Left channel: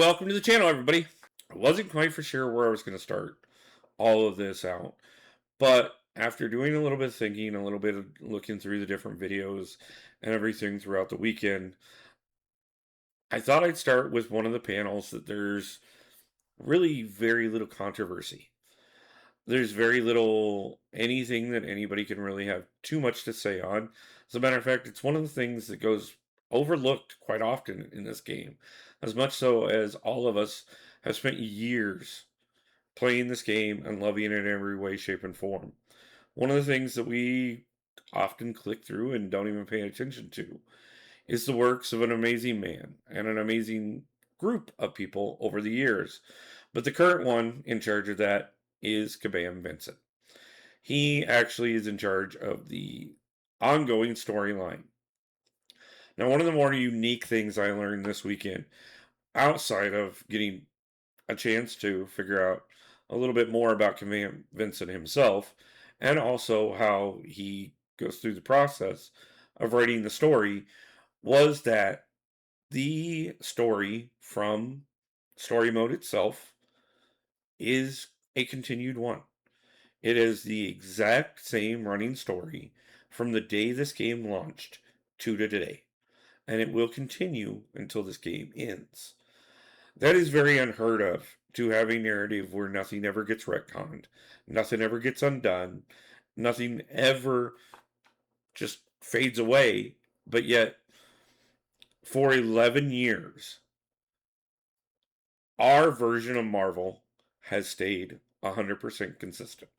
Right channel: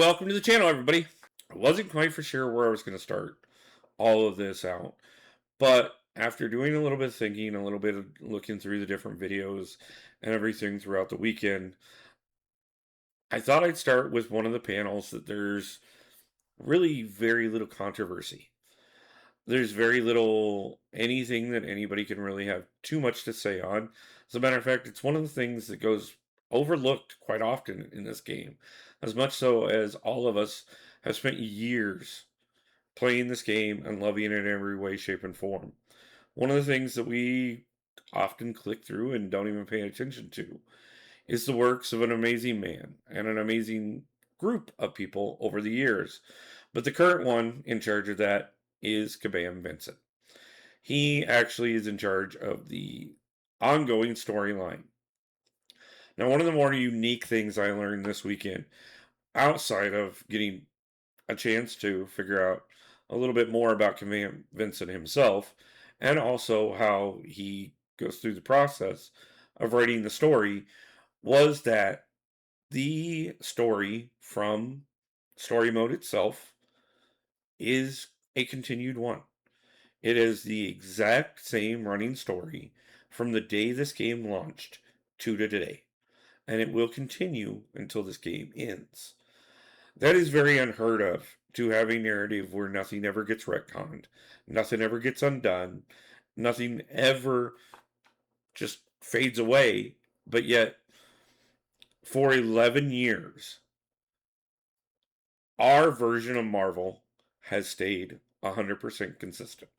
Welcome to the channel, everybody. I wasn't quite for sure where I was going to start all of this out, but after doing a little bit of thinking, a little bit of looking through the different videos and everything throughout the weekend, I thought I'd start with one of the panels that there's really very little controversy. There's very little anything that anybody can really have too much to say on. As a matter of fact, it's one of the things that goes overlooked quite often in this game, as much so as all of us have spent years playing this game and loving it in every way, shape, and form. One of the things that we often click through and don't even pay attention to is the works of an amazing man and an amazing group of people over the years. But the current one in charge of that is Kabam Vincent. He actually is in charge of the ongoing storyline. Now, one of the more unique things I learned this weekend, outside of getting a chance to figure out a little bit more about Kabam Vincent himself, and also how he goes through the process of writing the story, was that the story from story mode itself is a continued one. It is the exact same running story from the day this game launched to today, and it will continue until this game ends. That is very unheard of, to have a narrative where nothing ever gets retconned, nothing ever gets undone, nothing ever just fades away, but yet for 11 years, our version of Marvel has stayed 100% consistent.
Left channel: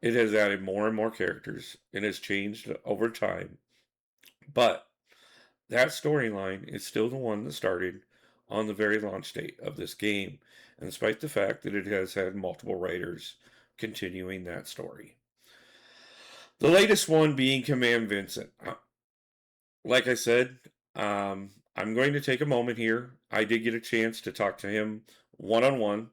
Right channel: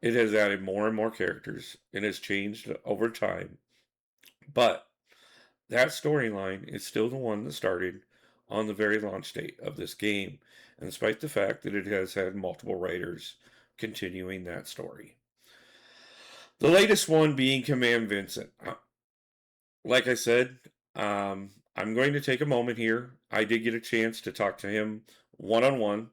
It has added more and more characters. It has changed over time. But that storyline is still the one that started on the very launch date of this game, and despite the fact that it has had multiple writers continuing that story. The latest one being Kabam Vincent. Like I said, I'm going to take a moment here. I did get a chance to talk to him one-on-one,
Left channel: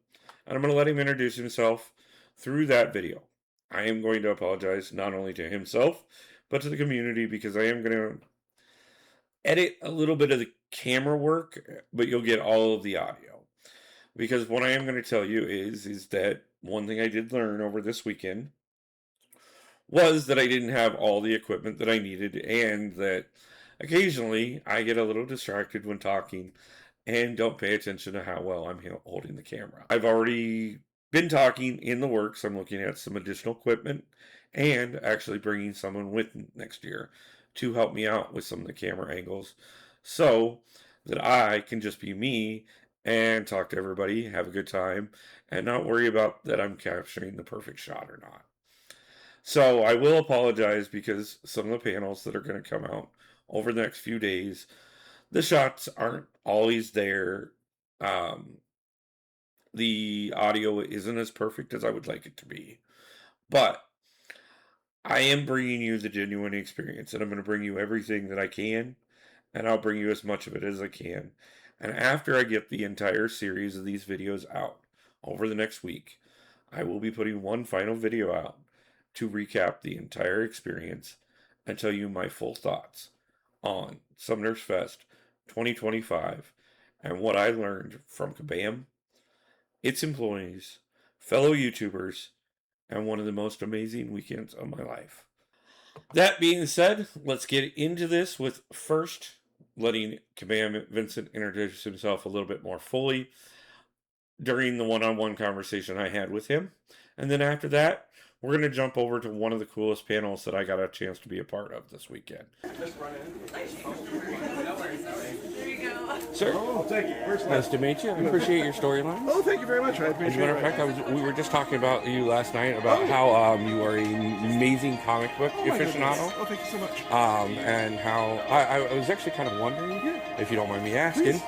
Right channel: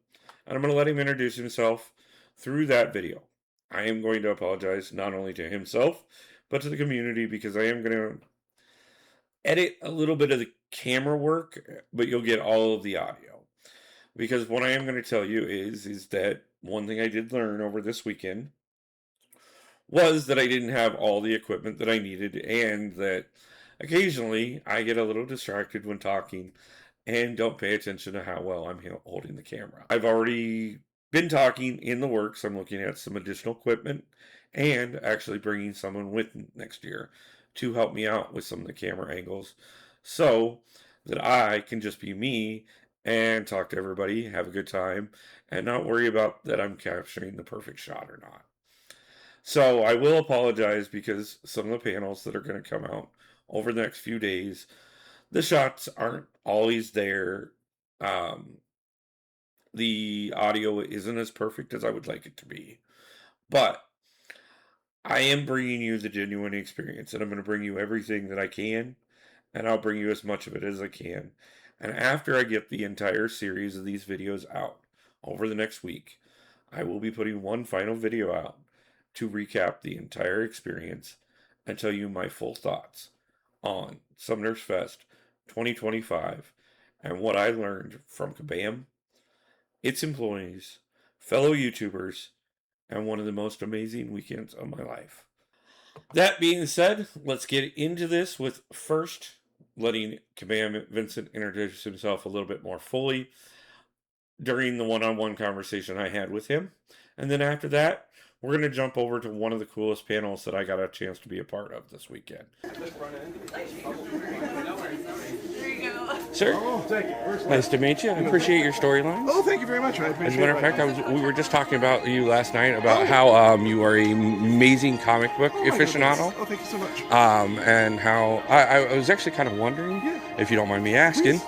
and I'm going to let him introduce himself through that video. I am going to apologize not only to himself, but to the community, because I am going to edit a little bit of the camera work, but you'll get all of the audio. Because what I am going to tell you is that one thing I did learn over this weekend was that I didn't have all the equipment that I needed, and that occasionally I get a little distracted when talking and don't pay attention to how well I'm holding the camera. I've already been talking in the works. I'm looking at some additional equipment and actually bringing someone with next year to help me out with some of the camera angles, so that I can just be me and talk to everybody, have a good time, and not worry about that I'm capturing the perfect shot or not. So I will apologize, because some of the panels that are going to come out over the next few days, the shots aren't always there. The audio isn't as perfect as I would like it to be, but I am bringing you the genuine experience, and I'm going to bring you everything that I can, and I'll bring you as much of it as I can. And after I get the entire series of these videos out over the next week, I will be putting one final video out to recap the entire experience and tell you my full thoughts on Summonerfest 2025 and what I learned from Kabam, its employees, fellow YouTubers, and one of the most amazing weekends of my life. That being said, let's get into this with first letting Kabam Vincent introduce himself a little bit more fully during the one-on-one conversation I had with him. And then after that, we're going to jump over to one of the coolest panels that I got a chance to be a part of this weekend. Sir, oh, thank you. Nice to meet you. I appreciate your storyline. Oh, thank you very much. I appreciate it. As a matter of fact, we were just talking about you last night, about how you are an amazing comic book aficionado. Oh, thank you so much. And how I was actually kind of wondering, if you don't mind me asking,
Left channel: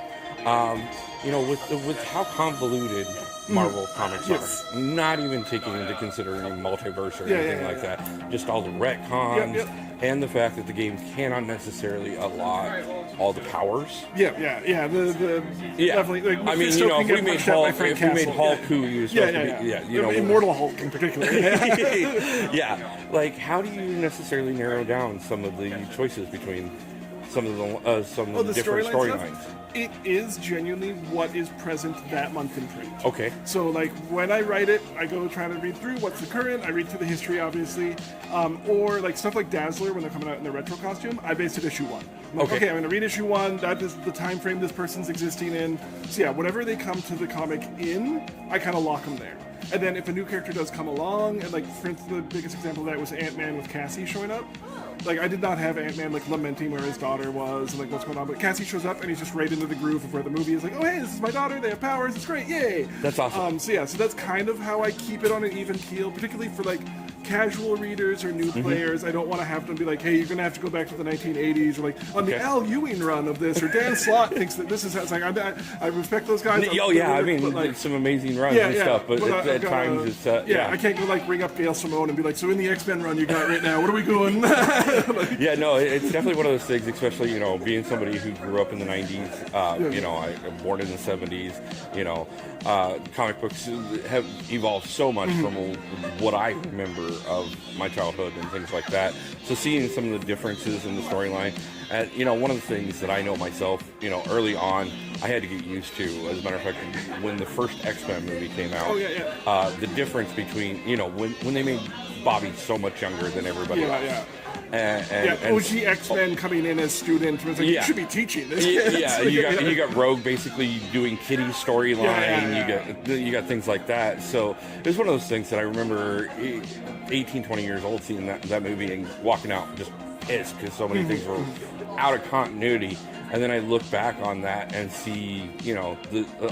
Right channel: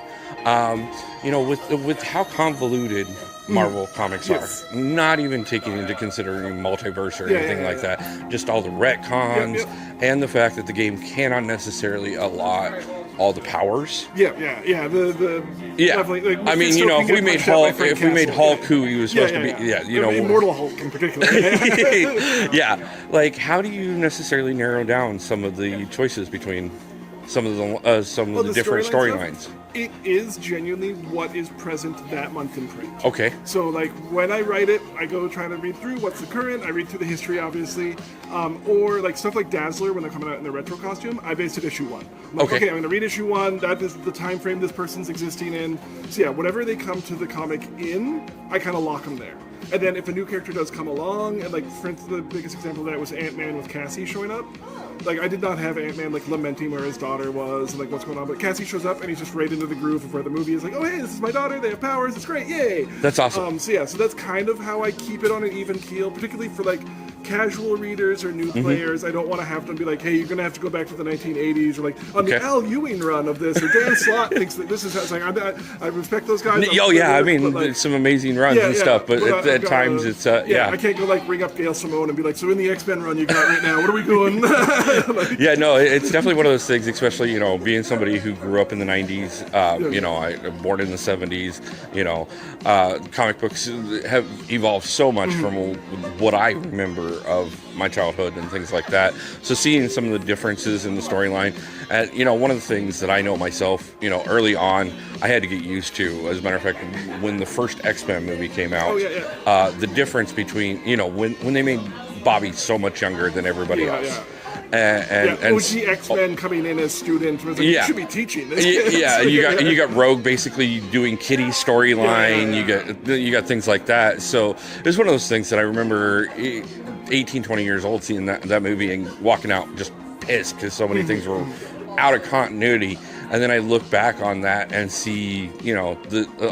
with how convoluted Marvel comics are, not even taking into considering multiverse or anything like that, just all the retcons and the fact that the game cannot necessarily allot all the powers. Definitely. Like, I mean, if we made Hulk, who he was supposed to be, Immortal Hulk in particular. Like, how do you necessarily narrow down some of the choices between some of the different storylines. It is genuinely what is present that month in print. Okay. So, like, when I write it, I go trying to read through what's the current. I read through the history, obviously, or like stuff like Dazzler when they're coming out in their retro costume. I based it issue 1. I'm like, okay, I'm going to read issue 1. That is the time frame this person's existing in. So yeah, whatever they come to the comic in, I kind of lock them there. And then if a new character does come along, and like for instance, the biggest example of that was Ant-Man with Cassie showing up. Like, I did not have Ant-Man, like, lamenting where his daughter was and, like, what's going on. But Cassie shows up, and he's just right into the groove of where the movie is like, oh, hey, this is my daughter. They have powers. It's great. Yay. That's awesome. So that's kind of how I keep it on an even keel, particularly for, like, casual readers or new players. I don't want to have them be like, hey, you're going to have to go back to the 1980s, or, like, on the Al Ewing run of this, or Dan Slott thinks that this is how it's like. I respect those guys. I mean, like, some amazing runs and stuff, but at times it's, I can't go, like, ring up Gail Simone and be like, so in the X-Men run you got right now, what are we doing? Like, yeah, no, it's definitely one of those things, especially, being somebody who grew up in the 90s, I'm born in the 70s, comic books have evolved so much from what I remember of my childhood and things like that. So seeing some of the differences in the storyline, and, one of the things that I know myself, early on, I had to get used to, as a matter of fact, when the first X-Men movie came out, the difference between, when they made Bobby so much younger than everybody else. Yeah. And OG X-Men coming in as students was like, you should be teaching this. You got Rogue basically doing Kitty's storyline. You got things like that. So it was one of those things that I remember 18, 20 years old seeing that movie and walking out just pissed because so many things were out of continuity. And then I look back on that and see,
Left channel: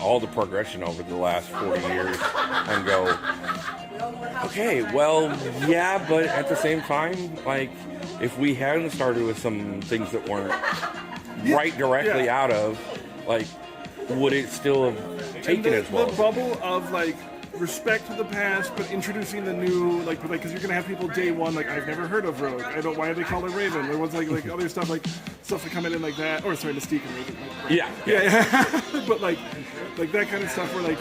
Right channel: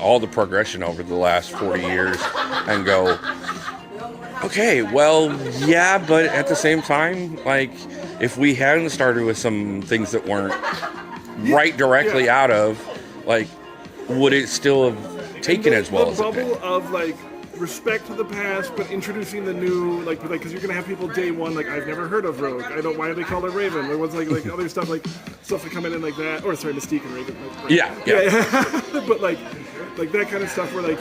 all the progression over the last 40 years and go, okay, well, yeah, but at the same time, like, if we hadn't started with some things that weren't right directly out of, like, would it still have taken as well? The bubble of, like, respect to the past, but introducing the new, like, because you're gonna have people day one, like, I've never heard of Rogue. I don't. Why do they call her Raven? There was like other stuff, like stuff that come in like that, or sorry, Mystique and Raven. Yeah. But like that kind of stuff where like.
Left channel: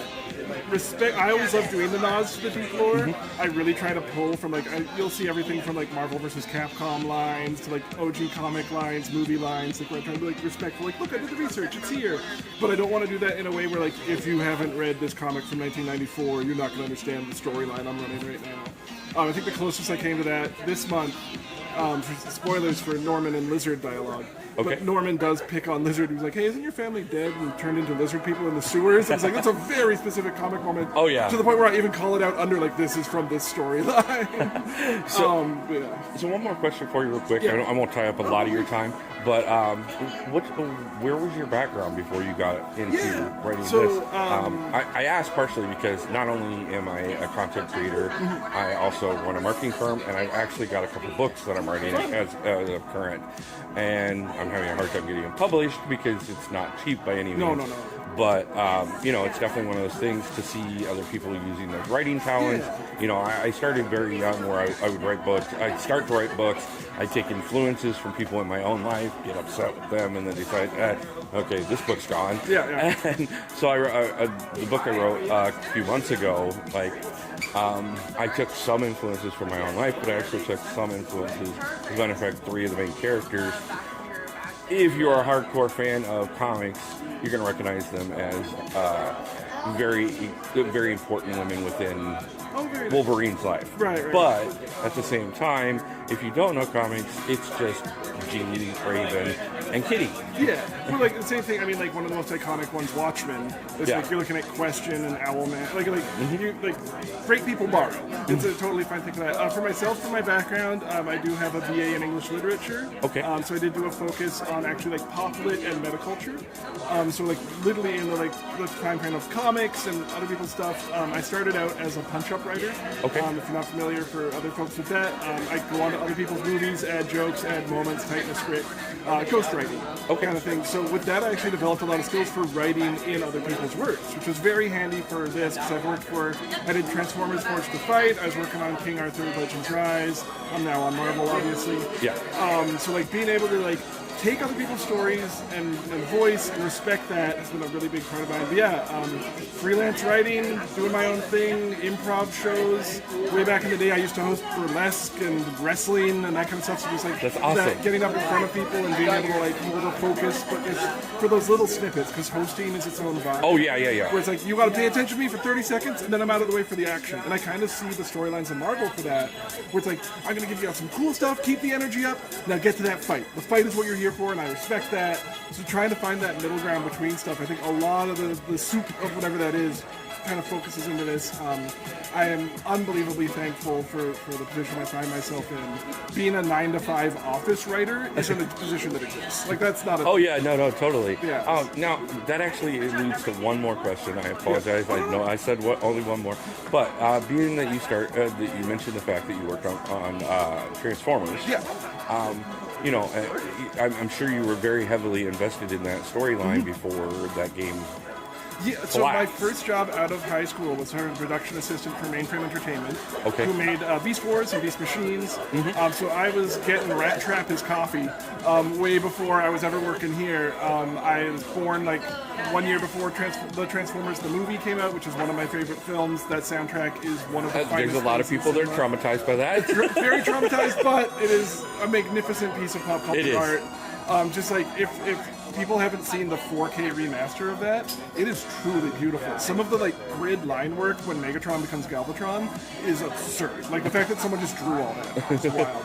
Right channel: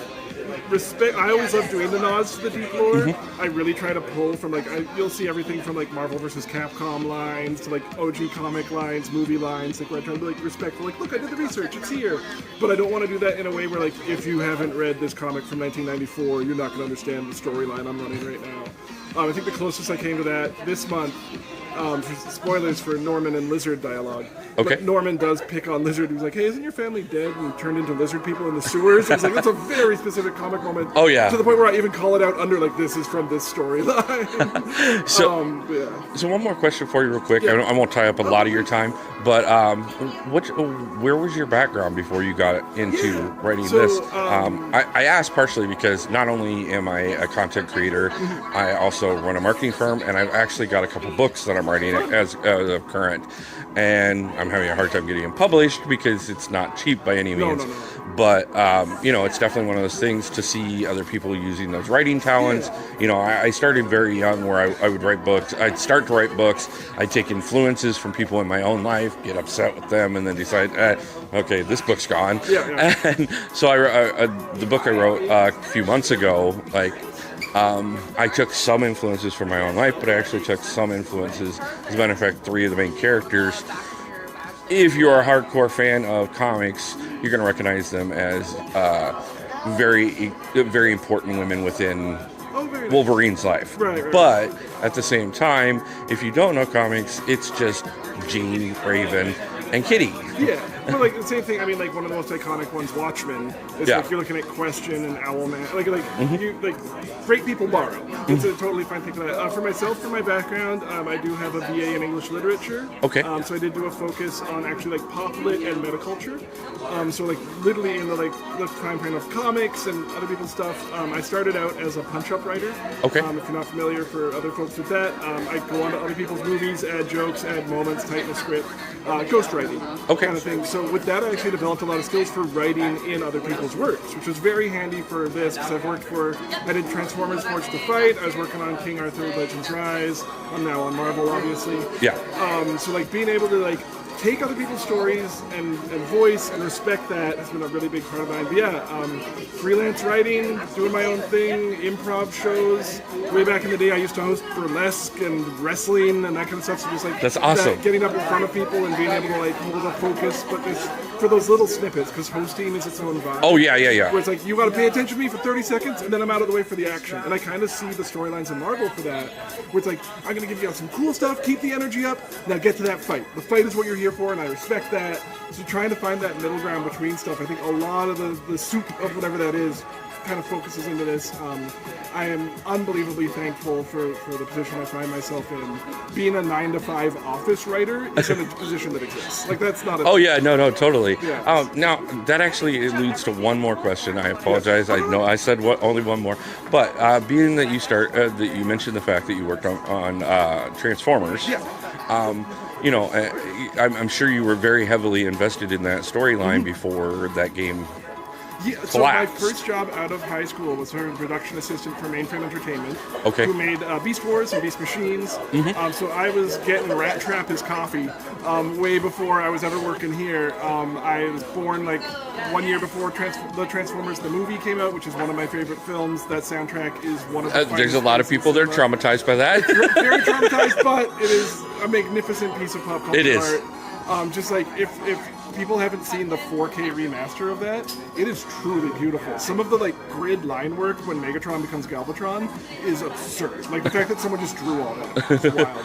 Respect. I always love doing the nods to the deep lore. I really try to pull from you'll see everything from like Marvel versus Capcom lines to like OG comic lines, movie lines. Like where I try to be like respectful. Like, look, I did the research. It's here. But I don't want to do that in a way where like if you haven't read this comic from 1994, you're not going to understand the storyline I'm running right now. I think the closest I came to that this month. Spoilers for Norman and Lizard dialogue. Okay. But Norman does pick on Lizard. He's like, hey, isn't your family dead and turned into lizard people in the sewers? It's like, that's a very specific comic moment. Oh, yeah. To the point where I even call it out under, like, this is from this storyline. So one more question for you real quick. I won't tie up a lot of your time, but where was your background before you got into writing this? I asked partially because not only am I a content creator, I also run a marketing firm, and I've actually got a couple books that I'm writing as of current, and I'm having a hard time getting them published because it's not cheap by any means. No. But it's definitely one of those things to see other people using those writing talents. I started very young where I would write books. I'd start to write books. I'd take influences from people in my own life, get upset with them, and then decide, okay, this book's gone. And so the book I wrote a few months ago, I took some influences from my own life, but I actually took some influences. As a matter of fact, 3 of the main characters, if you're a hardcore fan of comics, you're going to recognize them as very, very important women within Wolverine's life. Right. But at the same time, if you don't know comics, it's just Jean, Raven, and Kitty. Yeah. Well, like the same thing. I mean, like one of the most iconic ones, Watchmen. It's like you're looking at Question and Owlman. Great people borrow. It's a totally fine thing for that. For myself, for my background, I do have a BA in English literature. Okay. So I did do a focus on actually like pop lit and metaculture. So like literally in the time frame of comics and other people's stuff. I started out as a punch-up writer. Okay. If you're not familiar, for other folks with that, I go on to other people's movies, add jokes, add moments, tighten the script, ghostwriting. Kind of thing. So with that, I actually developed a lot of skills for writing in other people's works, which was very handy for this because I did Transformers Forged to Fight. I was working on King Arthur Legends Rise. I'm now on Marvel, obviously. Yeah. So like being able to like take other people's stories and voice and respect that has been a really big part of mine. But yeah, freelance writing, doing my own thing, improv shows. Way back in the day, I used to host burlesque and wrestling and that kind of stuff. So just like that's awesome. Getting up in front of people and being able to like hold a focus, but just for those little snippets, because hosting is its own vibe. Oh yeah. Where it's like you got to pay attention to me for 30 seconds, and then I'm out of the way for the action. And I kind of see the storylines in Marvel for that, where it's like I'm gonna give you some cool stuff, keep the energy up. Now get to that fight. The fight is what you're here for, and I respect that. So trying to find that middle ground between stuff, I think a lot of the soup of whatever that is kind of focuses into this. I am unbelievably thankful for the position I find myself in. Being a 9-to-5 office writer isn't a position that exists. Like that's not a... Oh yeah, no, totally. Yeah. Now that actually leads to one more question. I apologize. I know I said only one more, but being that that you mentioned the fact that you worked on Transformers. Yeah. You know, I'm sure you were very heavily invested in that storyline before that game. Yeah, so my first job out of high school was a production assistant for Mainframe Entertainment, who made Beast Wars and Beast Machines. So I was getting Rat Trap his coffee way before I was ever working here. I was born like 1 year before the Transformers the movie came out, which is one of my favorite films. That soundtrack is one of the there's a lot of people that are traumatized by that. It's very traumatized, but it is a magnificent piece of pop culture art. Just like if people haven't seen the 4K remaster of that, it is truly beautiful. Some of the like grid line work when Megatron becomes Galvatron is absurd. Like the fact that someone just drew all that is wild.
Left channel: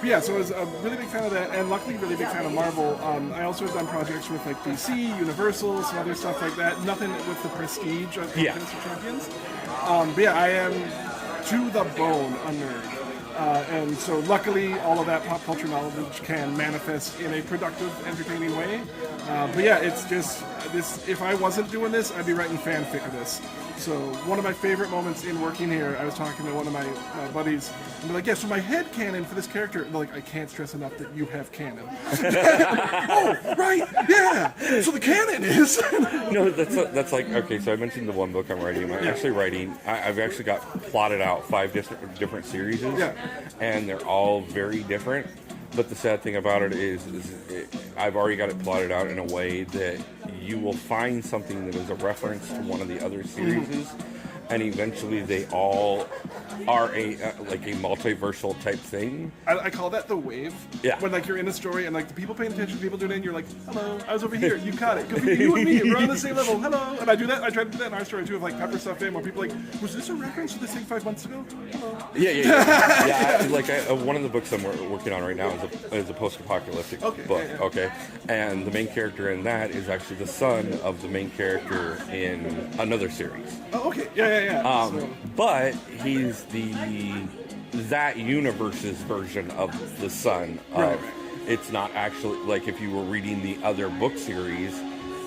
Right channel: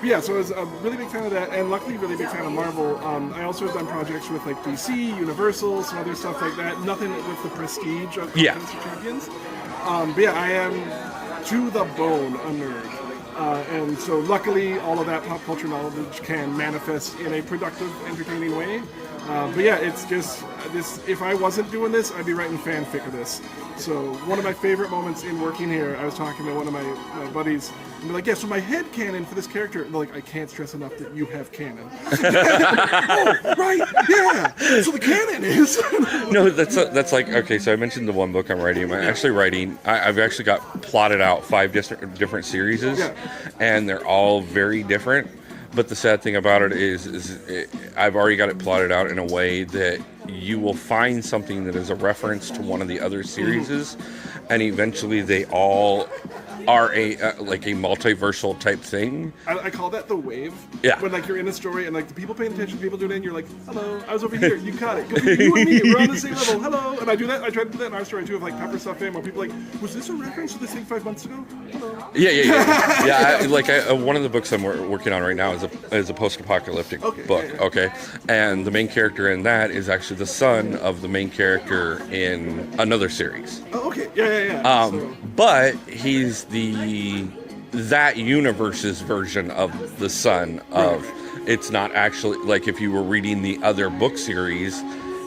But yeah, so I was a really big fan of that, and luckily really big fan of Marvel. I also have done projects with like DC, Universal, some other stuff like that. Nothing with the prestige of Contest of Champions. But yeah, I am to the bone a nerd. And so luckily all of that pop culture knowledge can manifest in a productive, entertaining way. But yeah, it's just this. If I wasn't doing this, I'd be writing fanfic of this. So one of my favorite moments in working here, I was talking to one of my buddies, and they're like, yeah, so my head canon for this character, and they're like, I can't stress enough that you have canon. Oh, right, yeah. So the canon is... No, that's like, okay, so I mentioned the one book I'm writing. I've actually got plotted out 5 different series, and they're all very different. But the sad thing about it is I've already got it plotted out in a way that you will find something that is a reference to one of the other series, and eventually they all are a multiversal type thing. I call that the wave. Yeah. When like you're in a story and like the people paying attention, people doing it, and you're like, hello, I was over here, you caught it. You and me, we're on the same level. Hello. And I do that. I try to do that in our story too, of like Pepper Stuff Fame, where people are like, was this a reference to this thing 5 months ago? Hello. Yeah. One of the books I'm working on right now is a post-apocalyptic book. Okay. And the main character in that is actually the son of the main character in another series. Oh, okay. Yeah. But he's that universe's version of the son of. Right. It's not actually like if you were reading the other book series,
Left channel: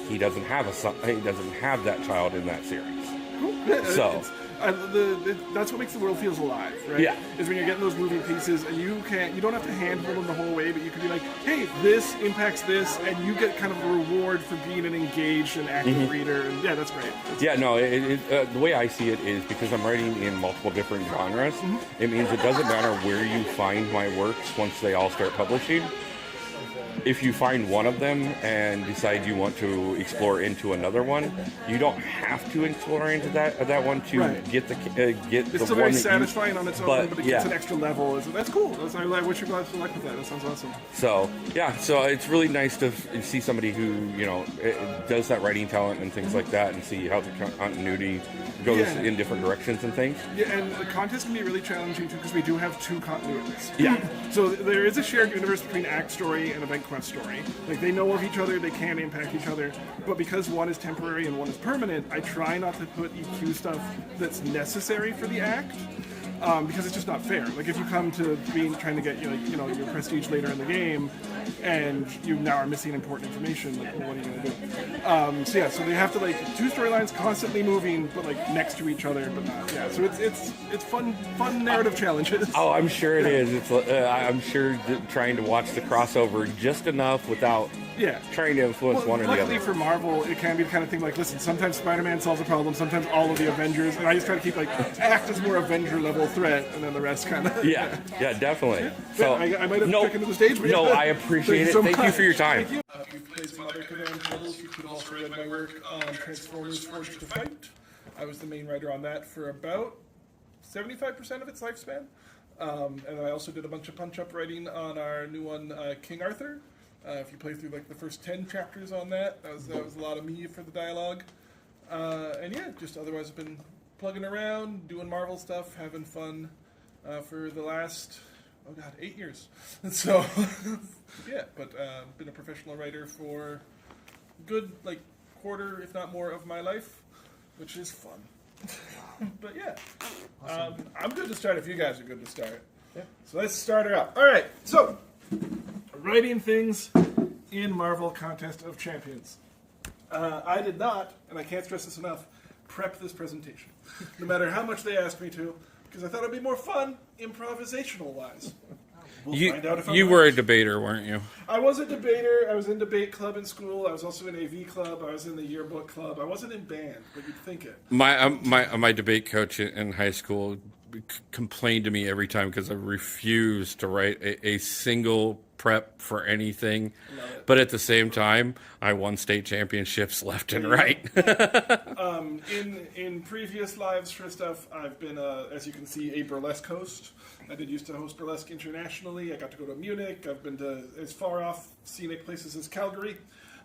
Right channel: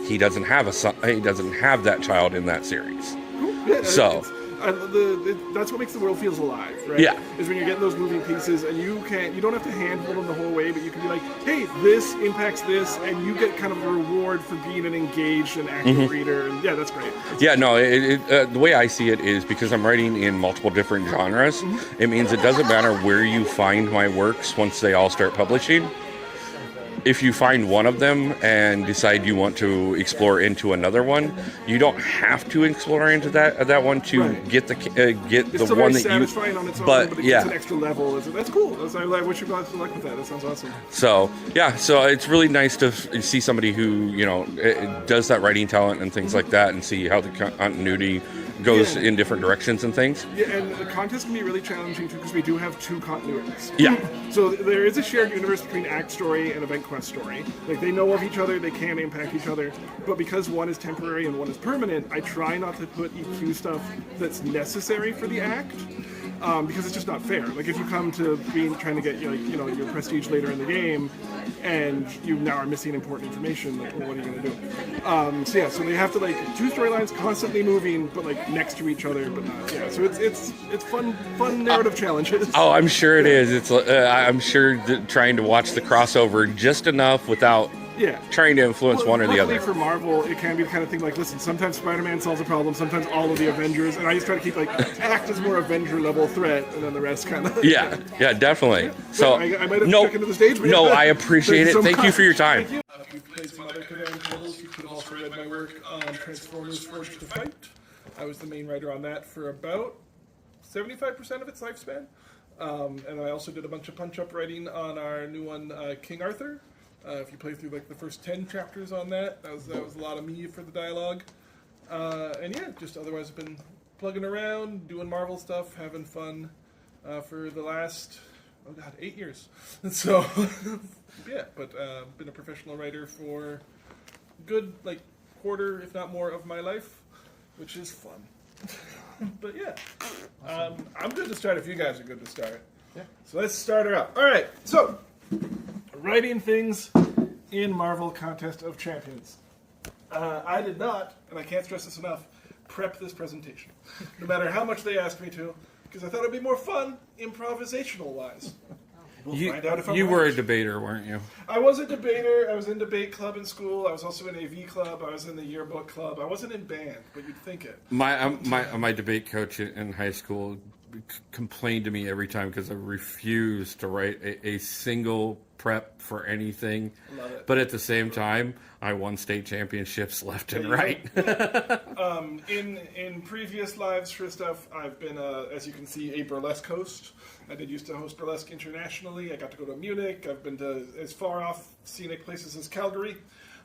he doesn't have a son. He doesn't have that child in that series. Cool. Yeah, so. That's what makes the world feels alive, right? Yeah. Is when you're getting those moving pieces, and you don't have to handhold them the whole way, but you can be like, hey, this impacts this, and you get kind of a reward for being an engaged and active reader, and yeah, that's great. The way I see it is because I'm writing in multiple different genres, it means it doesn't matter where you find my works once they all start publishing. If you find one of them and decide you want to explore into another one, you don't have to explore into that one to get the it's still very satisfying on its own, but it gets an extra level. That's cool. I wish you guys luck with that. That sounds awesome. So it's really nice to see somebody who does that writing talent and things like that, and see how the continuity goes in different directions and things. Yeah, and the contest can be really challenging too because we do have 2 continuities. Yeah. So there is a shared universe between Act Story and Event Quest Story. Like they know of each other, they can impact each other, but because one is temporary and one is permanent, I try not to put EQ stuff that's necessary for the act. Because it's just not fair. Like if you come to trying to get your prestige later in the game, and you now are missing important information, like, well, what are you gonna do? So they have to 2 storylines constantly moving, but next to each other, but not. Yeah, so it's fun narrative challenges. Oh, I'm sure it is. It's I'm sure trying to watch the crossover just enough without trying to influence one or the luckily other. for Marvel, it can be the kind of thing like, listen, sometimes Spider-Man solves a problem, sometimes all of the Avengers, and I just try to keep like act as more Avenger level threat, and then the rest kind of. Yeah, definitely. So I might have stuck into the stage. But no, I appreciate it. so Thank you much. for your time. Thank you. If you've played some other Kabam titles, you could have also read my work on Transformers Forged to Fight. I was the main writer on that for about 75% of its lifespan. And I also did a bunch of punch-up writing on our new one, King Arthur. If you play through like the first 10 chapters on that was a lot of me for the dialogue. And yeah, just otherwise I've been plugging around, doing Marvel stuff, having fun for the last, 8 years. So, yeah, but been a professional writer for good, quarter, if not more, of my life, which is fun. But yeah, I'm good to start if you guys are good to start. Yeah. So let's start her out. All right, so writing things in Marvel Contest of Champions. I did not, and I can't stress this enough, prep this presentation. No matter how much they asked me to, because I thought it'd be more fun improvisational-wise. We'll find out if I'm you right. were a debater, weren't you? I was a debater. I was in debate club in school. I was also in AV club. I was in the yearbook club. I wasn't in band, but you'd think it. My debate coach in high school complained to me every time because I refused to write a single prep for anything. Love it. But at the same time, I won state championships left and right. In previous lives for stuff, I've been, as you can see, a burlesque host. I did used to host burlesque internationally. I got to go to Munich. I've been to as far off scenic places as Calgary.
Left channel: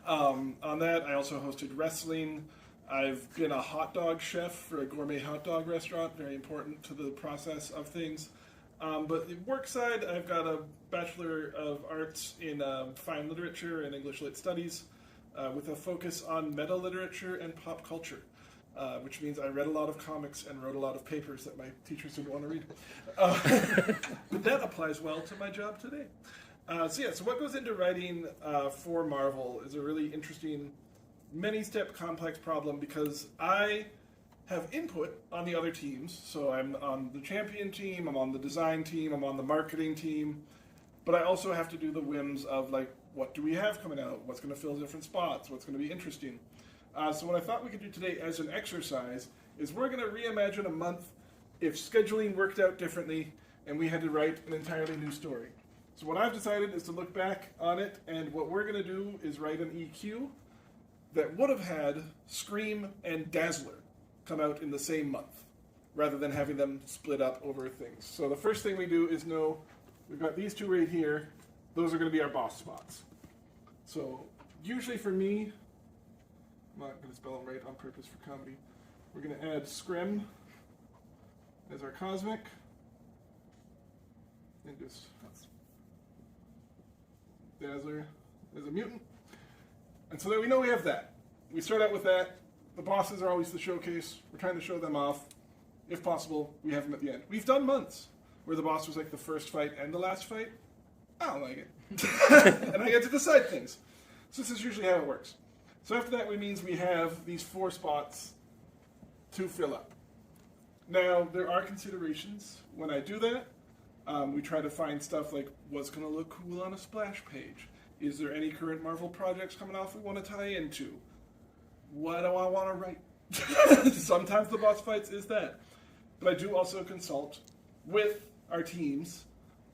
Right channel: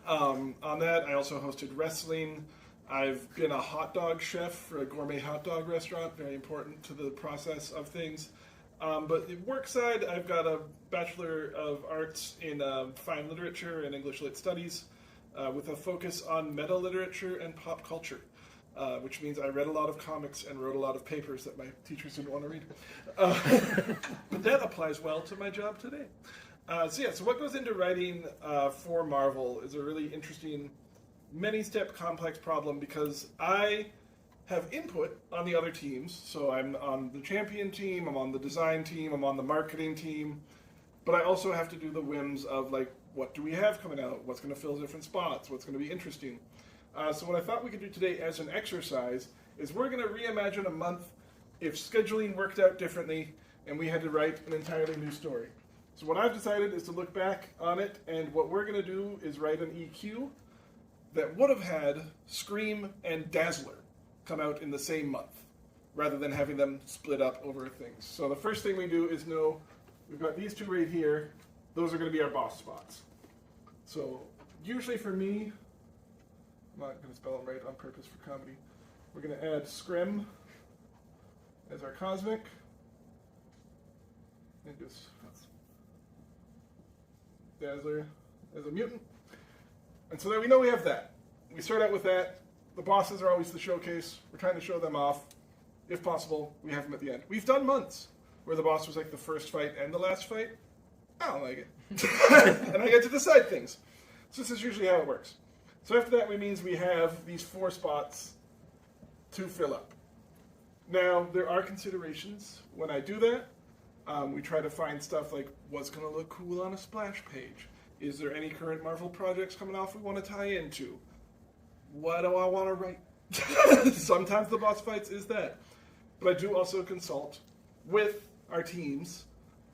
On that, I also hosted wrestling. I've been a hot dog chef for a gourmet hot dog restaurant, very important to the process of things. But work side, I've got a Bachelor of Arts in Fine Literature and English Lit Studies with a focus on meta literature and pop culture, which means I read a lot of comics and wrote a lot of papers that my teachers didn't want to read. But that applies well to my job today. So what goes into writing for Marvel is a really interesting, many-step complex problem because I have input on the other teams. So I'm on the champion team, I'm on the design team, I'm on the marketing team, but I also have to do the whims of what do we have coming out? What's going to fill different spots? What's going to be interesting? So what I thought we could do today as an exercise is we're going to reimagine a month if scheduling worked out differently and we had to write an entirely new story. So what I've decided is to look back on it, and what we're going to do is write an EQ that would have had Scream and Dazzler come out in the same month, rather than having them split up over things. So the first thing we do is know we've got these two right here. Those are going to be our boss spots. So usually for me, I'm not going to spell them right on purpose for comedy. We're going to add Scrim as our cosmic, and just Dazzler as a mutant. And so there we know we have that. We start out with that. The bosses are always the showcase. We're trying to show them off. If possible, we have them at the end. We've done months where the boss was the first fight and the last fight. I don't like it. And I get to decide things. So this is usually how it works. So after that, it means we have these 4 spots to fill up. Now, there are considerations when I do that. We try to find stuff like what's going to look cool on a splash page. Is there any current Marvel projects coming off we want to tie into? What do I want to write? Sometimes the boss fights is that. But I do also consult with our teams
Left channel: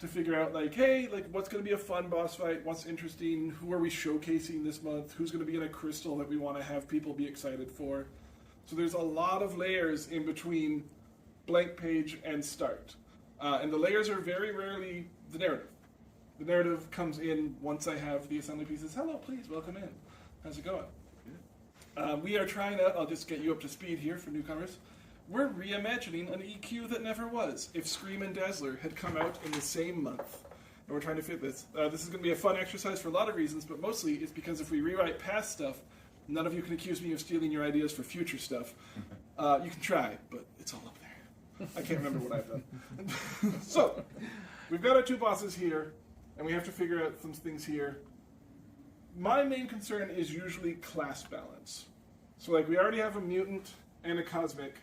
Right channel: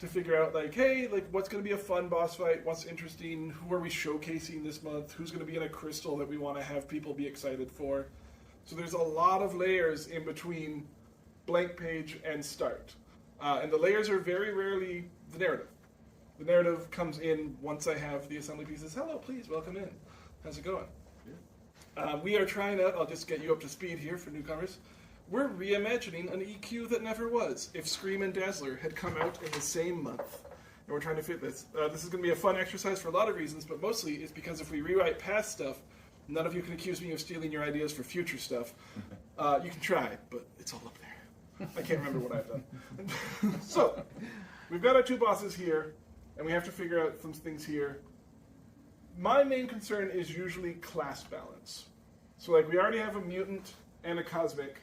to figure out what's going to be a fun boss fight, what's interesting, who are we showcasing this month, who's going to be in a crystal that we want to have people be excited for. So there's a lot of layers in between blank page and start. And the layers are very rarely the narrative. The narrative comes in once I have the assembly pieces. Hello, please, welcome in. How's it going? We are trying out, I'll just get you up to speed here for newcomers. We're reimagining an EQ that never was. If Scream and Dazzler had come out in the same month, and we're trying to fit this. This is going to be a fun exercise for a lot of reasons, but mostly it's because if we rewrite past stuff, none of you can accuse me of stealing your ideas for future stuff. You can try, but it's all up there. I can't remember what I've done. So, we've got our 2 bosses here, and we have to figure out some things here. My main concern is usually class balance. So we already have a mutant and a cosmic.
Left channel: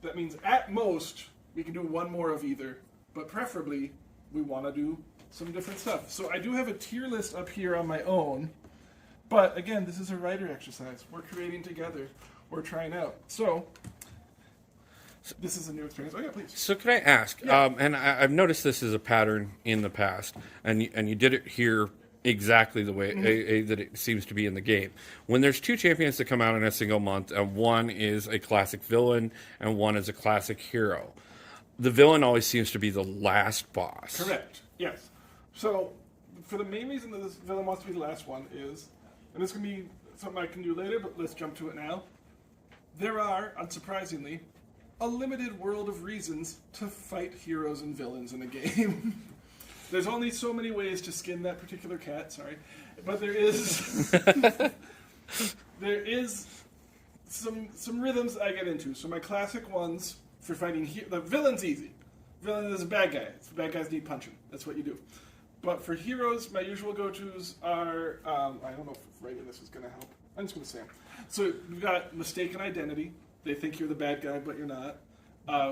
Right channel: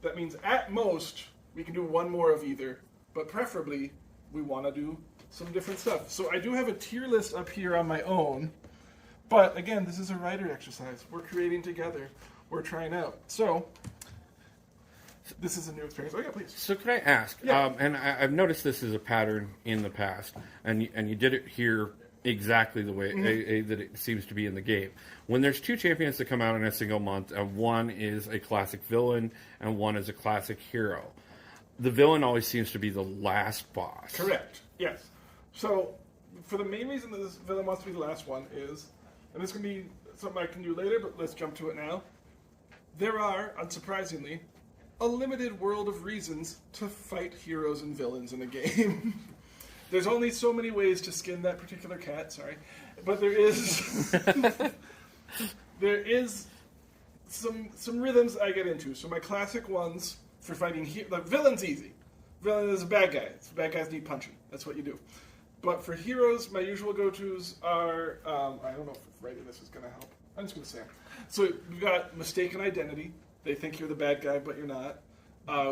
That means at most, we can do one more of either, but preferably, we want to do some different stuff. So I do have a tier list up here on my own But again, this is a writer exercise. We're creating together. We're trying out. So this is a new experience. Oh yeah, please. So can I ask? Yeah. And I've noticed this is a pattern in the past, and you did it here exactly the way that it seems to be in the game. When there's two champions that come out in a single month, and one is a classic villain and one is a classic hero, the villain always seems to be the last boss. Correct. Yes. So for the main reason that this villain wants to be the last one is, and this can be something I can do later, but let's jump to it now. There are, unsurprisingly, a limited world of reasons to fight heroes and villains in a game. There's only so many ways to skin that particular cat, sorry. But there is there is some rhythms I get into. So my classic ones for fighting like villain's easy. Villain is a bad guy. So bad guys need punching. That's what you do. But for heroes, my usual go-tos are I don't know if writing this is gonna help. I'm just gonna say them. So we've got mistaken identity. They think you're the bad guy, but you're not.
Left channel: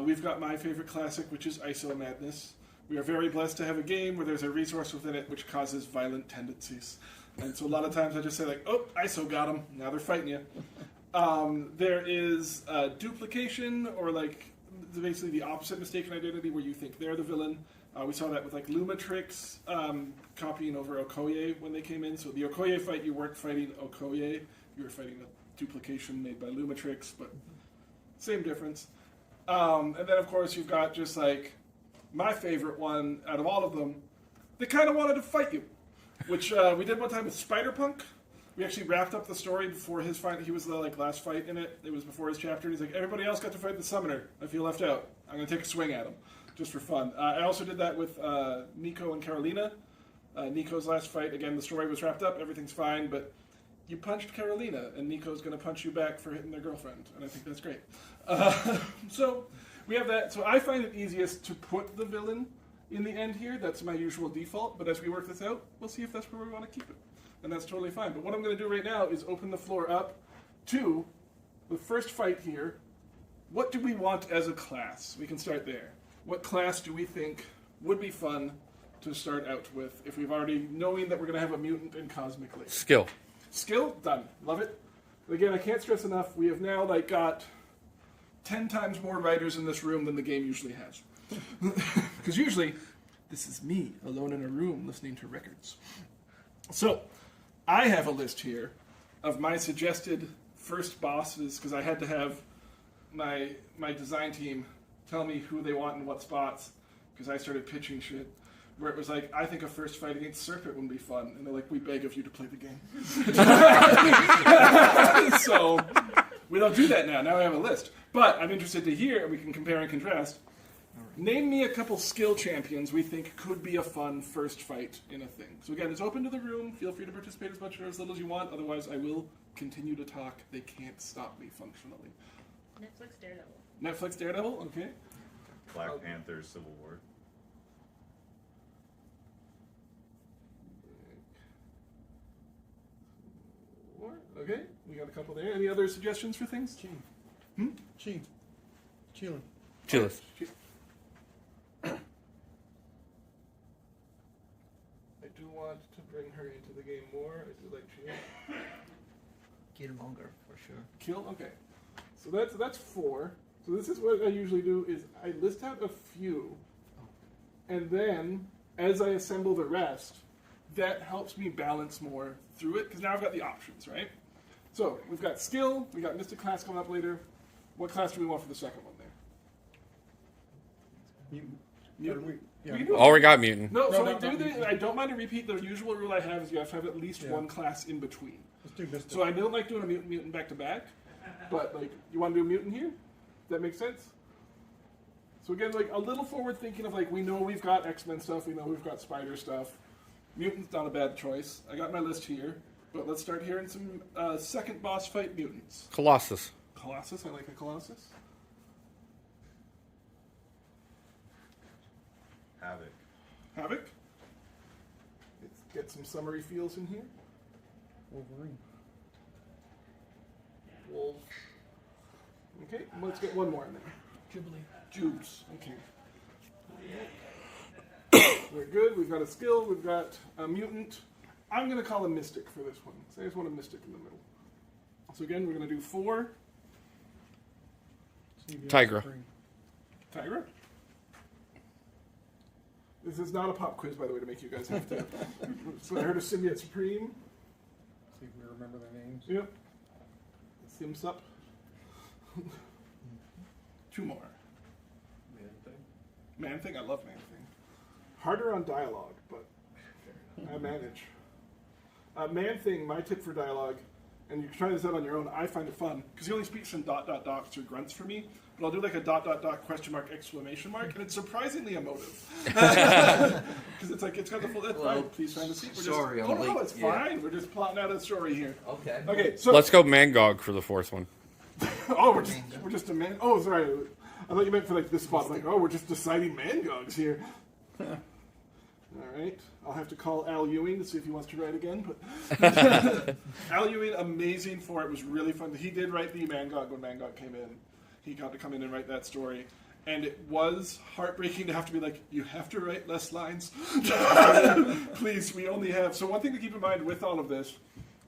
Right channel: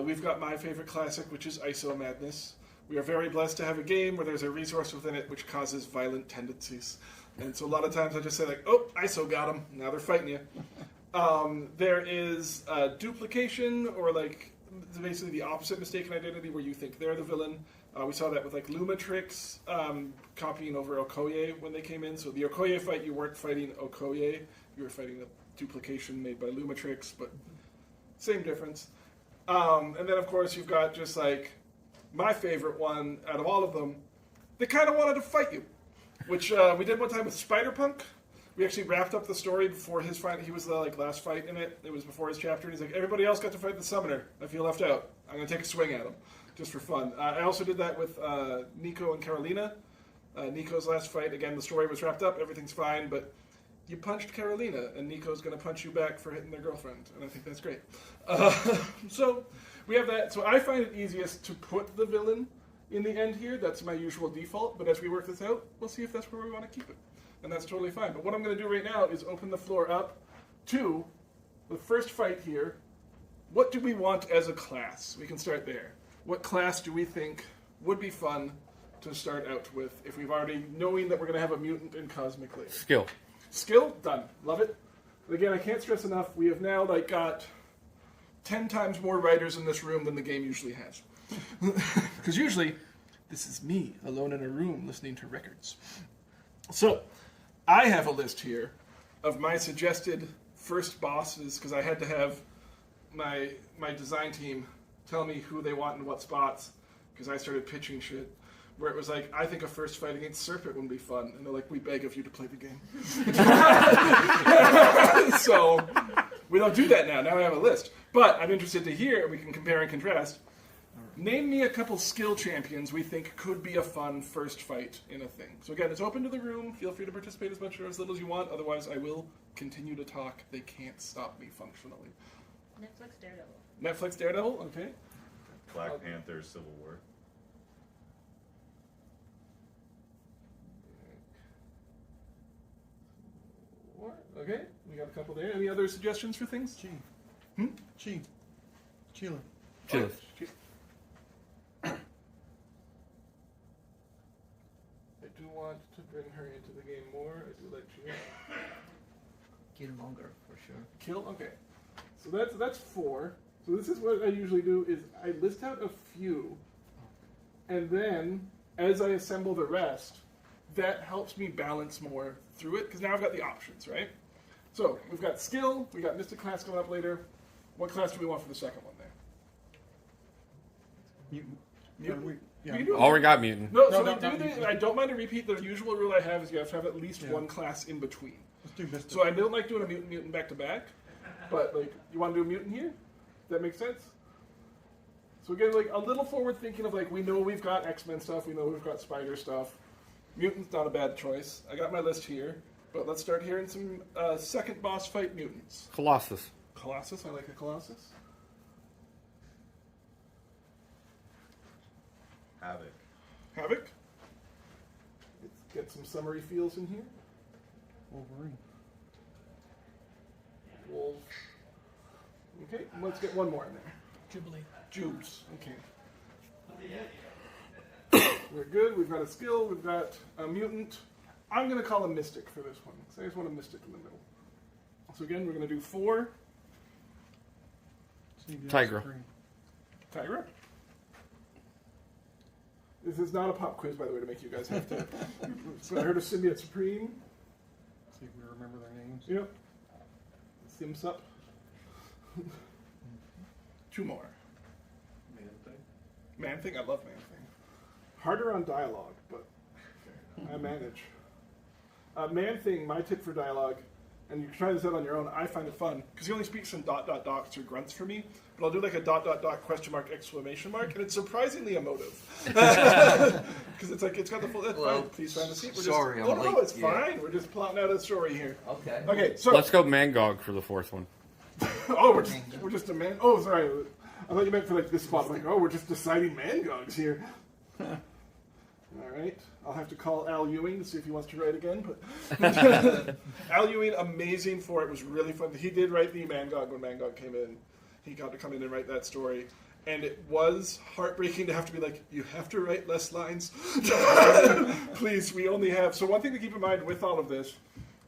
We've got my favorite classic, which is ISO Madness. We are very blessed to have a game where there's a resource within it which causes violent tendencies. And so a lot of times I just say like, oh, ISO got them. Now they're fighting you. There is duplication, or like basically the opposite mistaken identity where you think they're the villain. We saw that with like Lumatrix copying over Okoye when they came in. So the Okoye fight, you weren't fighting Okoye. You were fighting the duplication made by Lumatrix, but same difference. And then of course you've got just like my favorite one out of all of them, they kind of wanted to fight you, which we did one time with Spider-Punk. We actually wrapped up the story before his fight. He was the last fight in it. It was before his chapter. And he's like, everybody else got to fight the Summoner. I feel left out. I'm going to take a swing at him, just for fun. I also did that with Nico and Carolina. Nico's last fight, again, the story was wrapped up. Everything's fine, but you punched Carolina, and Nico's going to punch you back for hitting their girlfriend. And I think that's great. So we have that. So I find it easiest to put the villain in the end here. That's my usual default. But as we work this out, we'll see if that's where we want to keep it. And that's totally fine. But what I'm going to do right now is open the floor up to the first fight here. What do we want as a class? We can start there. What class do we think would be fun to start out with if we've already, knowing that we're going to have a mutant and cosmic later? Skill. Skill? Done. Love it. But again, I can't stress enough, we have now got 10 times more writers in this room than the game usually has. Because usually, this is me, alone in a room, listening to records. So, I have a list here of my suggested first bosses, because I had to have my design team tell me who they want in what spots, because I started pitching shit, where it was like, I think a first fight against Serpent would be fun. And they're like, we beg of you to play the game. So, we don't do that now. Now I have a list. But I'm interested to hear, we can compare and contrast. Name me a couple skill champions we think could be a fun first fight in a thing. So again, it's open to the room. Feel free to participate as much or as little as you want. Otherwise, I will continue to talk. They can't stop me functionally. Netflix Daredevil. Netflix Daredevil, okay. Black Panther Civil War. Okay, we got a couple there. Any other suggestions for things? Chi. Chile. Chillis. I do want to bring her into the game more. I do like Chile. Killmonger, for sure. Kill? Okay. So that's 4. So this is what I usually do is I list out a few, and then as I assemble the rest, that helps me balance more through it, because now I've got the options, right? So we've got skill, we got Mystic class coming up later. What class do we want for the second one there? Mutant. Mutant. Yeah. We can do it. Already got mutant. No, so No, we do the, I don't mind to repeat, the usual rule I have is you have to have at least one class in between. Let's do Mystic. So I don't like doing a mutant back to back, but like, you want to do a mutant here? Does that make sense? So again, like a little forward thinking of like, we know we've got X-Men stuff, we know we've got Spider stuff. Mutant's not a bad choice. I got my list here, but let's start hearing some second boss fight mutants. Colossus. Colossus, I like a Colossus. Havoc. Havoc. Let's get some summery feels in here. Wolverine. Wolf. Okay, let's get one more in there. Jubilee. Jubes. Okay. We're good. We've got a skill. We've got a mutant. I'm going to call a Mystic for this one. So I just want a Mystic in the middle. So again, we're going to do 4. CBS Tigra. Supreme. Tigra. This is not a pop quiz, by the way, to make you guys have to. So I heard of Symbiote Supreme. See if we remember their names. Yep. Simsup. 2 more. Man Thing? I love Man Thing. Harder on dialogue, but I manage. Man Thing, my tip for dialogue, and you can try this out on your own, I find it fun, because he only speaks in ... dots or grunts for me, but I'll do like a ... question mark, exclamation mark, and it's surprisingly emotive. Because it's like, it's got the full, that's fine, please find a seat. We're sorry, just, I'm no, late. it's Yeah. fine, we're just plotting out a story here. Okay. Okay, so. Let's go Mangog for the 4th one. Oh, we're just a man. Oh, sorry. I thought you meant for like this spot. Like, oh, we're just deciding Mangogs here. All right. I'll have to call Al Ewing to see if he wants to write again. But Al Ewing, amazing for it. Was really fun. He did write the Mangog when Mangog came in. He got to come in and write that story. And it was heartbreaking to have to be like, you have to write less lines. Please, we only have. So one thing to keep in mind with all of this,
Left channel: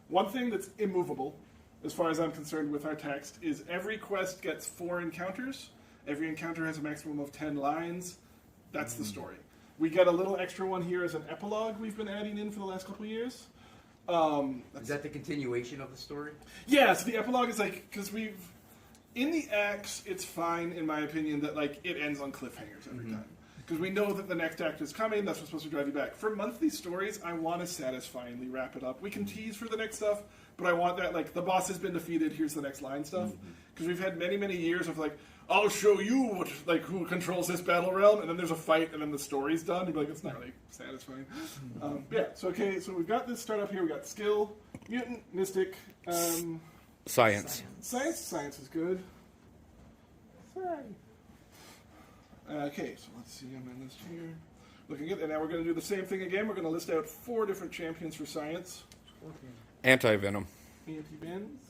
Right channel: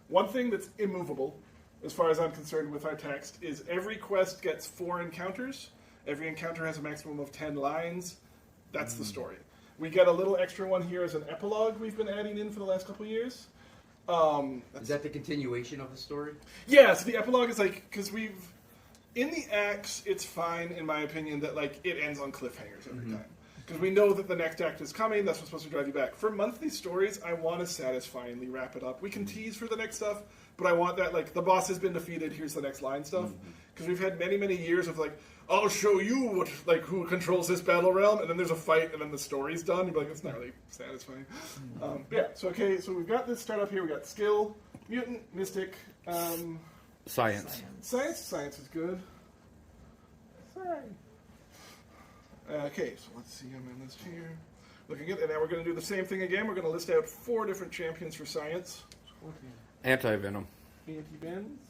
one thing that's immovable, as far as I'm concerned with our text, is every quest gets 4 encounters. Every encounter has a maximum of 10 lines. That's the story. We get a little extra one here as an epilogue we've been adding in for the last couple of years. Is that the continuation of the story? Yeah, so the epilogue is like, because we've, in the acts, it's fine, in my opinion, that like it ends on cliffhangers every time. Because we know that the next act is coming, that's what's supposed to drive you back. For monthly stories, I want to satisfyingly wrap it up. We can tease for the next stuff, but I want that, like, the boss has been defeated, here's the next line stuff. Because we've had many, many years of, like, I'll show you what, like, who controls this battle realm, and then there's a fight, and then the story's done. You'd be like, it's not really satisfying. Yeah, so okay, so we've got this start up here. We got skill, mutant, mystic, Science. Science is good. Sorry. Okay, so let's see on my list here. Looking good, and now we're going to do the same thing again. We're going to list out 4 different champions for science. Scorpion. Anti-Venom. Anti-Bends.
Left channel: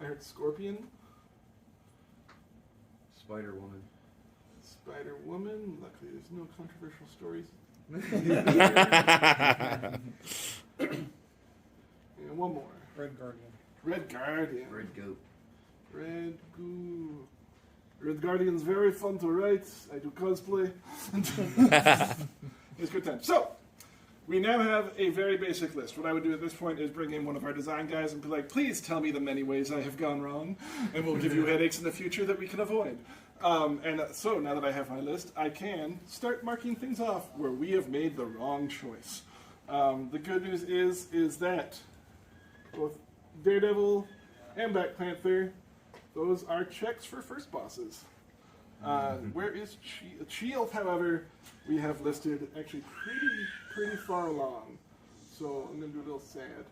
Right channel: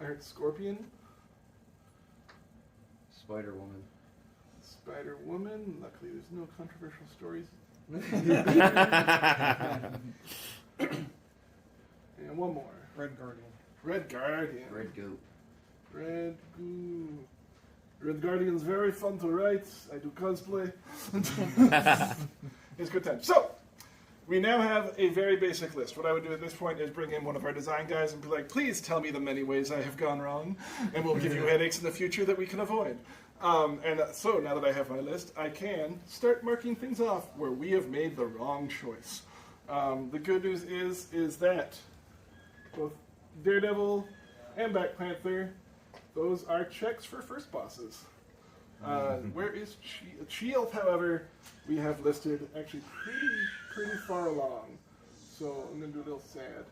I heard Scorpion. Spider-Woman. Spider-Woman. Luckily, there's no controversial stories. And one more. Red Guardian. Red Guardian. Red Goat. Red Goo. Red Guardian's very fun to write. I do cosplay. It's a good time. So, we now have a very basic list. What I would do at this point is bring in one of our design guys and be like, please tell me the many ways I have gone wrong, and we'll give you headaches in the future that we can avoid. So now that I have my list, I can start marking things off where we have made the wrong choice. The good news is that both Daredevil and Black Panther, those are checks for first bosses. Where is Shield, however, we have listed actually pretty far along. So I'm going to do a little sad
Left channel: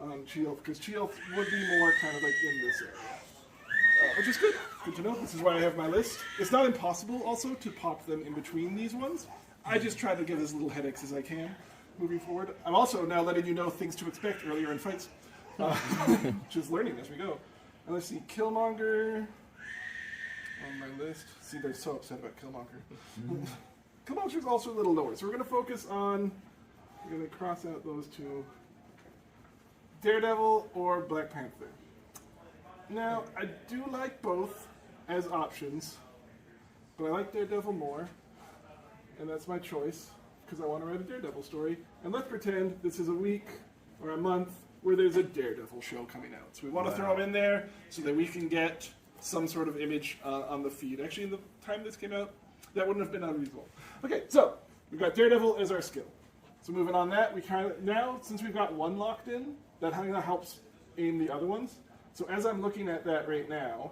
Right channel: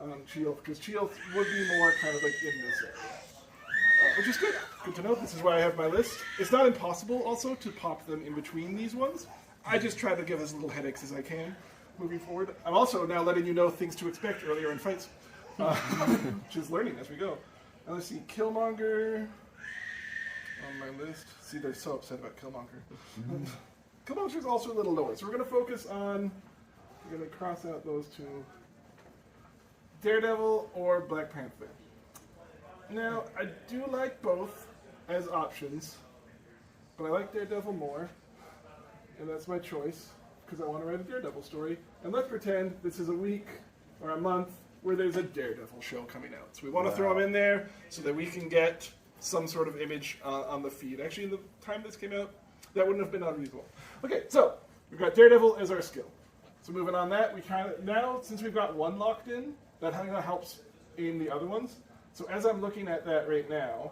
on Shield, because Shield would be more kind of like in this area. Which is good. Good to know. This is why I have my list. It's not impossible also to pop them in between these ones. I just try to give as little headaches as I can moving forward. I'm also now letting you know things to expect earlier in fights. Which is learning as we go. And let's see, Killmonger on my list. See, they're so upset about Killmonger. Killmonger's also a little lower. So we're going to focus on, we're going to cross out those 2. Daredevil or Black Panther. Now, I do like both as options, but I like Daredevil more, and that's my choice, because I want to write a Daredevil story. And let's pretend this is a week or a month where there's a Daredevil show coming out. So we want to throw him in there so that we can get some sort of image on the feed. Actually, the time this came out, that wouldn't have been unreasonable. Okay, so we've got Daredevil as our skill. So moving on that, we kind of, now since we've got one locked in, that kind of helps aim the other ones. So as I'm looking at that right now,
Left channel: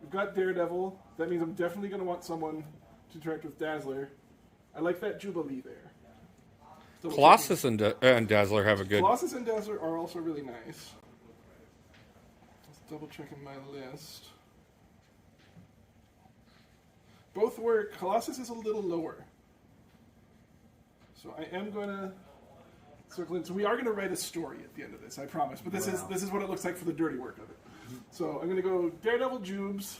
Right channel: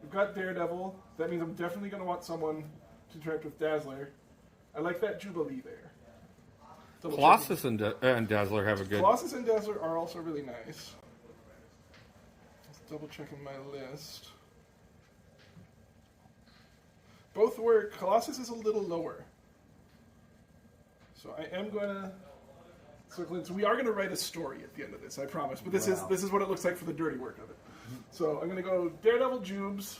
we've got Daredevil. That means I'm definitely going to want someone to interact with Dazzler. I like that Jubilee there. Double Colossus and Dazzler have a good... Colossus and Dazzler are also really nice. Just double checking my list. Both work. Colossus is a little lower. So I am going to circle in. So we are going to write a story at the end of this, I promise. But this is what it looks like for the dirty work of it. So I'm going to go Daredevil Jubes.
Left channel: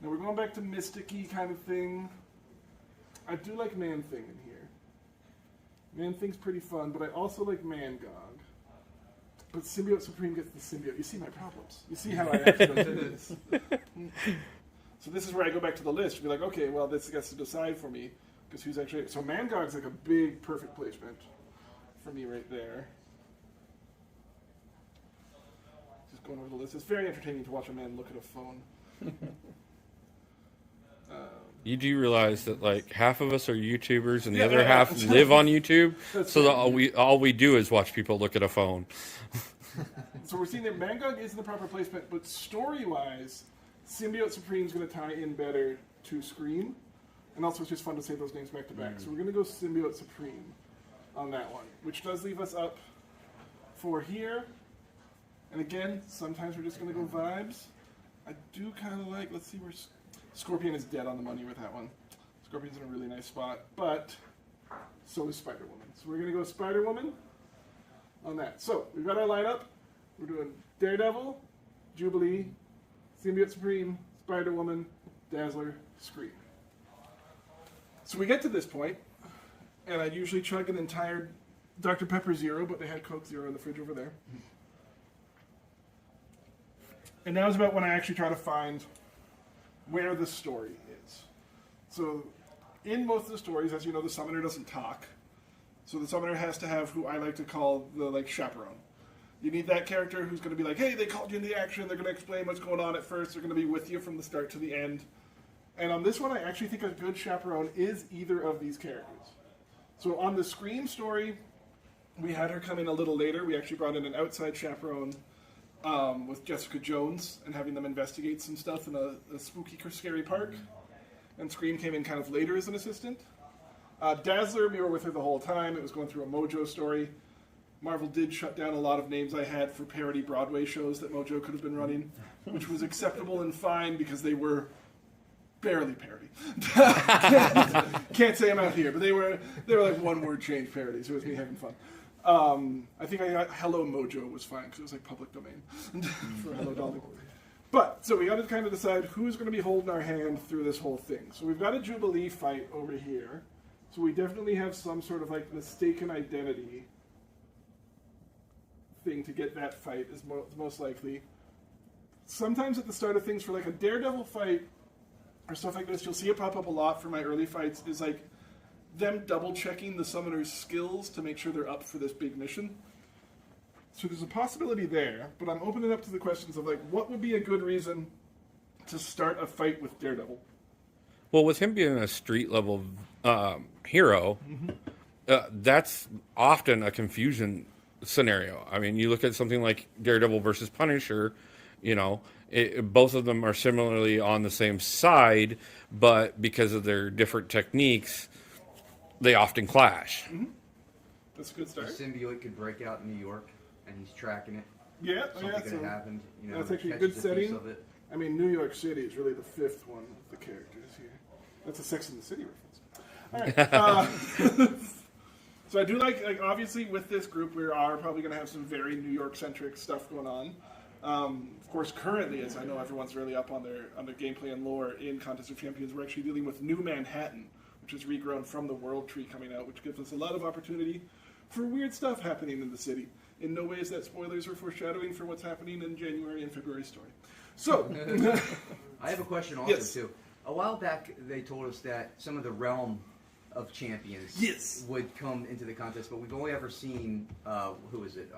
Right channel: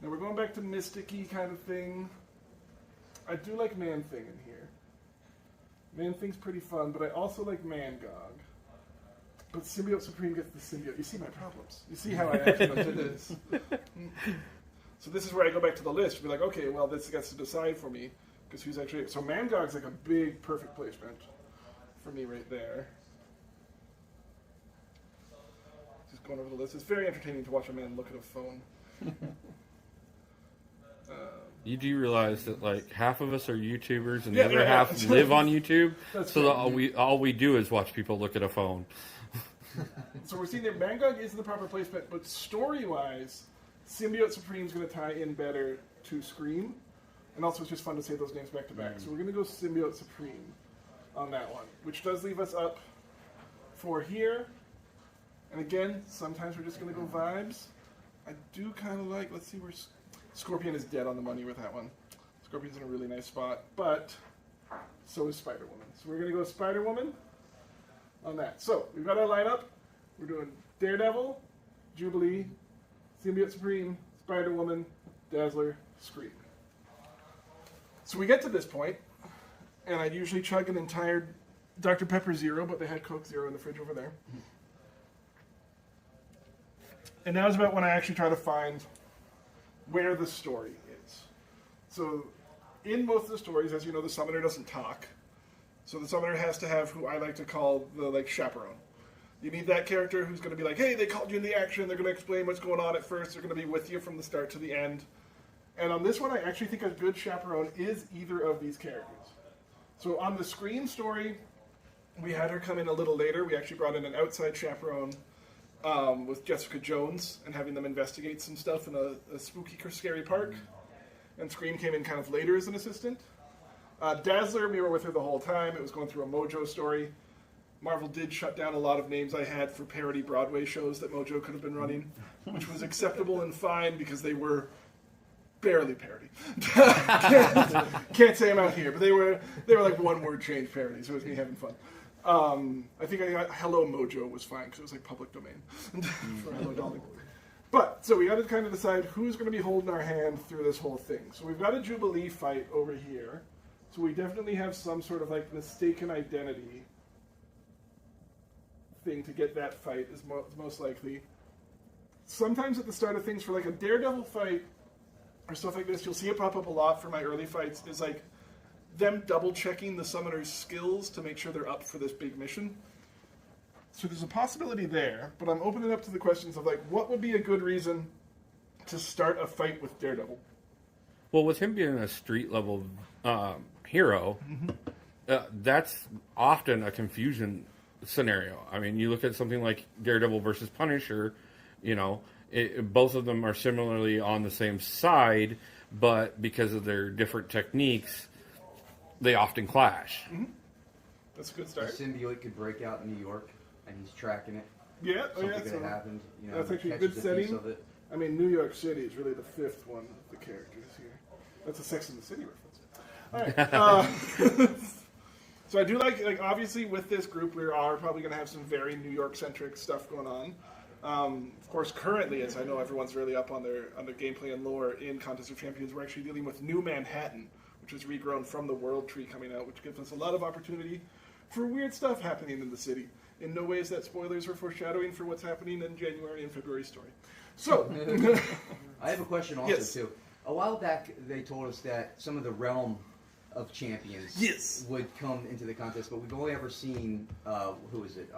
Now we're going back to Mystic-y kind of thing. I do like Man-Thing in here. Man-Thing's pretty fun, but I also like Mangog. But Symbiote Supreme gets the symbiote. You see my problems. You see how I actually do this. So this is where I go back to the list. Be like, okay, well, this gets to decide for me. Because who's actually... So Mangog's like a big, perfect placement for me right there. Just going over the list. It's very entertaining to watch a man look at a phone. You do realize that like half of us are YouTubers and the Yeah, other yeah, yeah. half live on YouTube, That's so right. that all we do is watch people look at a phone. So we're seeing that Mangog is in the proper placement, but story-wise, Symbiote Supreme's going to tie in better to Scream, and also it's just fun to say those names back to back. So we're going to go Symbiote Supreme on that one, which does leave us up for here. And again, sometimes we're just going to go vibes. I do kind of like, let's see where Scorpion is dead on the money with that one. Scorpion's in a really nice spot, but so is Spider-Woman. So we're going to go Spider-Woman on that. So we've got our lineup. We're doing Daredevil, Jubilee, Symbiote Supreme, Spider-Woman, Dazzler, Scream. So we get to this point, and I'd usually chug an entire Dr. Pepper Zero, but they had Coke Zero in the fridge over there. And now's about when I actually try to find where the story is. So in most of the stories, as you know, the summoner doesn't talk. So the summoner has to have who I like to call the like chaperone. You need that character who's going to be like, hey, they called you in the action. They're going to explain what's going on at first. They're going to be with you from the start to the end. And on this one, I actually think a good chaperone is either of these characters. So on the Scream story, we had her come in a little later. We actually brought in an outside chaperone with Jessica Jones and having them investigate some stuff in a spooky, scary park. And Scream came in kind of later as an assistant. Dazzler, we were with her the whole time. It was going through a Mojo story. Marvel did shut down a lot of names I had for parody Broadway shows that Mojo could have been running, which was acceptable and fine because they were barely parody. Can't say them out here, but they were like one-word change parodies. It was me having fun. I think I got Hello Mojo was fine because it was like public domain for Hello Dolly. But, so we got to kind of decide who's going to be holding our hand through this whole thing. So we've got a Jubilee fight over here. So we definitely have some sort of like mistaken identity thing to get that fight is most likely. Sometimes at the start of things for like a Daredevil fight or stuff like this, you'll see it pop up a lot for my early fights, is like them double checking the summoner's skills to make sure they're up for this big mission. So there's a possibility there, but I'm opening up to the questions of like, what would be a good reason to start a fight with Daredevil? Well, with him being a street level hero, that's often a confusion scenario. I mean, you look at something like Daredevil versus Punisher, you know, both of them are similarly on the same side, but because of their different techniques, they often clash. That's a good The start. symbiote could break out in New York, and he's tracking it. Yeah, Something yeah. could So have happened. You know, that's actually a catches good piece setting. of it. I mean, New York City is really the fifth one of the characters here. That's a Sex and the City reference. All right. So I do like obviously with this group, we are probably going to have some very New York-centric stuff going on. Of course, currently, as I know everyone's really up on their gameplay and lore in Contest of Champions, we're actually dealing with New Manhattan, which is regrown from the World Tree coming out, which gives us a lot of opportunity for weird stuff happening in the city. In no way is that spoilers or foreshadowing for what's happening in January and February story. So, I have a question also, Yes. too. A while back, they told us that some of the realm of champions Yes. would come into the contest, but we've only ever seen, who is it?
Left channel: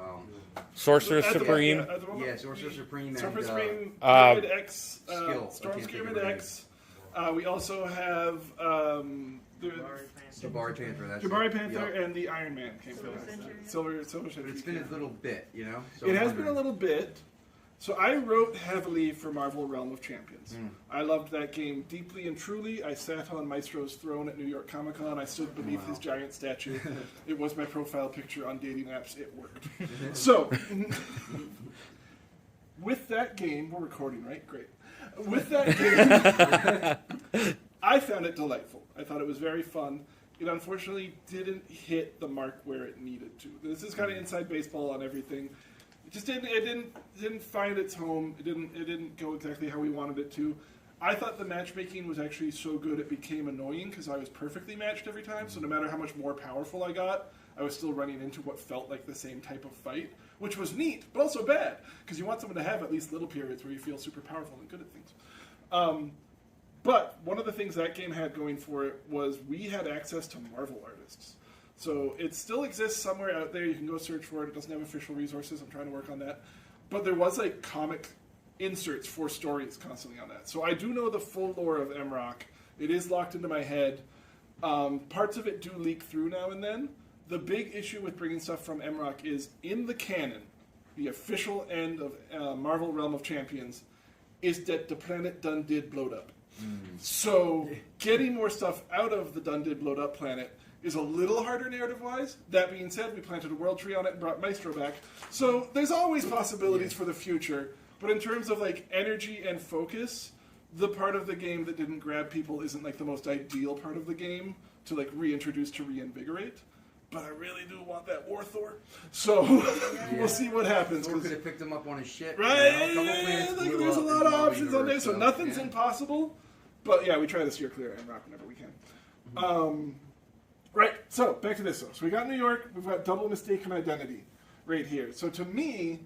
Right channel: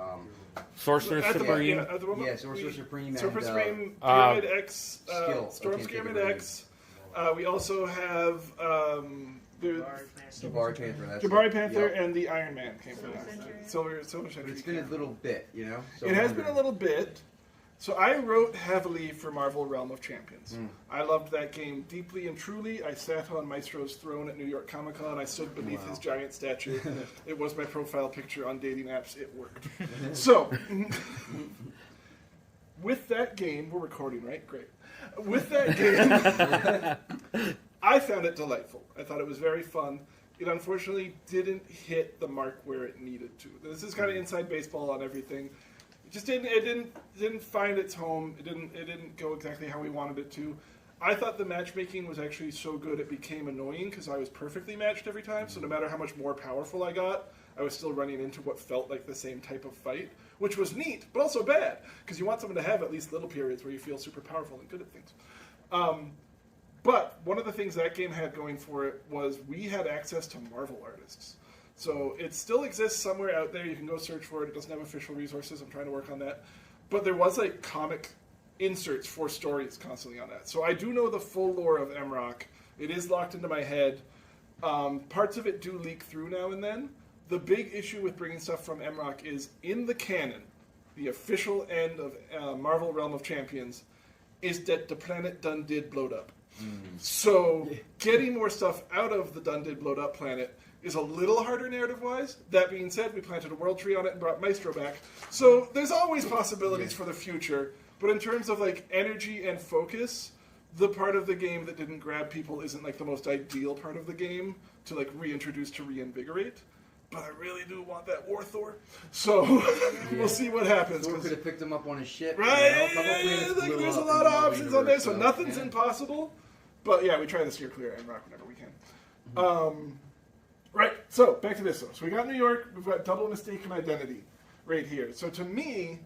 Sorcerer at the- Supreme. at the moment, Yeah, Sorcerer Supreme Sorcerer and, Supreme, uh, Pyramid X, Skill. Storm I can't think Pyramid of it. X. We also have the Jabari Panther. That's Jabari it. Panther Yep. and the Iron Man came from Silver that. Century. Silver But Century. it's been a little bit, you know? So It I'm has been a wondering- little bit. So I wrote heavily for Marvel Realm of Champions. I loved that game deeply and truly. I sat on Maestro's throne at New York Comic Con. I stood beneath his giant statue. It was my profile picture on dating apps. It worked. So, with that game, we're recording, right? Great. With that game, I found it delightful. I thought it was very fun. It unfortunately didn't hit the mark where it needed to. This is kind of inside baseball on everything. It just didn't. It didn't find its home. It didn't go exactly how we wanted it to. I thought the matchmaking was actually so good it became annoying because I was perfectly matched every time. So no matter how much more powerful I got, I was still running into what felt like the same type of fight, which was neat, but also bad because you want someone to have at least little periods where you feel super powerful and good at things. But one of the things that game had going for it was we had access to Marvel artists. So it still exists somewhere out there. You can go search for it. It doesn't have official resources. I'm trying to work on that. But there was like comic inserts for stories constantly on that. So I do know the full lore of MROC. It is locked into my head. Parts of it do leak through now and then. The big issue with bringing stuff from MROC is in the canon, the official end of Marvel Realm of Champions, is that the planet done did blowed up. So getting more stuff out of the done did blowed up planet is a little harder narrative-wise. That being said, we planted a world tree on it and brought Maestro back. So there's always possibilities for the future. But in terms of like energy and focus, the part of the game that didn't grab people isn't like the most ideal part of the game to like reintroduce to reinvigorate. But I really do want that War Thor. So we'll see what happens. Or could have picked him up on a ship. Right? You know, a couple planets blew There's a up lot in of the options on there, universe, so nothing's impossible. But yeah, we try to steer clear of MROC whenever we can. Right, so back to this one. So we got New York, we've got double mistaken identity right here. So to me,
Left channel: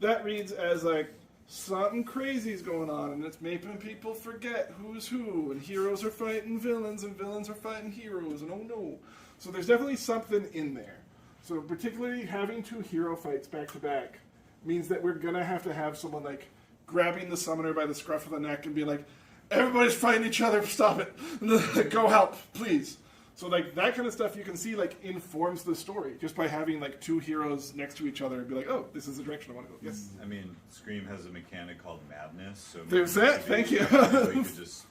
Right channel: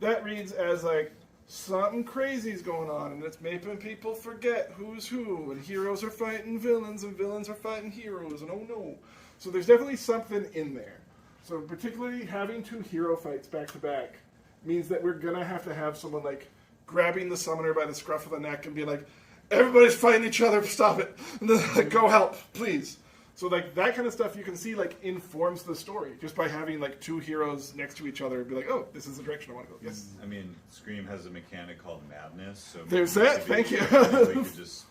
that reads as like something crazy's going on, and it's making people forget who's who, and heroes are fighting villains, and villains are fighting heroes, and oh no. So there's definitely something in there. So particularly having two hero fights back to back means that we're gonna have to have someone like grabbing the summoner by the scruff of the neck and be like, everybody's fighting each other, stop it. Go help, please. So like that kind of stuff you can see like informs the story just by having like two heroes next to each other and be like, oh, this is the direction I want to go. Yes. I mean, Scream has a mechanic called madness, so There's that. Thank you. We could just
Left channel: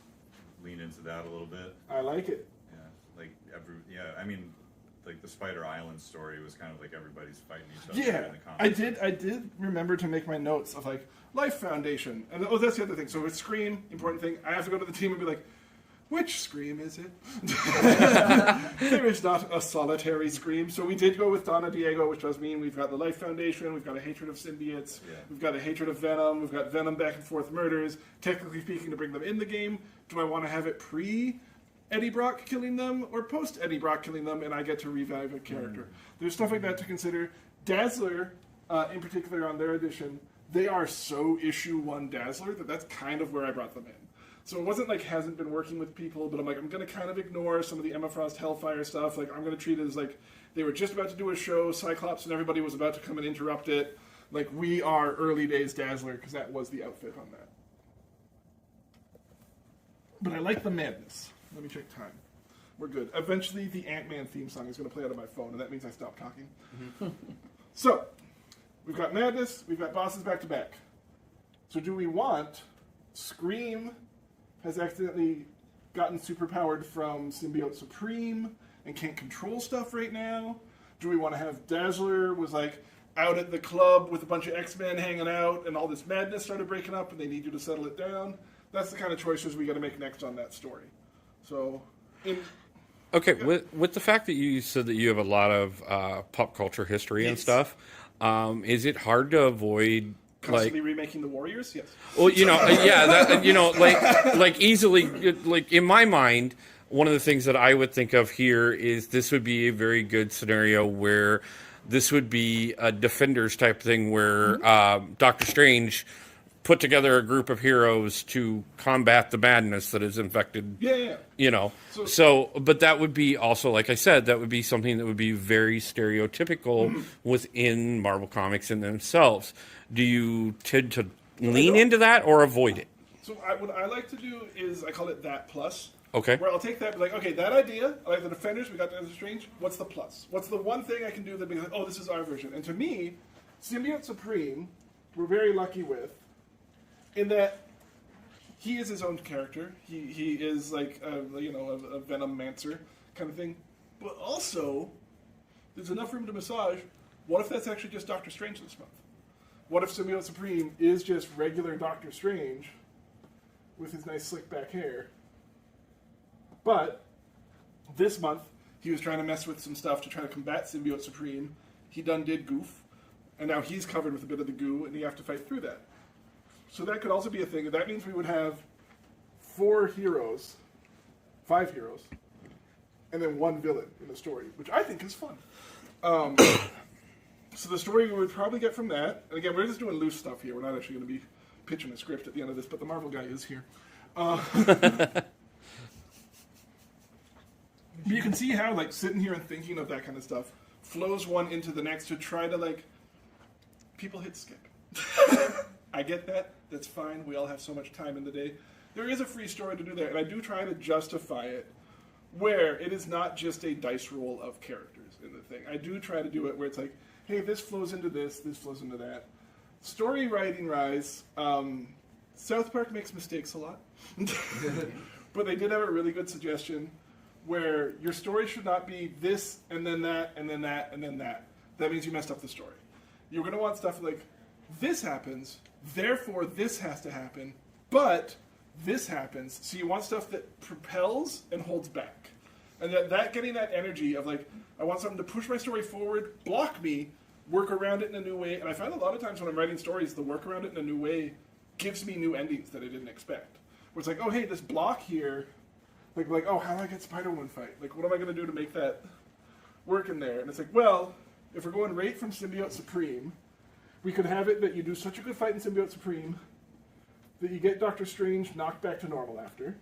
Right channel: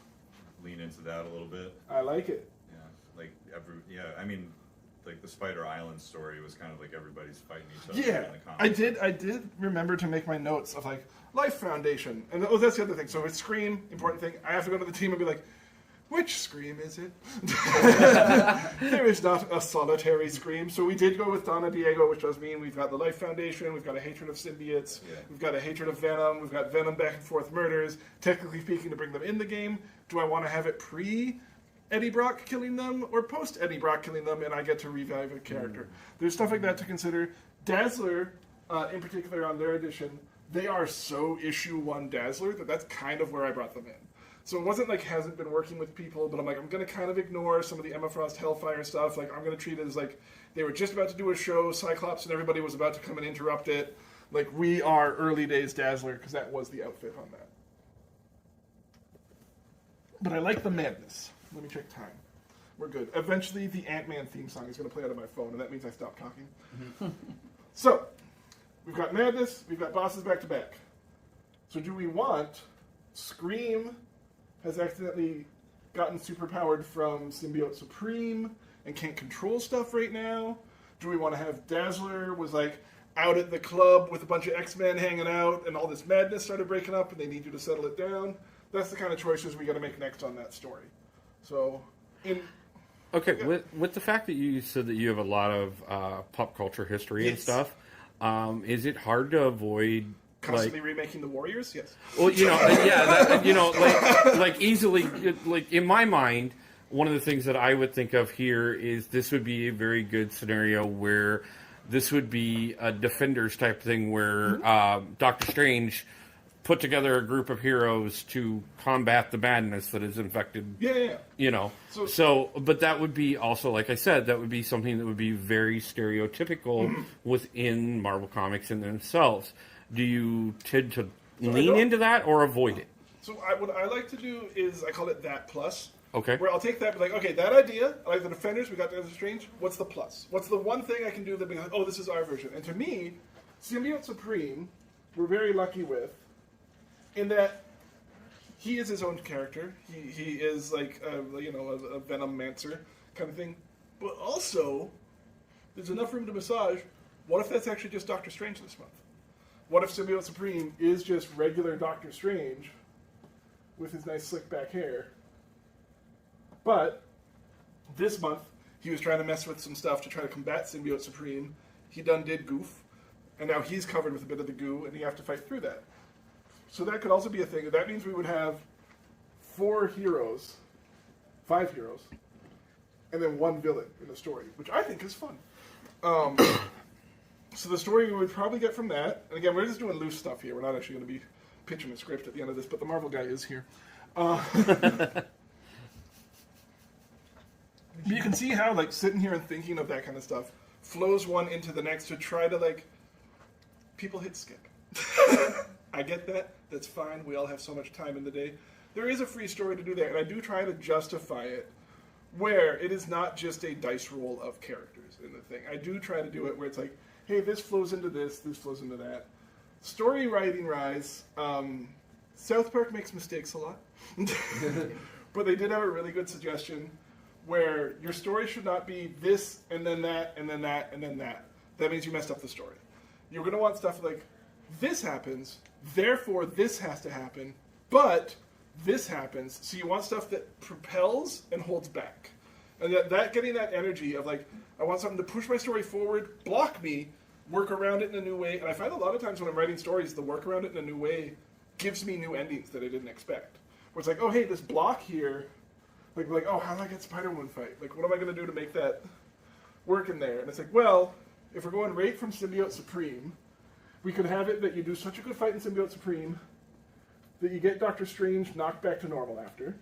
lean into that a little bit. I like it. I mean, like the Spider Island story was kind of like everybody's fighting each other in the comics. I did remember to make my notes of like Life Foundation, and oh, that's the other thing. So with Scream, important thing, I have to go to the team and be like, which Scream is it? There is not a solitary Scream. So we did go with Donna Diego, which does mean we've got the Life Foundation, we've got a hatred of symbiotes, we've got a hatred of Venom, we've got Venom back and forth murders. Technically speaking, to bring them in the game, do I want to have it pre Eddie Brock killing them or post Eddie Brock killing them, and I get to revive a character? There's stuff like that to consider. Dazzler, in particular on their edition, they are so issue 1 Dazzler that's kind of where I brought them in. So it wasn't like hasn't been working with people, but I'm like, I'm going to kind of ignore some of the Emma Frost Hellfire stuff. Like, I'm going to treat it as like they were just about to do a show, Cyclops and everybody was about to come and interrupt it. Like, we are early days Dazzler, because that was the outfit on that. But I like the madness. Let me check time. We're good. Eventually, the Ant-Man theme song is going to play out of my phone, and that means I stop talking. So, we've got madness, we've got bosses back to back. So do we want Scream has accidentally gotten superpowered from Symbiote Supreme and can't control stuff right now? Do we want to have Dazzler was like out at the club with a bunch of X-Men hanging out and all this madness started breaking up and they need you to settle it down? That's the kind of choices we got to make next on that story. So, okay, yeah. With the fact that you said that you have a lot of pop culture history and stuff, is it hard to avoid constantly remaking the Warriors? Yes. Well, like easily, like in my mind, one of the things that I would think of here is this would be a very good scenario where this would be a Defenders type thing where Doctor Strange put together a group of heroes to combat the madness that is infected. Yeah. You know. So, but that would be also, like I said, that would be something that would be very stereotypical within Marvel Comics in themselves. Do you tend to lean into that or avoid it? So what I like to do is I call it that plus. Okay. Where I'll take that, be like, okay, that idea, I like the Defenders, we got Doctor Strange, what's the plus? What's the one thing I can do that be like, oh, this is our version? And to me, Symbiote Supreme, we're very lucky with, in that he is his own character. He is like, a Venom-mancer kind of thing. But also, there's enough room to massage. What if that's actually just Doctor Strange this month? What if Symbiote Supreme is just regular Doctor Strange with his nice slick back hair? But this month, he was trying to mess with some stuff to try to combat Symbiote Supreme. He done did goof, and now he's covered with a bit of the goo, and you have to fight through that. So that could also be a thing. That means we would have 5 heroes, and then 1 villain in the story, which I think is fun. So the story we would probably get from that, and again, we're just doing loose stuff here. We're not actually going to be pitching a script at the end of this, but the Marvel guy is here. You can see how, like, sitting here and thinking of that kind of stuff flows one into the next to try to, like, people hit skip. I get that. That's fine. We all have so much time in the day. There is a free story to do there, and I do try to justify it where it is not just a dice roll of characters in the thing. I do try to do it where it's like, hey, this flows into this flows into that. Story writing rise. South Park makes mistakes a lot. But they did have a really good suggestion where your story should not be this and then that and then that and then that. That means you messed up the story. You're going to want stuff like, this happens, therefore this has to happen, but this happens. So you want stuff that propels and holds back. And that getting that energy of like, I want something to push my story forward, block me, work around it in a new way. And I find a lot of times when I'm writing stories, the work around it in a new way gives me new endings that I didn't expect. Where it's like, oh, hey, this block here, like, oh, how do I get Spider-Woman fight? Like, what am I going to do to make that work in there? And it's like, well, if we're going right from Symbiote Supreme, we could have it that you do such a good fight in Symbiote Supreme that you get Doctor Strange knocked back to normal after.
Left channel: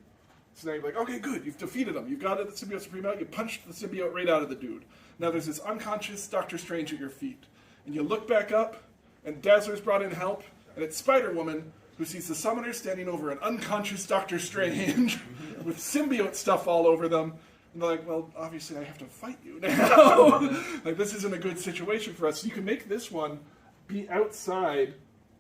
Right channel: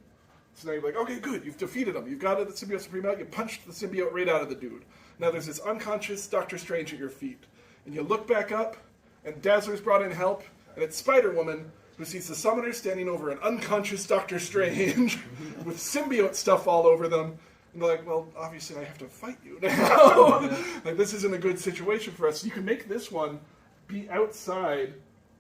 So now you're like, okay, good, you've defeated him. You've got the Symbiote Supreme out, you punched the symbiote right out of the dude. Now there's this unconscious Doctor Strange at your feet. And you look back up, and Dazzler's brought in help, and it's Spider-Woman, who sees the Summoner standing over an unconscious Doctor Strange with symbiote stuff all over them. And they're like, well, obviously I have to fight you now. Like, this isn't a good situation for us. So you can make this one be outside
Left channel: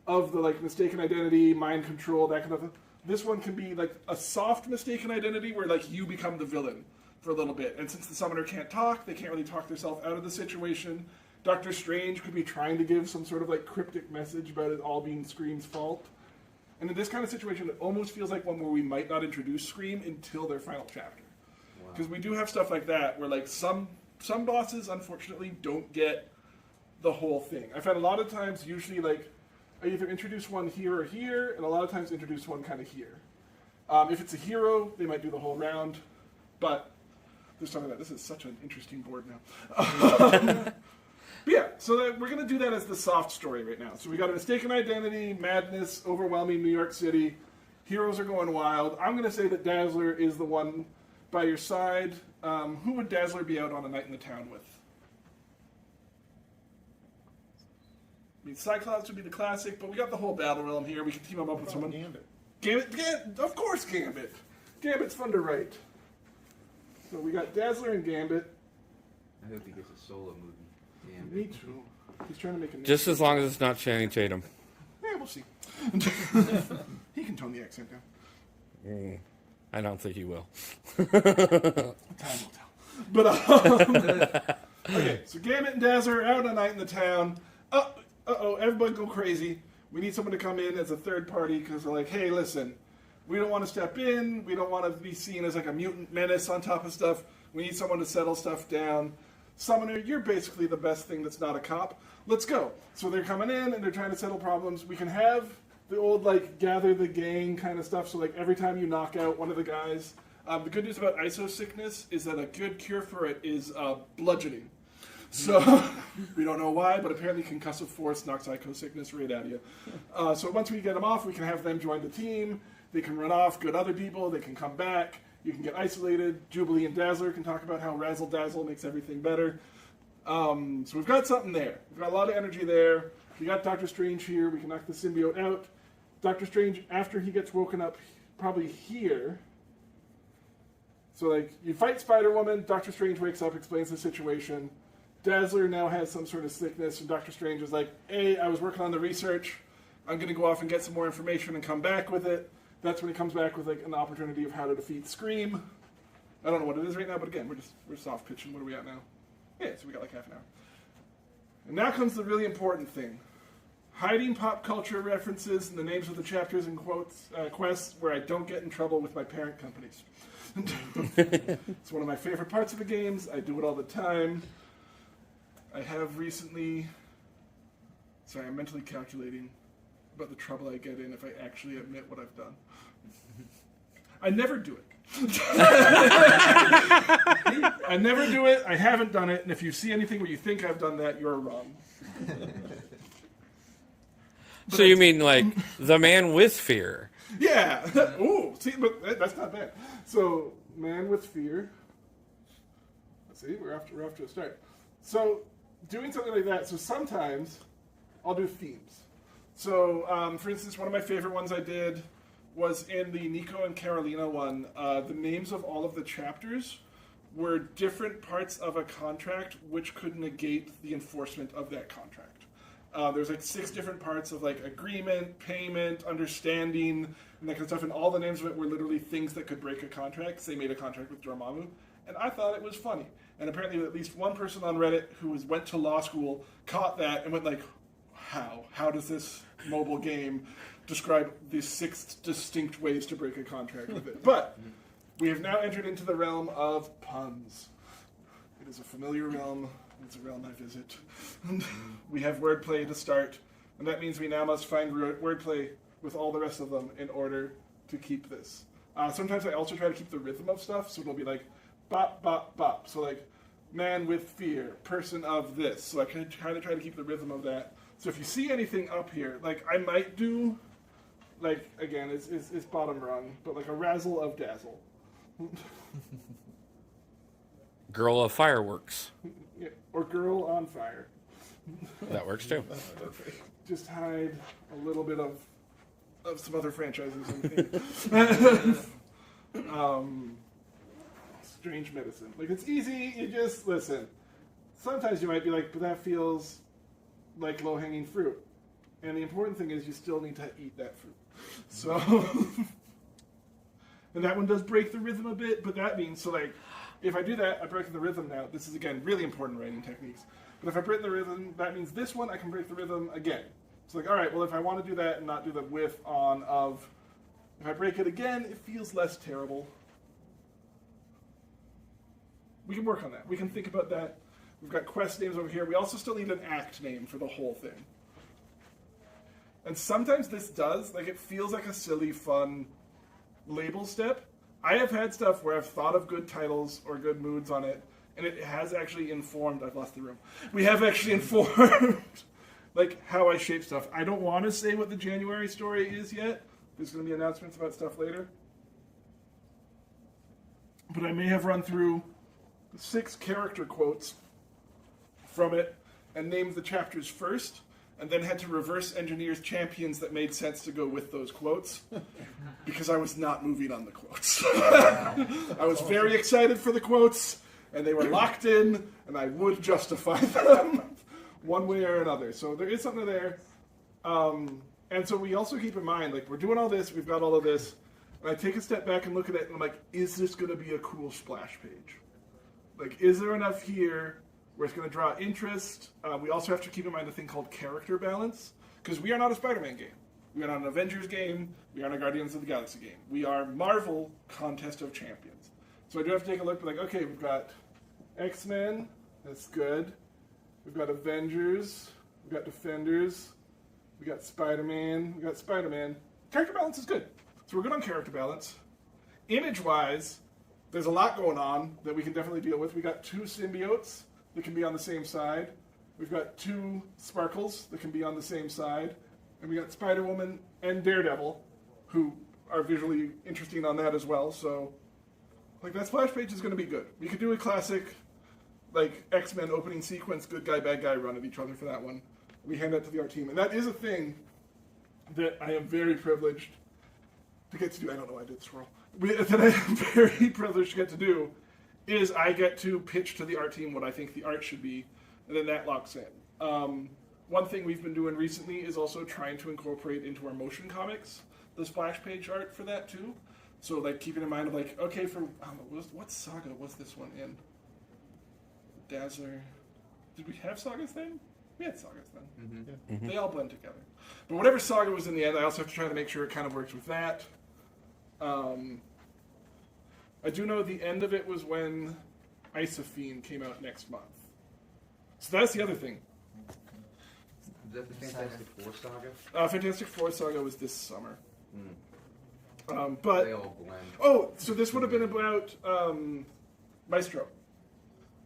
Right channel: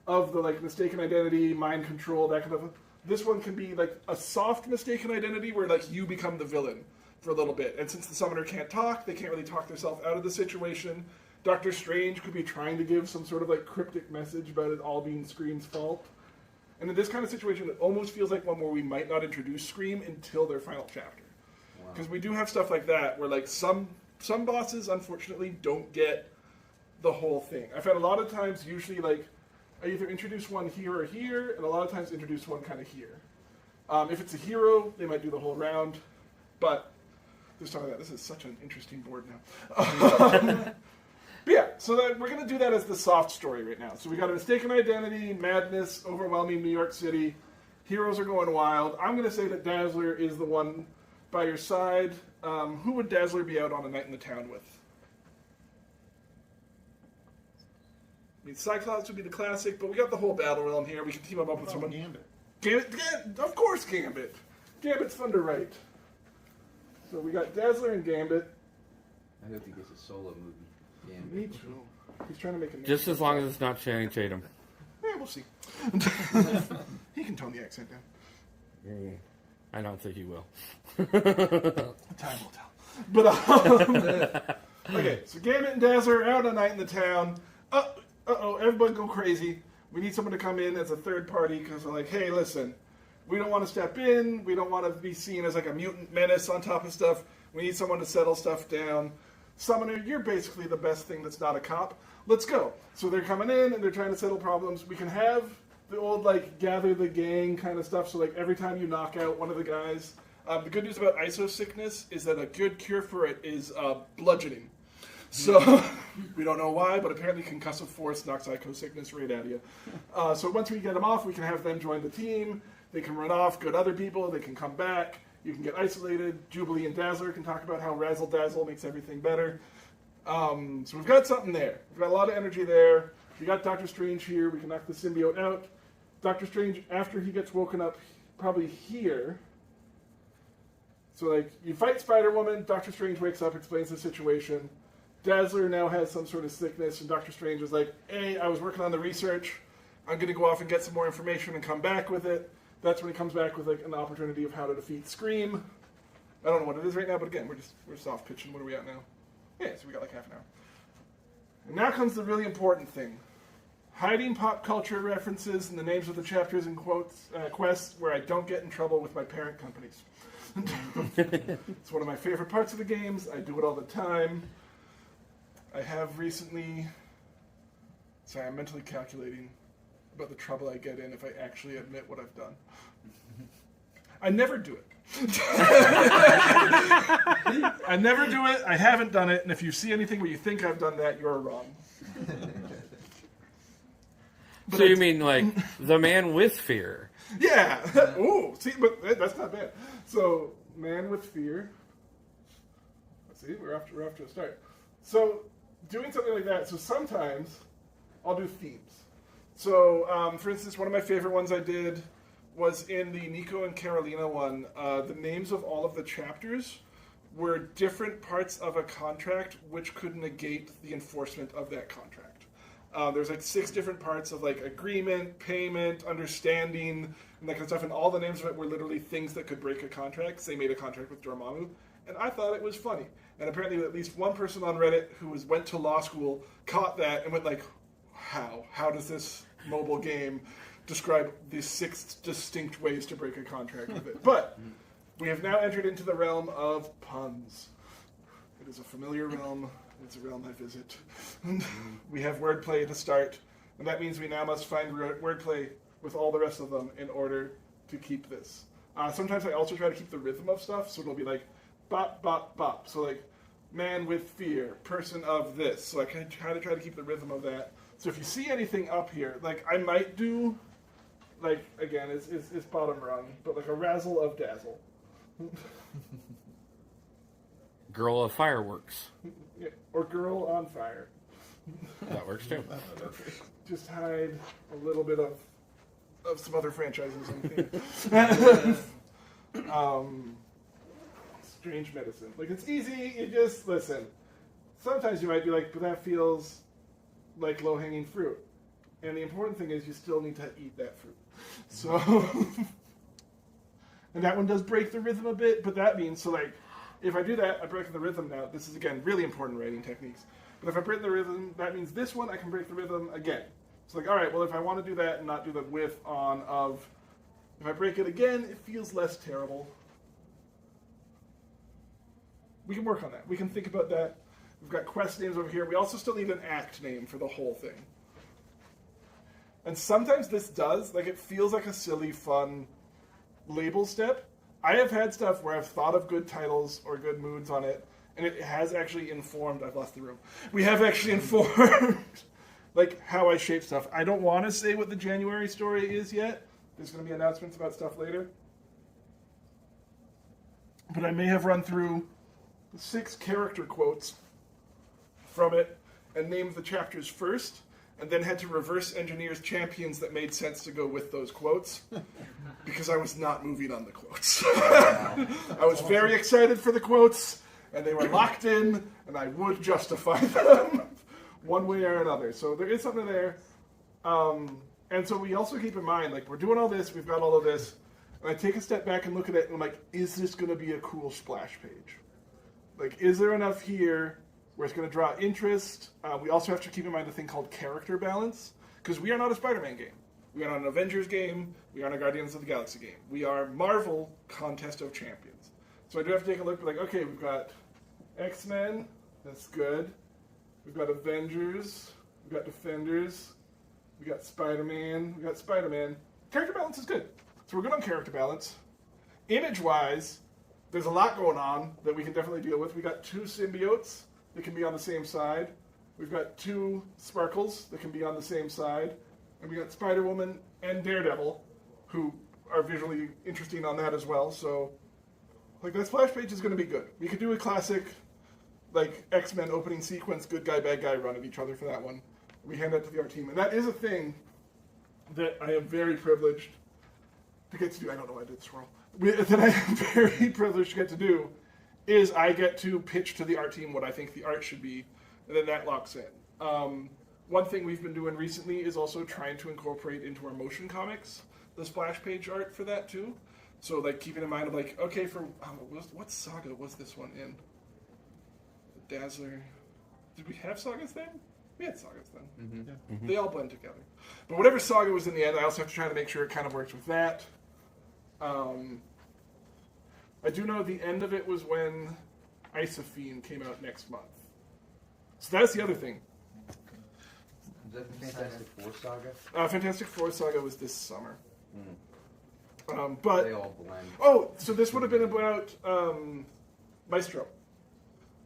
of the, like, mistaken identity, mind control, that kind of thing. This one can be, like, a soft mistaken identity where, like, you become the villain for a little bit. And since the Summoner can't talk, they can't really talk themselves out of the situation. Doctor Strange could be trying to give some sort of, like, cryptic message about it all being Scream's fault. And in this kind of situation, it almost feels like one where we might not introduce Scream until their final chapter. Because we do have stuff like that, where like some bosses, unfortunately, don't get the whole thing. I've had a lot of times, usually like, I either introduce one here or here, and a lot of times introduce one kind of here. If it's a hero, they might do the whole round, but there's none of that. This is such an interesting board now. But yeah, so we're going to do that as the soft story right now. So we got a mistaken identity, madness, overwhelming New York City. Heroes are going wild. I'm going to say that Dazzler is the one by your side. Who would Dazzler be out on a night in the town with? I mean, Cyclops would be the classic, but we got the whole battle realm here. We can team him up with someone. Gambit. Gambit, of course Gambit. Gambit's fun to write. So we got Dazzler and Gambit. I hope he gets a solo movie. Gambit. Me too. He's trying to make a name. Just as long as it's not Channing Tatum. Yeah, we'll see. He can tone the accent down. I don't think he will. Time will tell. But okay, so Gambit and Dazzler are out on a night in the town. Uh-oh, everybody go crazy. We need someone to come in as a third party because they're like, hey, listen, we don't want to step in. We don't want to be seen as like a mutant menace on top of stuff. We need someone to settle stuff down. Summoner, you're basically the best thing that's not a cop. Let's go. So they're coming in and they're trying to settle problems. We can have the old, like, gather the gang kind of stuff. So, like, every time you knock out one of the guys, the good news about ISO sickness is that a good cure for it is bludgeoning. So, we don't know why, but apparently concussive force knocks ISO sickness right out of you. So once we get them off, we can have them join the team. They can run off, good other people. They can come back. You can get isolated. Jubilee and Dazzler can talk about how Razzle Dazzle makes everything better. So we've got something there. We've got a lot of energy there. We got Doctor Strange here. We can knock the symbiote out. Doctor Strange, after he gets woken up, probably here. So, like, you fight Spider-Woman. Doctor Strange wakes up, explains the situation. Dazzler now has some sort of sickness, and Doctor Strange is like, hey, I was working on the research. I'm going to go off and get some more information and come back with it. That's when he comes back with, like, an opportunity of how to defeat Scream. I don't know what it is right now, but again, we're soft pitching. What are we at now? Yeah, so we got like half an hour. And now comes the really important thing. Hiding pop culture references in the names of the chapters and quests where I don't get in trouble with my parent companies. It's one of my favorite parts of the games. I do it all the time. I have recently... Sorry, I'm mentally calculating about the trouble I get in if I actually admit what I've done. I never do it. I never do it. I haven't done it. And if you see anything where you think I've done that, you're wrong. So you mean like the man with fear? Yeah. Ooh. See, but that's not bad. So, man with fear. Let's see. We're off to a start. So, doing something like that. So sometimes I'll do themes. So, for instance, one of my favorite ones I did was in the Nico and Carolina one. The names of all of the chapters were different parts of a contract which could negate the enforcement of that contract. There's like 6 different parts of like agreement, payment, understanding, and that kind of stuff. And all the names of it were literally things that could break a contract. So they made a contract with Dormammu, and I thought it was funny. And apparently, at least one person on Reddit who went to law school caught that and went like, "How? How does this mobile game describe these 6 distinct ways to break a contract with it?" But we have now entered into the realm of puns. It is a familiar realm. It's a realm I visit. We have wordplay to start, and that means we now must find wordplay with all the rest of them in order to keep this. Sometimes I also try to keep the rhythm of stuff, so it'll be like bop, bop, bop. So like man with fear, person of this. So I kind of try to keep the rhythm of that. So if you see anything up here, like I might do, like again, it's bottom rung, but like a razzle of dazzle. Girl of fireworks. Yeah, or girl on fire. That works too. Just hide a little bit of some other franchises in here. Strange medicine. Like it's easy, you just listen. Sometimes you might be like, but that feels like low-hanging fruit. And the important thing is you still need to eat that fruit. So and that one does break the rhythm a bit, but that means so like if I do that, I break the rhythm now. This is, again, really important writing techniques. But if I break the rhythm, that means this one, I can break the rhythm again. It's like, all right, well, if I want to do that and not do the with, on, of, if I break it again, it feels less terrible. We can work on that. We can think about that. We've got quest names over here. We also still need an act name for the whole thing. And sometimes this does, like, it feels like a silly, fun label step. I have had stuff where I've thought of good titles or good moods on it, and it has actually informed, I've lost the room. We have actually informed, like, how I shape stuff. I don't want to say what the January story is yet. There's going to be announcements about stuff later. But I may have run through 6 character quotes from it and named the chapters first, and then had to reverse engineer champions that made sense to go with those quotes because I was not moving on the quotes. I was very excited for the quotes, and they were locked in, and I would justify them one way or another. So there is something there. And so we also keep in mind, like, we're doing all this, we've got all of this, and I take a step back and look at it, and I'm like, is this going to be a cool splash page? Like, is there enough here where it's going to draw interest? We also have to keep in mind a thing called character balance, because we are not a Spider-Man game. We are not an Avengers game. We are not a Guardians of the Galaxy game. We are Marvel Contest of Champions. So I do have to take a look, like, okay, we've got X-Men, that's good. We've got Avengers, we've got Defenders, we got Spider-Man, we got Spider-Man. Character balance is good. So we're good on character balance. Image-wise, there's a lot going on that we can definitely deal with. We got 2 symbiotes that can be on the same side. We've got 2 Sparkles that can be on the same side. And we got Spider-Woman and Daredevil, who are visually interesting on that as well. So, like, that splash page is going to be good. We could do a classic, like, X-Men opening sequence, good guy, bad guy run at each other for that one. We hand that to the art team. And that is a thing that I am very privileged to get to do. I don't know why I did the swirl. That I am very privileged to get to do is I get to pitch to the art team what I think the art should be, and then that locks in. One thing we've been doing recently is also trying to incorporate into our motion comics the splash page art for that too. So, like, keeping in mind of, like, okay, for what saga was this one in? Dazzler. Did we have sagas then? We had sagas then. Mm-hmm. Mm-hmm. They all blend together. But whatever saga was in the end, I also have to try to make sure it kind of works with that. I do know the end of it was when Isophene came out next month. So that's the other thing. Is that the Fantastic Four saga? Fantastic Four saga was this summer. But They all blend. oh, so this would have been about Maestro.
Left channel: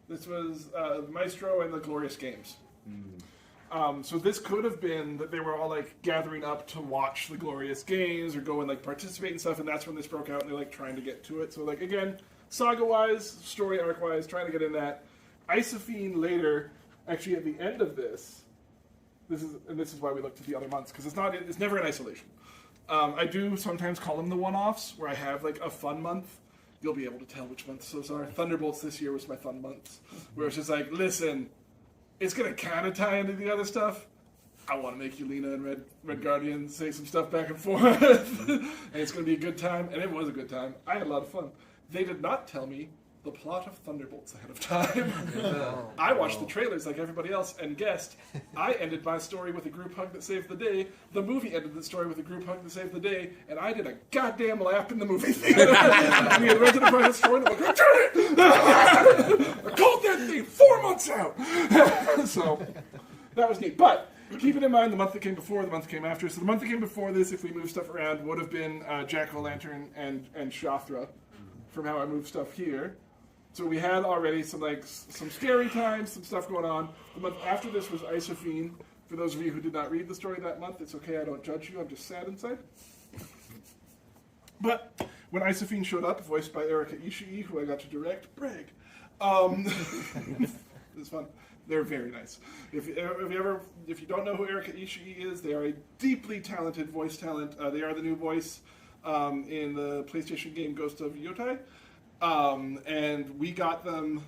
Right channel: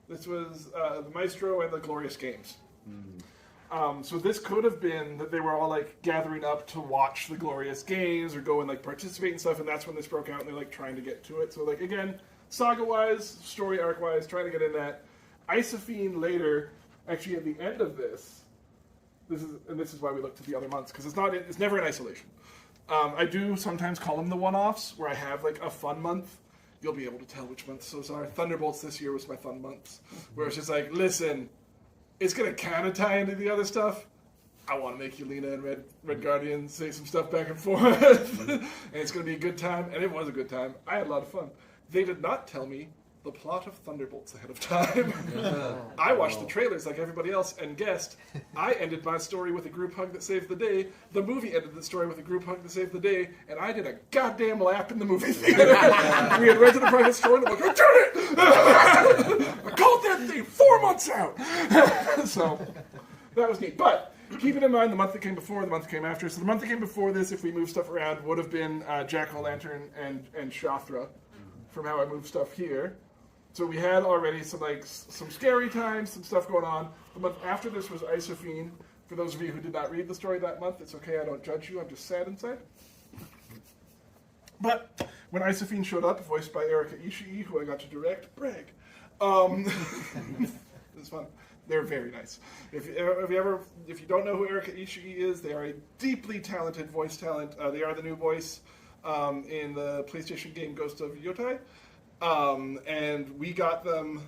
This was the Maestro and the Glorious Games. So this could have been that they were all like gathering up to watch the Glorious Games or go and like participate and stuff, and that's when this broke out and they're like trying to get to it. So like again, saga-wise, story arc-wise, trying to get in that. Isophene later, actually at the end of this is why we look to the other months, because it's never in isolation. I do sometimes call them the one-offs, where I have like a fun month. You'll be able to tell which months those are. Thunderbolts this year was my fun months, where it's just like, listen, it's going to kind of tie into the other stuff. I want to make Yelena and Red Guardian say some stuff back and forth, and it's going to be a good time, and it was a good time. I had a lot of fun. They did not tell me the plot of Thunderbolts ahead of time. I watched the trailers like everybody else and guessed. I ended my story with a group hug that saved the day. The movie ended the story with a group hug that saved the day, and I did a goddamn lap in the movie theater. We had rented a private store, and I'm like, I did it! I called that thing 4 months out! So, that was neat. But, keeping in mind the month that came before, the month that came after. So the month that came before this, if we move stuff around, would have been Jack-O-Lantern and Shathra, from how I move stuff here. So we had already some scary times, some stuff going on. The month after this was Isophene. For those of you who did not read the story that month, it's okay, I don't judge you, I'm just sad inside. But when Isophene showed up, voiced by Erika Ishii, who I got to direct, brag. It was fun. They're very nice. If you don't know who Erika Ishii is, they are a deeply talented voice talent. They are the new voice in the PlayStation game Ghost of Yotai. And we got them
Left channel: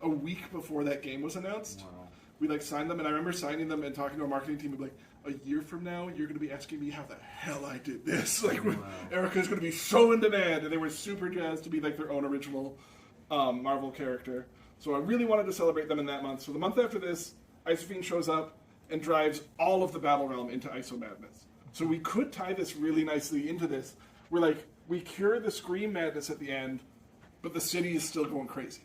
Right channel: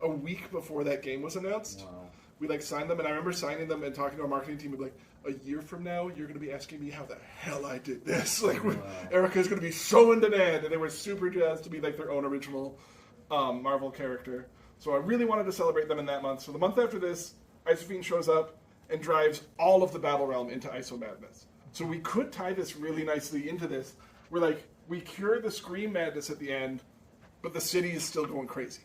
a week before that game was announced. Wow. We signed them, and I remember signing them and talking to our marketing team, like, a year from now, you're going to be asking me how the hell I did this. Erica's going to be so in demand, and they were super jazzed to be their own original Marvel character. So I really wanted to celebrate them in that month. So the month after this, Isophene shows up and drives all of the Battle Realm into Iso Madness. So we could tie this really nicely into this. We cure the Scream madness at the end, but the city is still going crazy.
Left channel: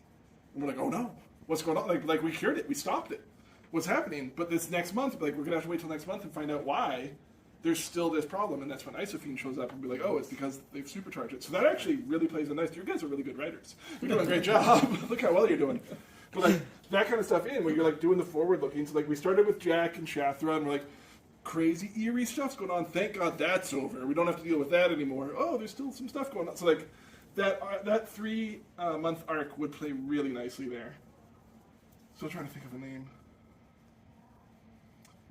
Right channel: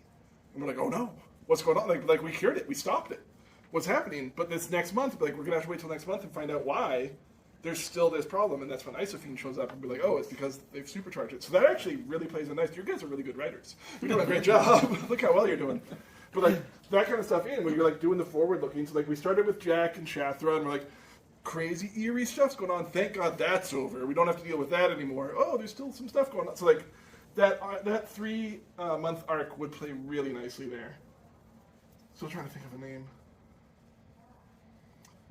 And we're like, oh no, what's going on? We cured it, we stopped it. What's happening? But this next month, we're going to have to wait till next month and find out why there's still this problem. And that's when Isophene shows up and we're like, oh, it's because they've supercharged it. So that actually really plays a nice, you guys are really good writers. You're doing a great job. Look how well you're doing. But that kind of stuff in, when you're doing the forward looking. So we started with Jack and Shathra, and we're crazy eerie stuff's going on. Thank God that's over. We don't have to deal with that anymore. Oh, there's still some stuff going on. So that 3 month arc would play really nicely there. Still trying to think of a name.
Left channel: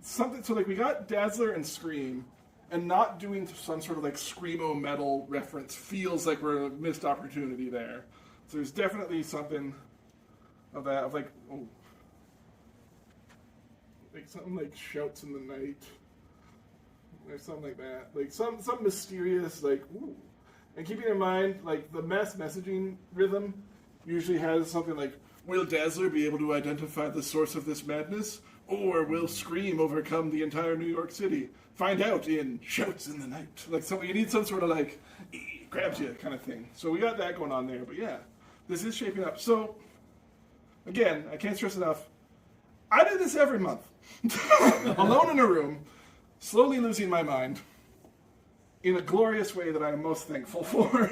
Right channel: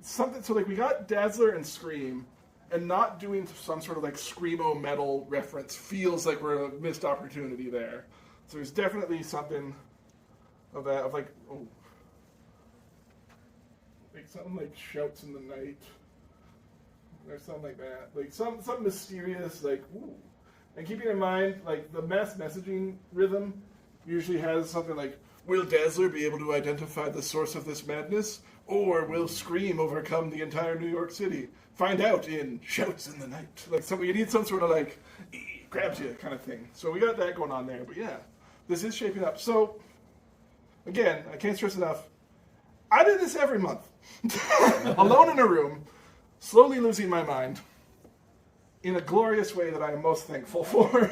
Something so we got Dazzler and Scream, and not doing some sort of screamo metal reference feels like we're a missed opportunity there. So there's definitely something of that something like Shouts in the Night. There's something like that. Some mysterious, ooh. And keeping in mind, the mass messaging rhythm usually has something will Dazzler be able to identify the source of this madness? Or will Scream overcome the entire New York City? Find out in Shouts in the Night. You need some sort of grabs you kind of thing. So we got that going on there. But yeah, this is shaping up. So, again, I can't stress enough. I do this every month. Alone in a room, slowly losing my mind, in a glorious way that I am most thankful for.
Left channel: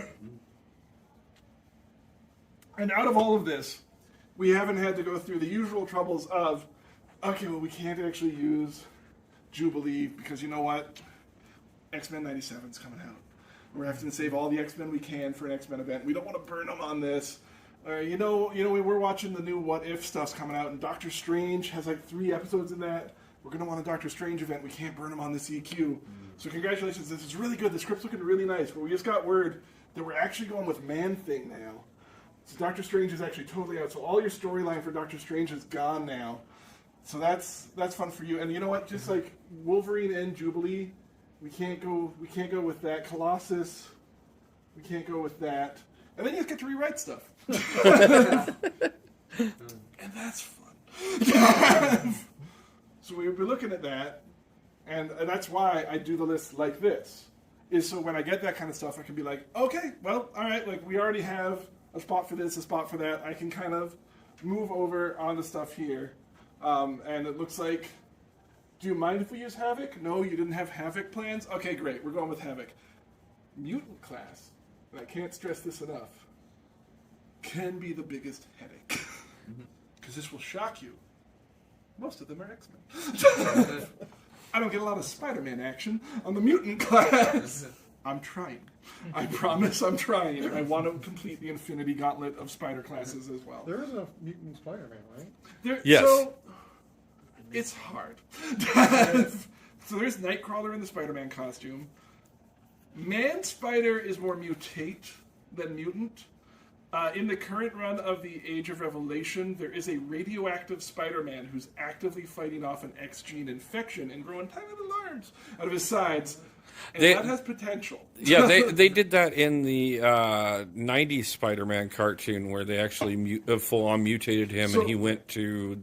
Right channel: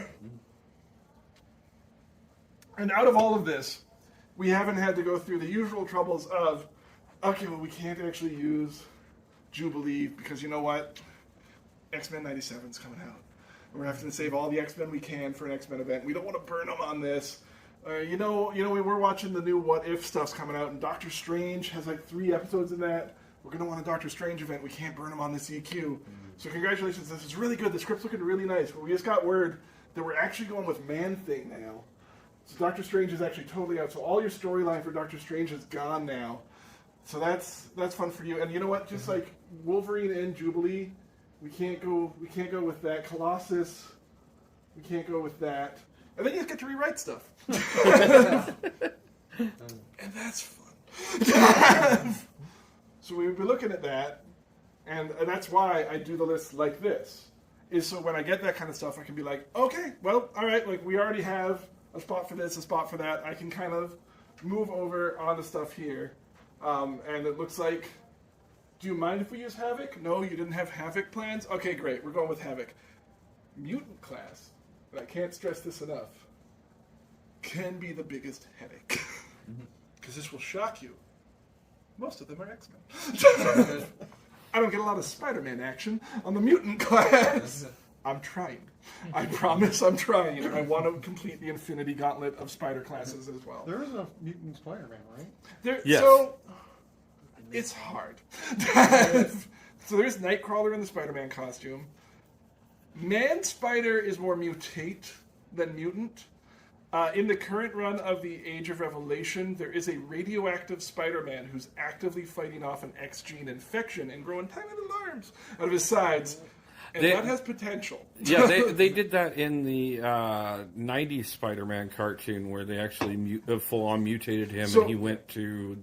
And out of all of this, we haven't had to go through the usual troubles of, okay, well, we can't actually use Jubilee because you know what? X-Men 97 is coming out. We're having to save all the X-Men we can for an X-Men event. We don't want to burn them on this. We were watching the new What If stuff's coming out, and Doctor Strange has 3 episodes in that. We're going to want a Doctor Strange event. We can't burn them on this EQ. So congratulations. This is really good. The script's looking really nice. But we just got word that we're actually going with Man-Thing now. So Doctor Strange is actually totally out. So all your storyline for Doctor Strange is gone now. So that's fun for you. And you know what? Just Wolverine and Jubilee, we can't go with that. Colossus, we can't go with that. And then you just get to rewrite stuff. And that's fun. So we'll be looking at that, and that's why I do the list like this. Is so when I get that kind of stuff, I can be okay, well, all right, we already have a spot for this, a spot for that. I can kind of move over on the stuff here. And it looks like, do you mind if we use Havoc? No, you didn't have Havoc plans? Okay, great, we're going with Havoc. mutant class, and I can't stress this enough, can be the biggest headache. Because this will shock you. Most of them are X-Men. I don't get a lot of Spider-Man action on the mutant class. I'm trying. I promise I'm trying. I want to complete the Infinity Gauntlet of Spider classes as well. There is a mutant Spider-Man, right? Yes. So, it's hard. So there's Nightcrawler in the Spider-Man costume. Man-Spider is more mutate than mutant. In the current run of the Age of Revelation, there is a radioactive Spider-Man who's actively fighting off an X-gene infection and growing tiny little arms out of his sides. And that has potential. Yeah, they did that in the 90s Spider-Man cartoon where they actually full-on mutated him and he went to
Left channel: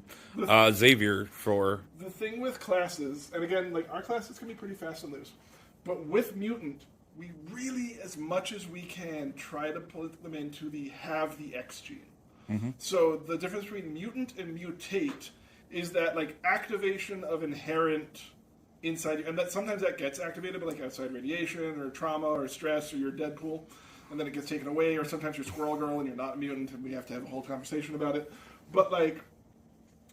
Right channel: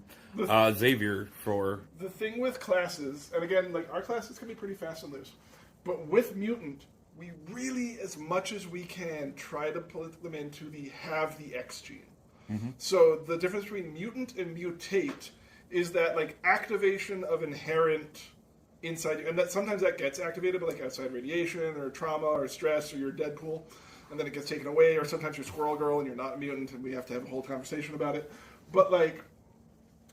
Xavier for... The thing with classes, and again, like our classes can be pretty fast and loose, but with mutant, we really, as much as we can, try to put them into the X gene. Mm-hmm. So the difference between mutant and mutate is that like activation of inherent inside you, and that sometimes that gets activated by like outside radiation or trauma or stress or you're Deadpool, and then it gets taken away, or sometimes you're Squirrel Girl and you're not mutant and we have to have a whole conversation about it. But like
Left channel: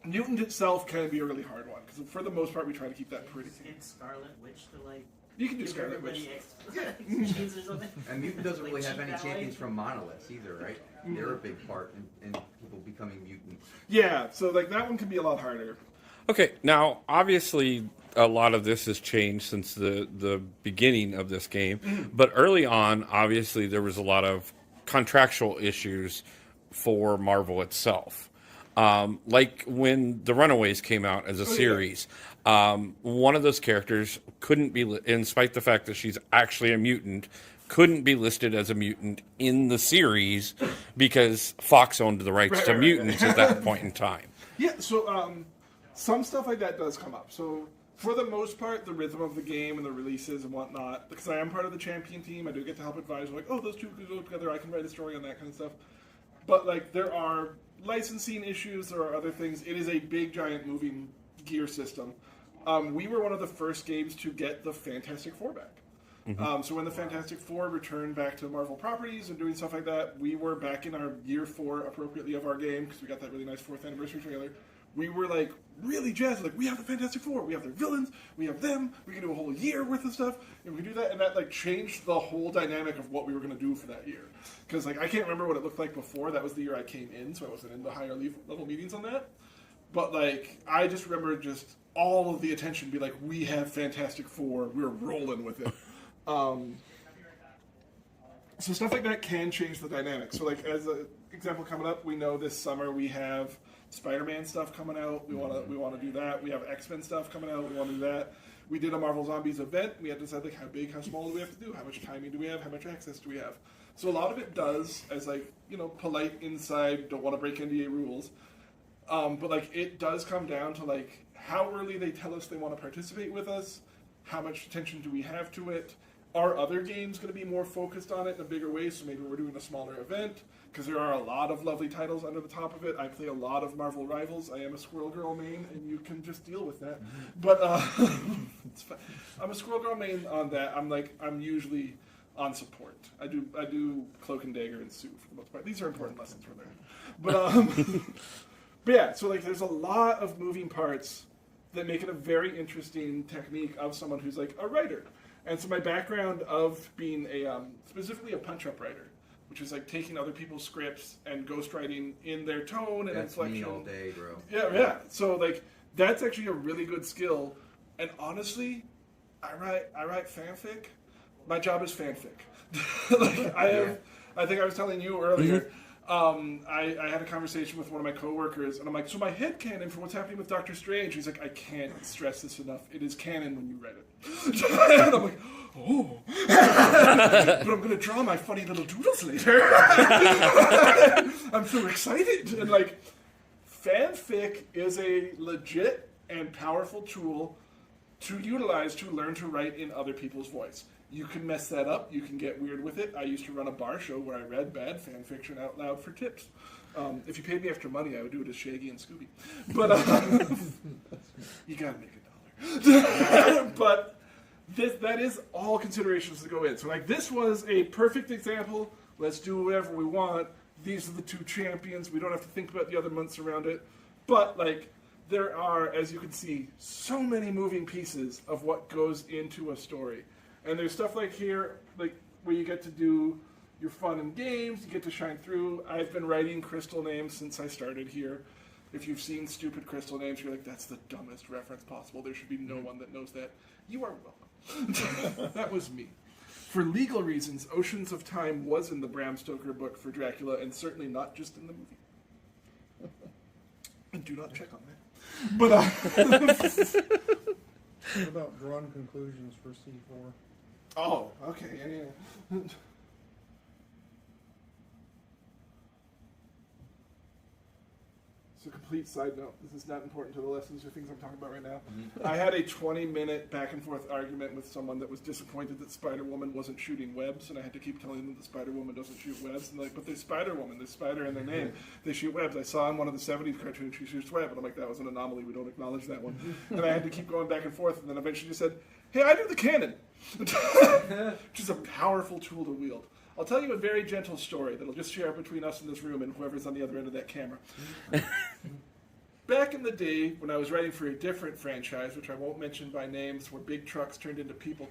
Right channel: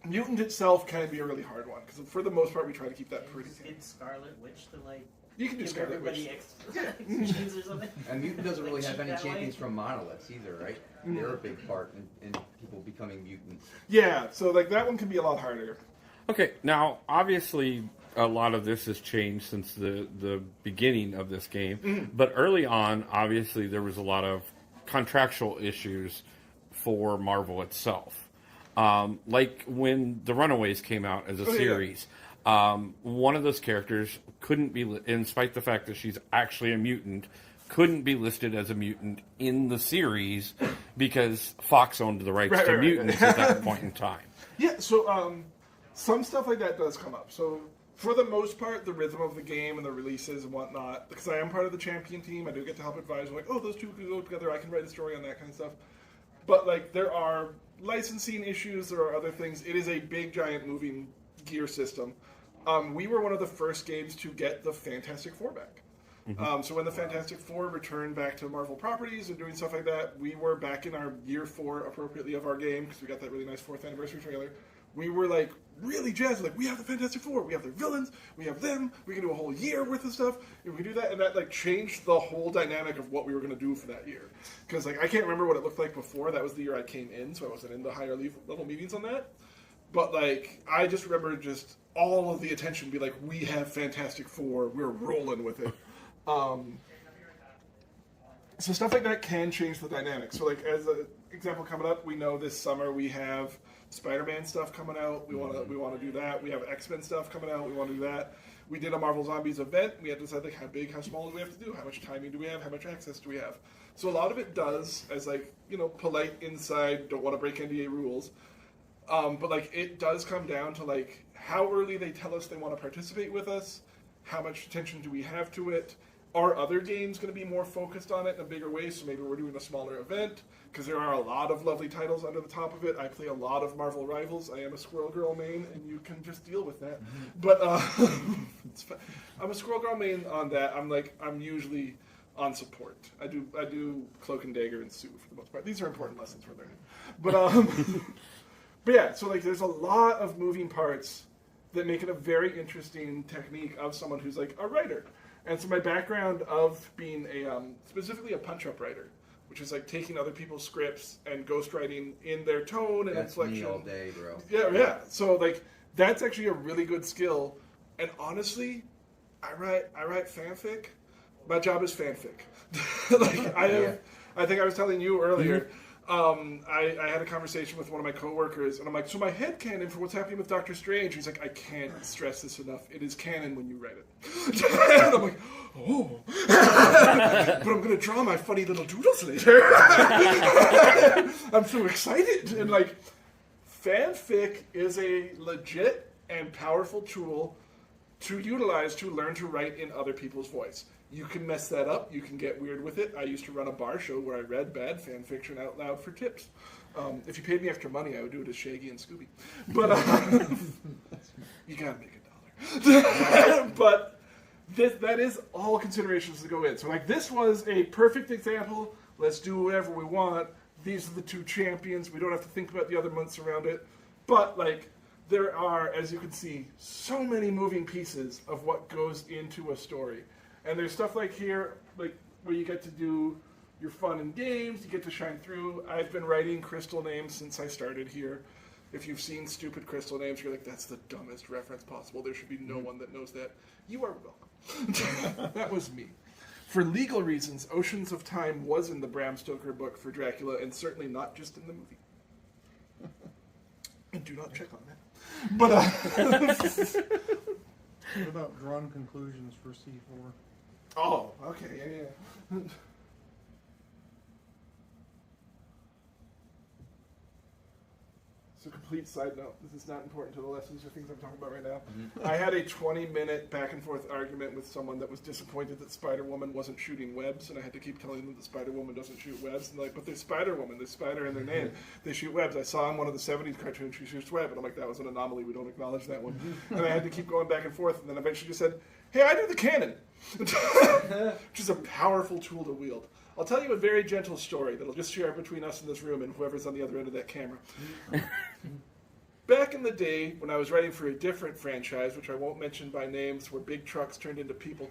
mutant itself can be a really hard one because for the most part we try to keep that pretty. In Scarlet Witch to like you can do give Scarlet Witch. everybody genes or something. And mutant doesn't really Like, have any that champions way. from monoliths either, right? They're a big part in people becoming mutants. Yeah, so like that one can be a lot harder. Okay, now, obviously, a lot of this has changed since the beginning of this game. But early on, obviously, there was a lot of contractual issues for Marvel itself. Like when The Runaways came out as a series, one of those characters couldn't be, in spite of the fact that she's actually a mutant, couldn't be listed as a mutant in the series because Fox owned the rights to mutants at that point in time. Yeah, so some stuff like that does come up. So for the most part, the rhythm of the game and the releases and whatnot, because I am part of the champion team, I do get to help advise, like, oh, those two could go together, I can write a story on that kind of stuff. But like there are licensing issues, there are other things. It is a big, giant moving gear system. We were one of the first games to get the Fantastic Four back. So when the Fantastic Four returned back to Marvel properties and doing stuff like that, we were back in our year 4 appropriately of our game because we got that really nice 4th anniversary trailer. We were like really jazzed, like we have the Fantastic Four, we have their villains, we have them, we can do a whole year worth of stuff, and we can do that, and that like changed the whole dynamic of what we were going to do for that year. Because like I can't remember what it looked like before. That was the year I came in, so I wasn't in the higher level meetings on that. But like I just remember just all of the attention be like, we have Fantastic Four, we're rolling with it. So stuff like that can change the dynamic. So like as an example coming up, we know this summer we have Spider-Man stuff coming out. We want to do that. We have X-Men stuff coming out. We want to do that. We did a Marvel Zombies event. We had to decide like how big, how small do we have to do? How much timing do we have? How much access do we have? So a lot of it does as like, you know, polite inside, don't want to break NDA rules. But like it does come down to like how early they tell us they want to participate with us. How much attention do we have to it? Are other games going to be more focused on it in a bigger way? So maybe we're doing a smaller event because there are a lot of lovely titles under the top of it. I play a lot of Marvel Rivals. I am a Squirrel Girl main, and you can just deal with that. But it's fine. I'm a Squirrel Girl main on that. I'm usually on support. I do Cloak and Dagger and Sue for the most part. These are important lessons we're learning. But but yeah, so like there's a lot of moving parts that make it a very interesting technique of someone who's like a writer. And so my background of being specifically a punch-up writer, which is like taking other people's scripts and ghostwriting in their tone and That's inflection. me all day, bro. Yeah. So like that's actually a really good skill. And honestly, I write fanfic. My job is fanfic. I think I was telling you earlier. I had a conversation with one of my coworkers, and I'm like, so my headcanon for what's happening with Doctor Strange. He's like, I can't stress this enough. It is canon when you write it. And I'm like, oh. But I'm going to draw my funny little doodles later. I'm so excited. And like, fanfic is a legit and powerful tool to utilize to learn to write in other people's voice. You can mess that up. You can get weird with it. I used to run a bar show where I read bad fan fiction out loud for tips. If you paid me extra money, I would do it as Shaggy and Scooby. But you gotta make $1. But that is all considerations to go in. So, like, this was a perfect example. Let's do whatever we want. These are the two champions. We don't have to think about the other months around it. But, like, there are, as you can see, so many moving pieces of what goes into a story. And there's stuff like here, like, where you get to do your fun and games, you get to shine through. I've been writing crystal names since I started here. If you've seen stupid crystal names, you're like, that's the dumbest reference possible. There should be no one that knows that. You are welcome. That was me. For legal reasons, Oceans of Time was in the Bram Stoker book for Dracula, and certainly not just in the movie. And do not check on that. But, What about drawn conclusions for C4? oh, okay, yeah. So, complete side note, this is not important to the lessons or things I'm talking about right now. I had a 20-minute back and forth argument with someone that was disappointed that Spider-Woman wasn't shooting webs, and I had to keep telling them that Spider-Woman doesn't shoot webs. And they're like, but there's Spider-Woman, there's Spider in their name. They shoot webs. I saw in one of the 70s cartoons she shoots web, and I'm like, that was an anomaly. We don't acknowledge that one. And I had to keep going back and forth, and then eventually just said, hey, I do the canon, which is a powerful tool to wield. I'll tell you a very gentle story that'll just share between us in this room and whoever's on the other end of that camera. Back in the day, when I was writing for a different franchise, which I won't mention by names, where big trucks turned into people,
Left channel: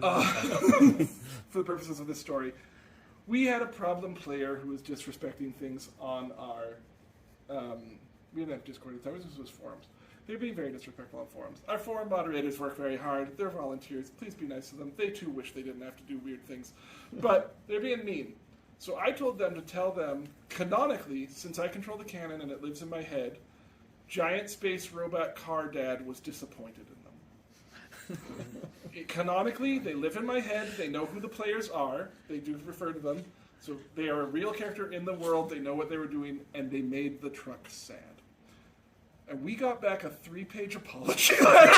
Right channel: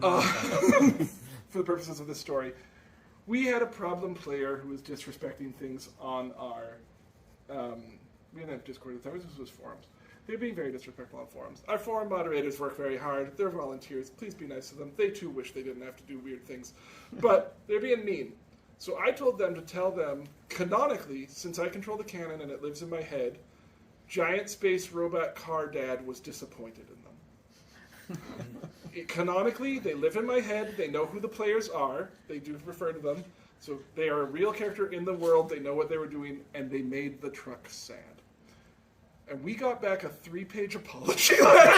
for the purposes of this story, we had a problem player who was disrespecting things on our... we didn't have Discord at the time, this was forums. They're being very disrespectful on forums. Our forum moderators work very hard. They're volunteers. Please be nice to them. They too wish they didn't have to do weird things. But they're being mean. So I told them to tell them, canonically, since I control the canon and it lives in my head, Giant Space Robot Car Dad was disappointed in them. Canonically, they live in my head. They know who the players are. They do refer to them. So they are a real character in the world. They know what they were doing, and they made the truck sad. And we got back a 3-page apology letter.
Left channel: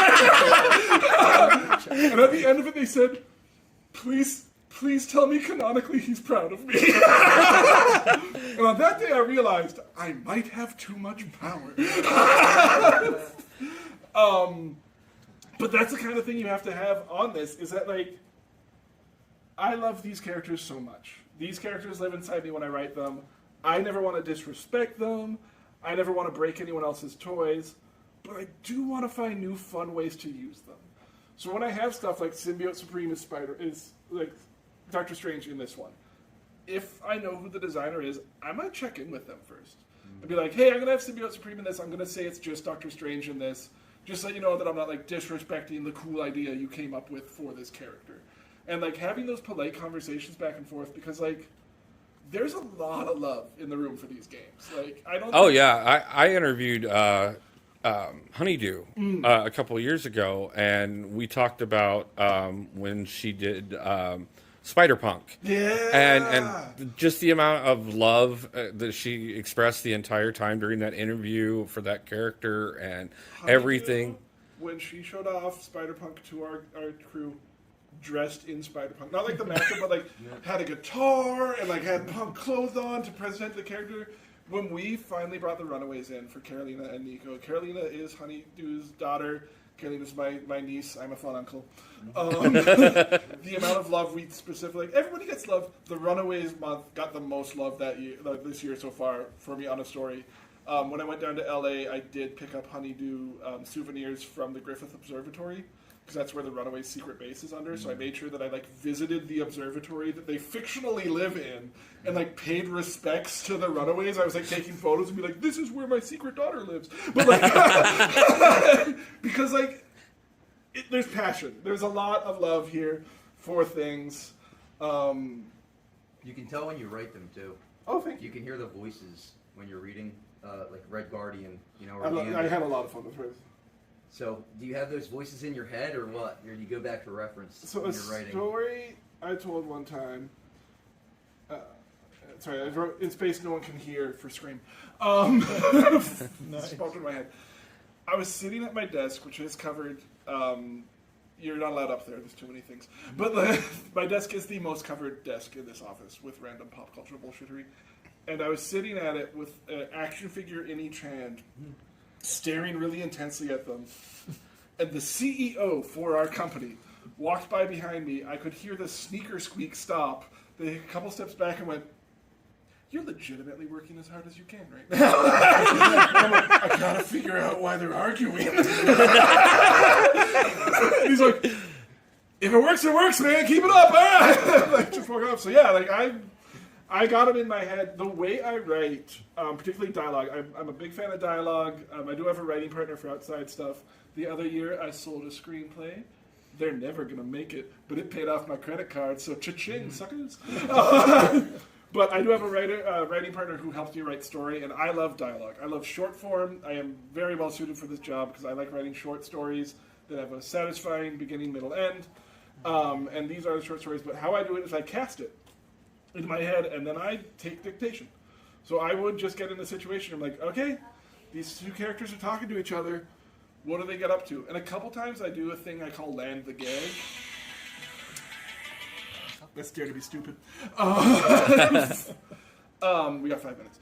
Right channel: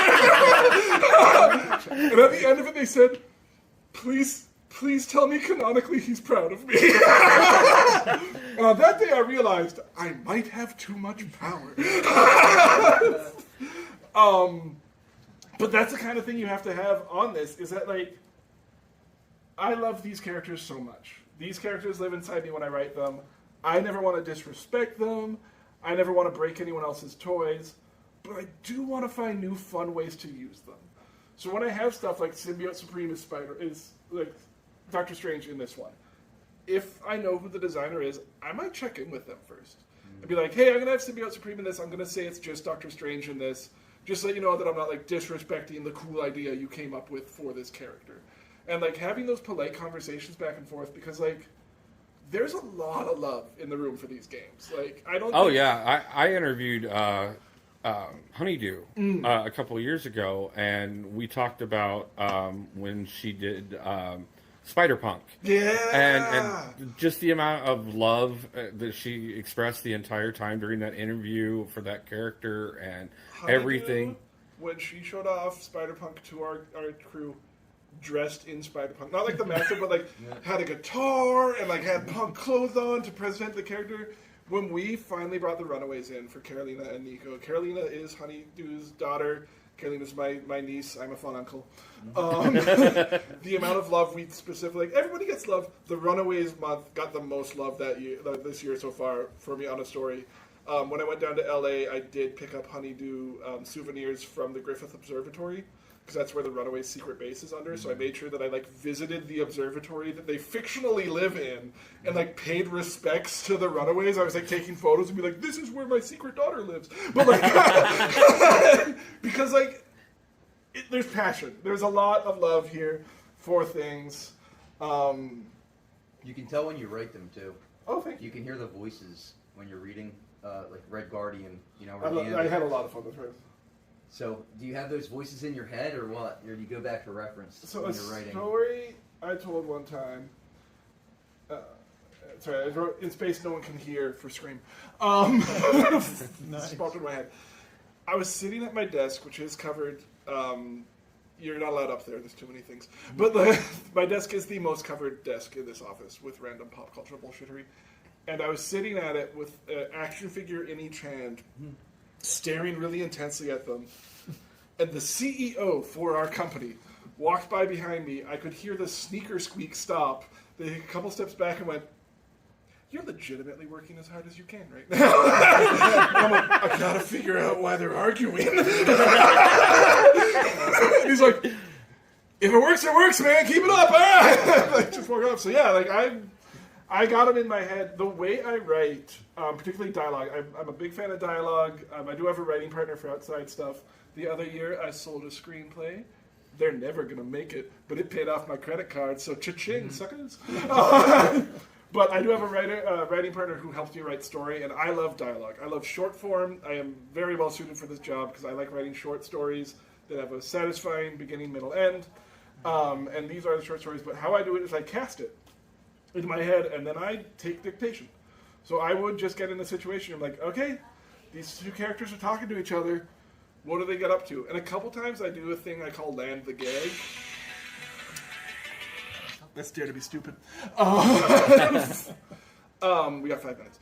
And at the end of it, they said, please tell me canonically he's proud of me. And on that day, I realized I might have too much power. But that's the kind of thing you have to have on this, is that, like, I love these characters so much. These characters live inside me when I write them. I never want to disrespect them. I never want to break anyone else's toys, but I do want to find new fun ways to use them. So when I have stuff like Symbiote Supreme is like Doctor Strange in this one, if I know who the designer is, I might check in with them first. And be like, hey, I'm going to have Symbiote Supreme in this. I'm going to say it's just Doctor Strange in this. Just so you know that I'm not, like, disrespecting the cool idea you came up with for this character. And, like, having those polite conversations back and forth, because, like, there's a lot of love in the room for these games. Like, I don't. Oh yeah, I interviewed Honeydew a couple of years ago, and we talked about when she did Spider-Punk. Yeah. And just the amount of love that she expressed the entire time during that interview for that character and everything. When she showed off Spider-Punk to our crew, dressed in Spider-Punk, not like the master, but like had a guitar and like had punk clothes on to present the character. When we finally brought the Runaways in for Carolina and Nico, Carolina is Honeydew's daughter. Carolina's my niece. I'm a fun uncle. The amount of love we specifically, everybody gets love. The Runaways month got the most love this year so far for me on a story. When I went down to LA, I did pick up Honeydew souvenirs from the Griffith Observatory, because that's where the Runaways' secret base is under. So I made sure that I like visited the observatory that they fictionally live in, and like paid respects to the Runaways. I was like taking photos and be like, "This is where my secret daughter lives." But like, because like, there's passion. There's a lot of love here for things. You can tell when you write them too. Oh, thank you. You can hear the voices when you're reading, like Red Guardian. You know, I had a lot of fun with her. So, do you have those voices in your head, or what? Or do you go back for reference So when a you're writing? story I told one time. Sorry, I wrote "In Space No One Can Hear" for Scream. Just popped in my head. I was sitting at my desk, which is covered. You're not allowed up there. There's too many things. But my desk is the most covered desk in this office with random pop culture bullshittery. And I was sitting at it with an action figure in each hand, staring really intensely at them. And the CEO for our company walked by behind me. I could hear the sneaker squeak stop. They took a couple steps back and went, "You're legitimately working as hard as you can right now." I'm like, "I gotta figure out why they're arguing." He's like, "If it works, man. Keep it up." All right. Like, just woke up. So yeah, like I got them in my head. The way I write, particularly dialogue, I'm a big fan of dialogue. I do have a writing partner for outside stuff. The other year, I sold a screenplay. They're never going to make it, but it paid off my credit card, so cha-ching, suckers. But I do have a writing partner who helps me write story, and I love dialogue. I love short form. I am very well suited for this job because I like writing short stories that have a satisfying beginning, middle, end. And these are the short stories, but how I do it is I cast it in my head, and then I take dictation. So I would just get in the situation. I'm like, okay, these two characters are talking to each other. What do they get up to? And a couple times I do a thing I call land the gag. Let's dare to be stupid. We got 5 minutes.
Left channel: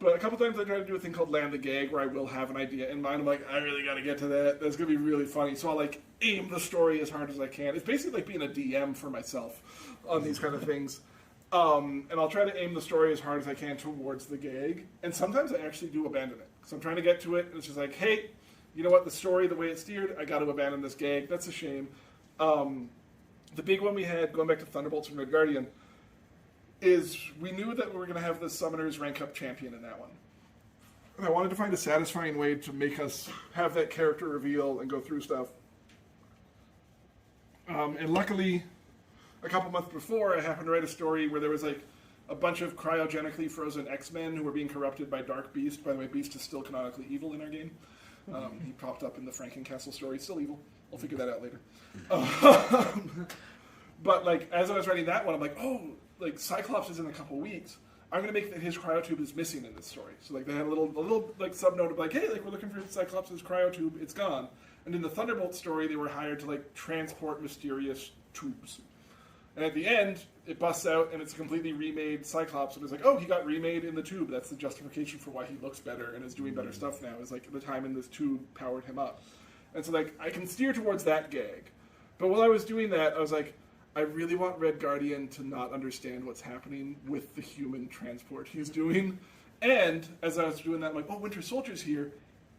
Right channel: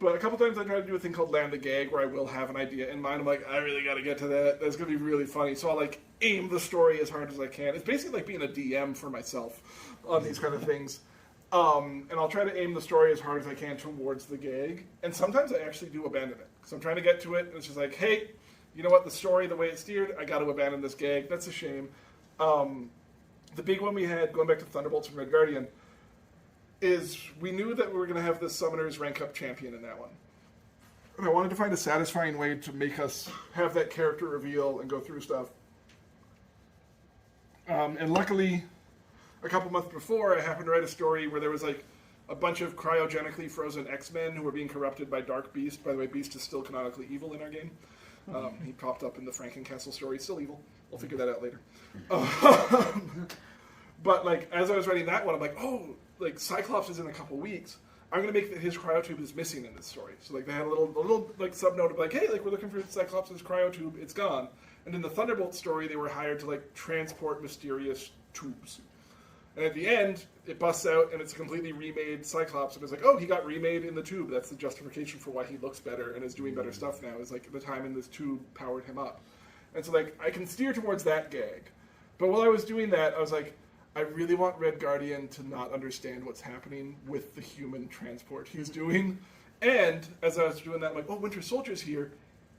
But a couple times I try to do a thing called land the gag where I will have an idea in mind. I'm like, I really got to get to that. That's going to be really funny. So I'll like aim the story as hard as I can. It's basically like being a DM for myself on these kind of things. And I'll try to aim the story as hard as I can towards the gag. And sometimes I actually do abandon it. Because I'm trying to get to it, and it's just like, hey, you know what, the story, the way it's steered, I got to abandon this gag. That's a shame. The big one we had, going back to Thunderbolts and Red Guardian, is we knew that we were going to have the Summoners rank up champion in that one. And I wanted to find a satisfying way to make us have that character reveal and go through stuff. And luckily, a couple months before, I happened to write a story where there was like a bunch of cryogenically frozen X-Men who were being corrupted by Dark Beast. By the way, Beast is still canonically evil in our game. He popped up in the Frankencastle story. Still evil. We'll figure that out later. But like, as I was writing that one, I'm like, oh, like Cyclops is in a couple weeks. I'm gonna make that his cryotube is missing in this story. So like, they had a little like subnote of like, hey, like we're looking for Cyclops' cryotube. It's gone. And in the Thunderbolt story, they were hired to like transport mysterious tubes. And at the end, it busts out and it's a completely remade Cyclops. And it's like, oh, he got remade in the tube. That's the justification for why he looks better and is doing better stuff now. Is like the time in this tube powered him up. And so like, I can steer towards that gag. But while I was doing that, I was like, I really want Red Guardian to not understand what's happening with the human transport he's doing. And as I was doing that, I'm like, oh, Winter Soldier's here.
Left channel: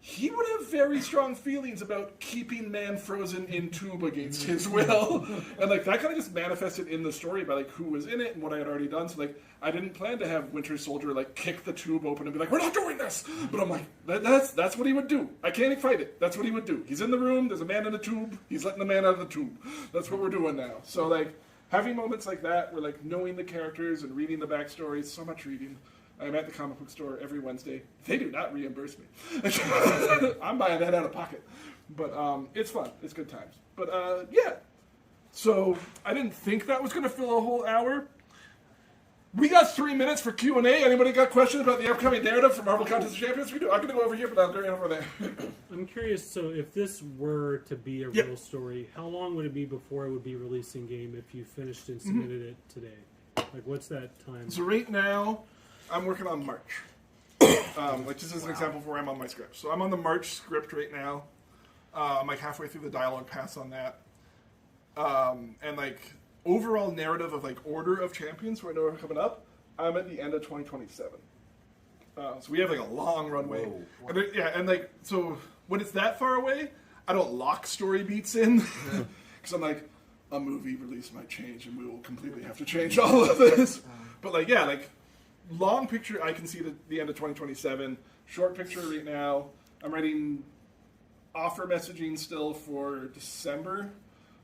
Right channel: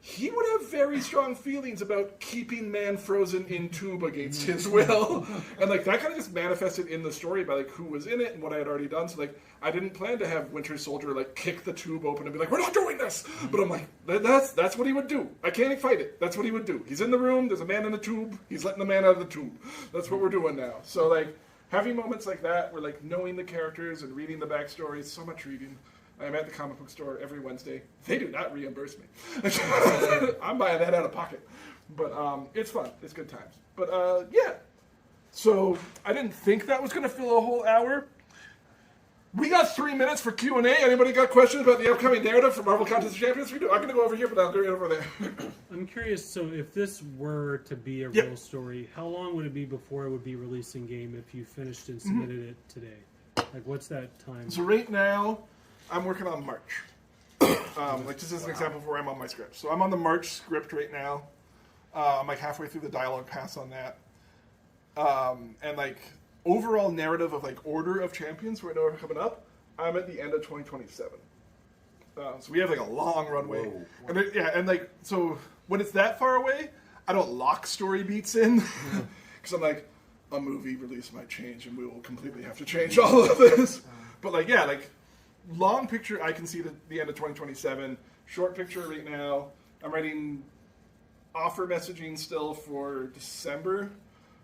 He would have very strong feelings about keeping man frozen in tube against his will. And like that kind of just manifested in the story by like who was in it and what I had already done. So like I didn't plan to have Winter Soldier like kick the tube open and be like, we're not doing this. But I'm like, that's what he would do. I can't fight it. That's what he would do. He's in the room, there's a man in the tube, he's letting the man out of the tube. That's what we're doing now. So like having moments like that where like knowing the characters and reading the backstories, so much reading. I'm at the comic book store every Wednesday. They do not reimburse me. I'm buying that out of pocket. But it's fun. It's good times. But yeah. So I didn't think that was going to fill a whole hour. We got 3 minutes for Q&A. Anybody got questions about the upcoming narrative for Marvel Contest of Champions? We do. I'm going to go over here, but I'll go right over there. I'm curious, so if this were to be a real story, how long would it be before it would be released in game if you finished and submitted it today? Like, what's that time? So right now, I'm working on March. Like just as an example of where I'm on my script. So I'm on the March script right now. I'm like halfway through the dialogue pass on that. And like overall narrative of like order of champions who I know are coming up, I'm at the end of 2027. So we have like a long runway. Whoa. And then, yeah, and like so when it's that far away, I don't lock story beats in because I'm like a movie release might change and we will completely have to change all of this. But like yeah, like. Long picture, I can see the end of 2027. Short picture right now, I'm writing offer messaging still for December,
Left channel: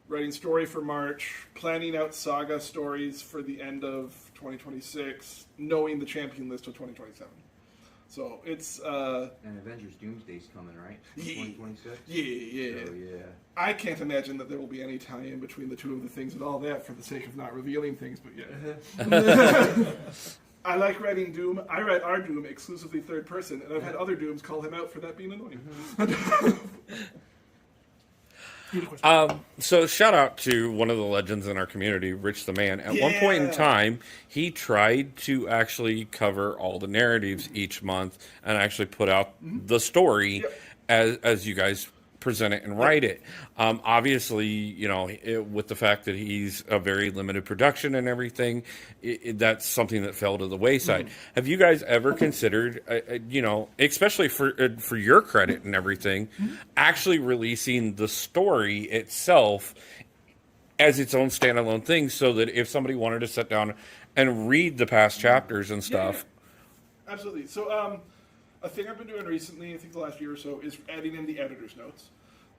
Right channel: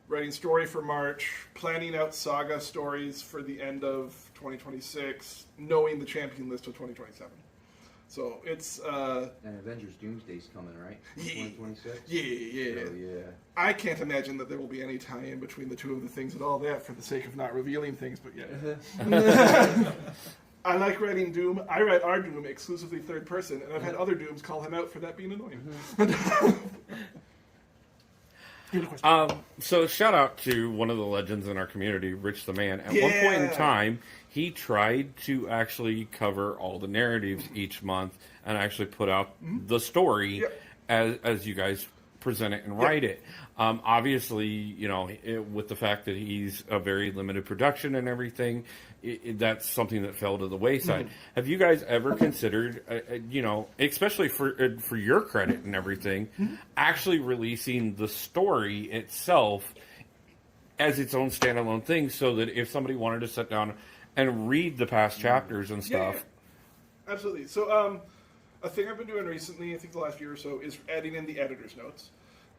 writing story for March, planning out saga stories for the end of 2026, knowing the champion list of 2027. So it's... and Avengers Doomsday's coming, right? 2026? Yeah. Oh, yeah. I can't imagine that there will be any tie-in between the two of the things and all that for the sake of not revealing things, but yeah. I like writing Doom. I write our Doom exclusively third person, and I've had other Dooms call him out for that being annoying. So shout out to one of the legends in our community, Rich the Man. At one point in time, he tried to actually cover all the narratives each month and actually put out the story as you guys present it and write it. Obviously, you know, with the fact that he's a very limited production and everything, that's something that fell to the wayside. Have you guys ever considered, you know, especially for your credit and everything, actually releasing the story itself as its own standalone thing, so that if somebody wanted to sit down and read the past chapters and stuff? Yeah. Absolutely. So, a thing I've been doing recently, I think the last year or so, is adding in the editor's notes.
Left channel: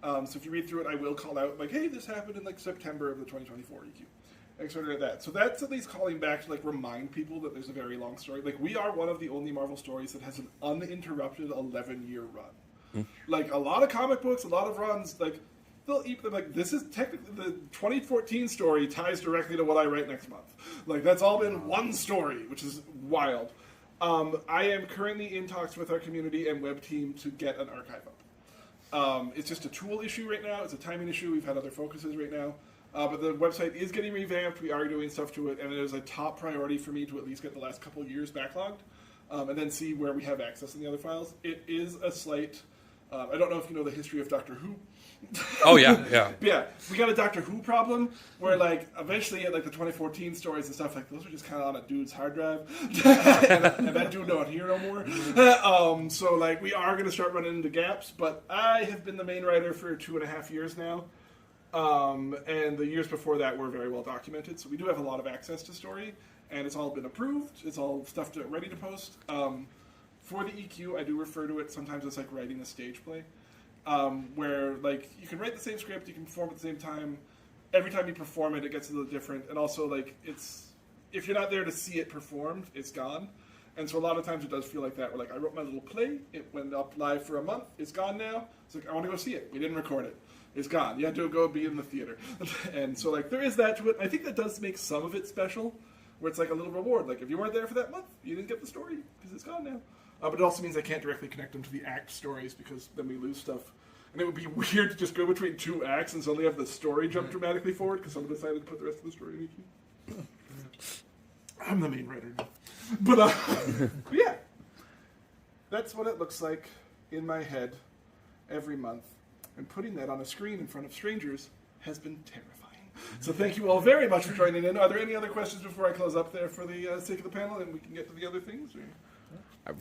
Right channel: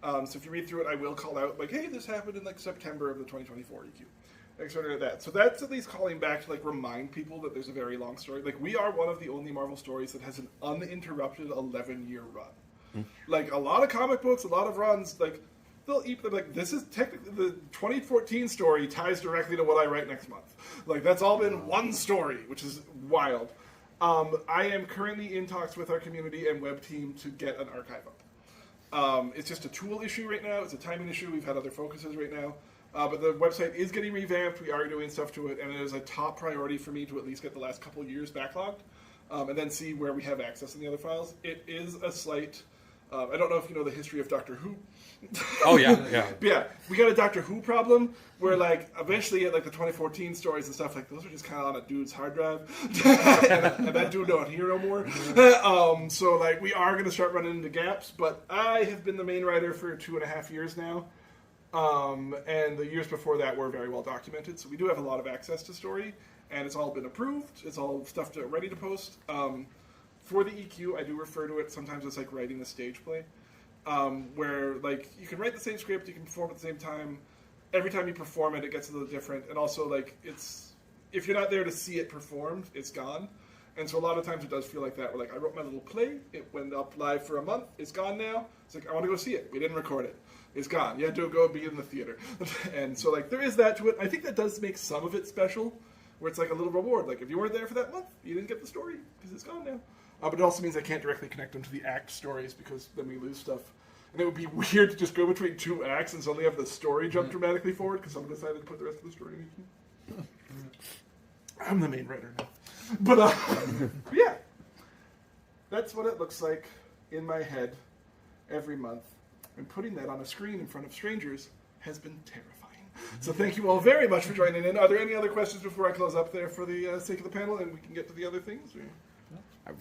So if you read through it, I will call out, like, hey, this happened in, like, September of the 2024 EQ. Like, sort of like that. So that's at least calling back to, like, remind people that there's a very long story. Like, we are one of the only Marvel stories that has an uninterrupted 11-year run. Like, a lot of comic books, a lot of runs, like, they'll eat them, like, this is technically, the 2014 story ties directly to what I write next month. Like, that's all been one story, which is wild. I am currently in talks with our community and web team to get an archive up. It's just a tool issue right now. It's a timing issue. We've had other focuses right now. But the website is getting revamped. We are doing stuff to it. And it is a top priority for me to at least get the last couple years backlogged. And then see where we have access in the other files. It is a slight... I don't know if you know the history of Doctor Who. Oh, yeah, yeah. Yeah, we got a Doctor Who problem where, like, eventually, like, the 2014 stories and stuff, like, those are just kind of on a dude's hard drive. and that dude don't hear no more. So, like, we are going to start running into gaps, but I have been the main writer for 2.5 years now. And the years before that were very well documented, so we do have a lot of access to story, and it's all been approved. It's all stuff ready to post. For the EQ, I do refer to it sometimes as, like, writing a stage play. Where, like, you can write the same script, you can perform at the same time. Every time you perform it, it gets a little different. And also, like, if you're not there to see it performed, it's gone. And so a lot of times it does feel like that. Where, like, I wrote my little play, it went up live for a month, it's gone now. It's like, I want to go see it. We didn't record it. It's gone. You have to go be in the theater. And so, like, there is that to it. I think that does make some of it special, where it's like a little reward. Like, if you weren't there for that month, you didn't get the story, because it's gone now. But it also means I can't directly connect them to the act stories, because then we lose stuff. And it would be weird to just go between two acts and suddenly have the story jump dramatically forward, because someone decided to put the rest of the story in EQ. I'm the main writer now. But yeah. That's what it looks like in my head every month. And putting that on a screen in front of strangers has been terrifying. So thank you all very much for joining in. Are there any other questions before I close up there for the sake of the panel, and we can get to the other things? Or?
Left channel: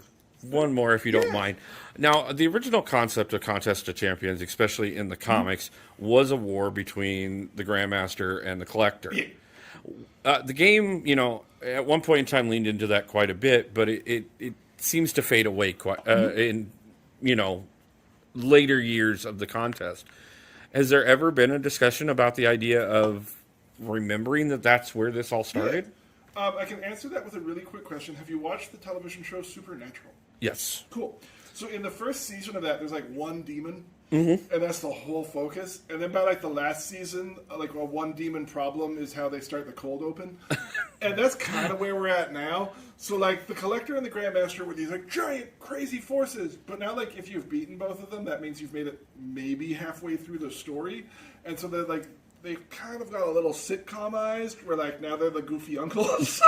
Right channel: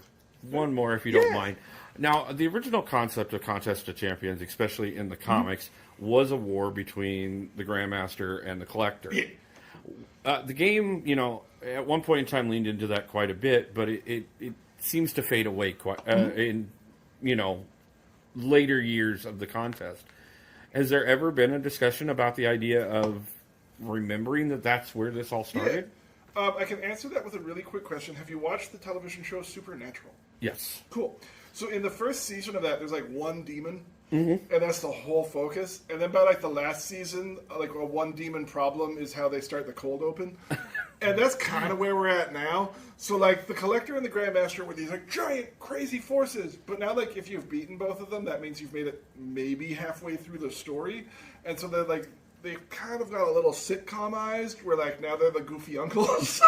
One more, if you don't mind. Now, the original concept of Contest of Champions, especially in the comics, was a war between the Grandmaster and the Collector. Yeah. The game, you know, at one point in time leaned into that quite a bit, but it seems to fade away quite in, you know, later years of the contest. Has there ever been a discussion about the idea of remembering that that's where this all started? Yeah. I can answer that with a really quick question. Have you watched the television show Supernatural? Yes. Cool. So in the first season of that, there's like one demon, and that's the whole focus. And then by like the last season, like one demon problem is how they start the cold open. And that's kind of where we're at now. So like the Collector and the Grandmaster were these like giant, crazy forces. But now like if you've beaten both of them, that means you've made it maybe halfway through the story. And so they're like, they've kind of got a little sitcomized, where like now they're the goofy uncles.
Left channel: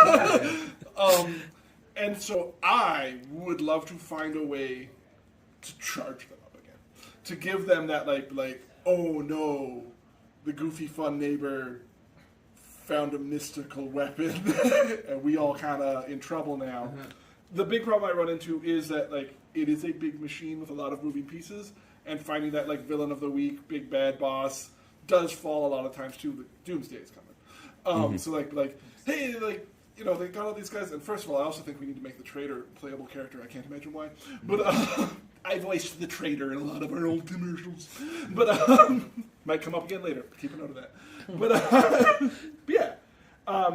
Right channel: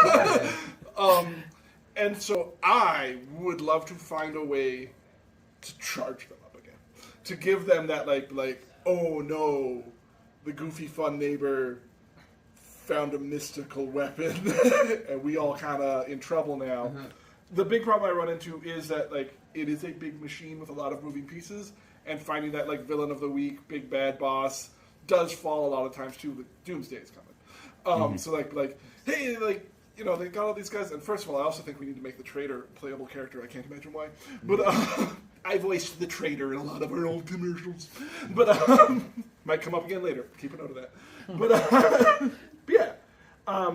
And so I would love to find a way to charge them up again, to give them that like oh no, the goofy fun neighbor found a mystical weapon, and we all kind of in trouble now. The big problem I run into is that like it is a big machine with a lot of moving pieces, and finding that like villain of the week, big bad boss, does fall a lot of times too. Doomsday is coming. So like, hey, like, you know, they got all these guys, and first of all, I also think we need to make the traitor a playable character. I can't imagine why, but I voiced the traitor in a lot of our old commercials, but might come up again later. Keep a note of that. But yeah,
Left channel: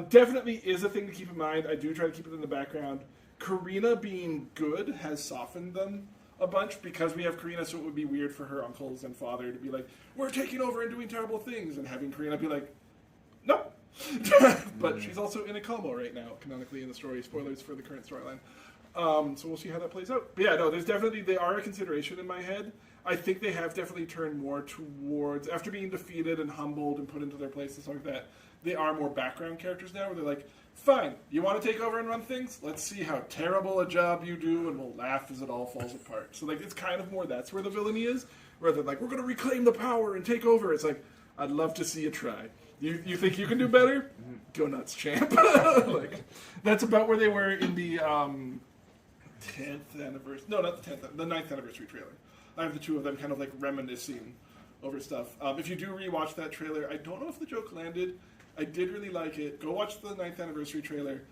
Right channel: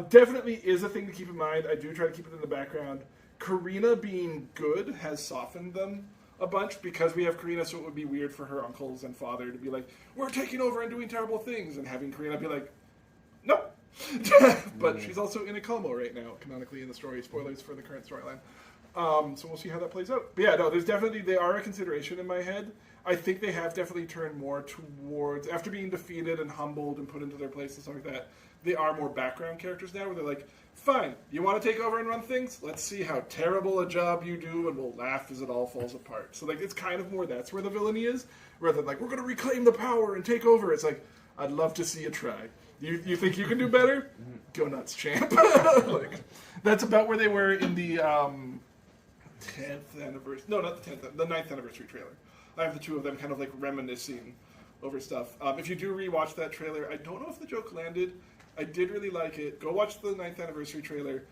definitely is a thing to keep in mind. I do try to keep it in the background. Karina being good has softened them a bunch, because we have Karina, so it would be weird for her uncles and father to be like, we're taking over and doing terrible things, and having Karina be like, no. But she's also in a coma right now, canonically in the story. Spoilers for the current storyline. So we'll see how that plays out. But yeah, no, they are a consideration in my head. I think they have definitely turned more towards, after being defeated and humbled and put into their place and stuff like that, they are more background characters now, where they're like, fine, you want to take over and run things? Let's see how terrible a job you do, and we'll laugh as it all falls apart. So like, it's kind of more that's where the villainy is. rather than like, we're going to reclaim the power and take over. It's like, I'd love to see you try. You think you can do better? Go nuts, champ. Like, that's about where they were in the 10th anniversary. No, not the 10th, the 9th anniversary trailer. I have the two of them kind of like reminiscing over stuff. If you do rewatch that trailer, I don't know if the joke landed. I did really like it. Go watch the 9th anniversary trailer.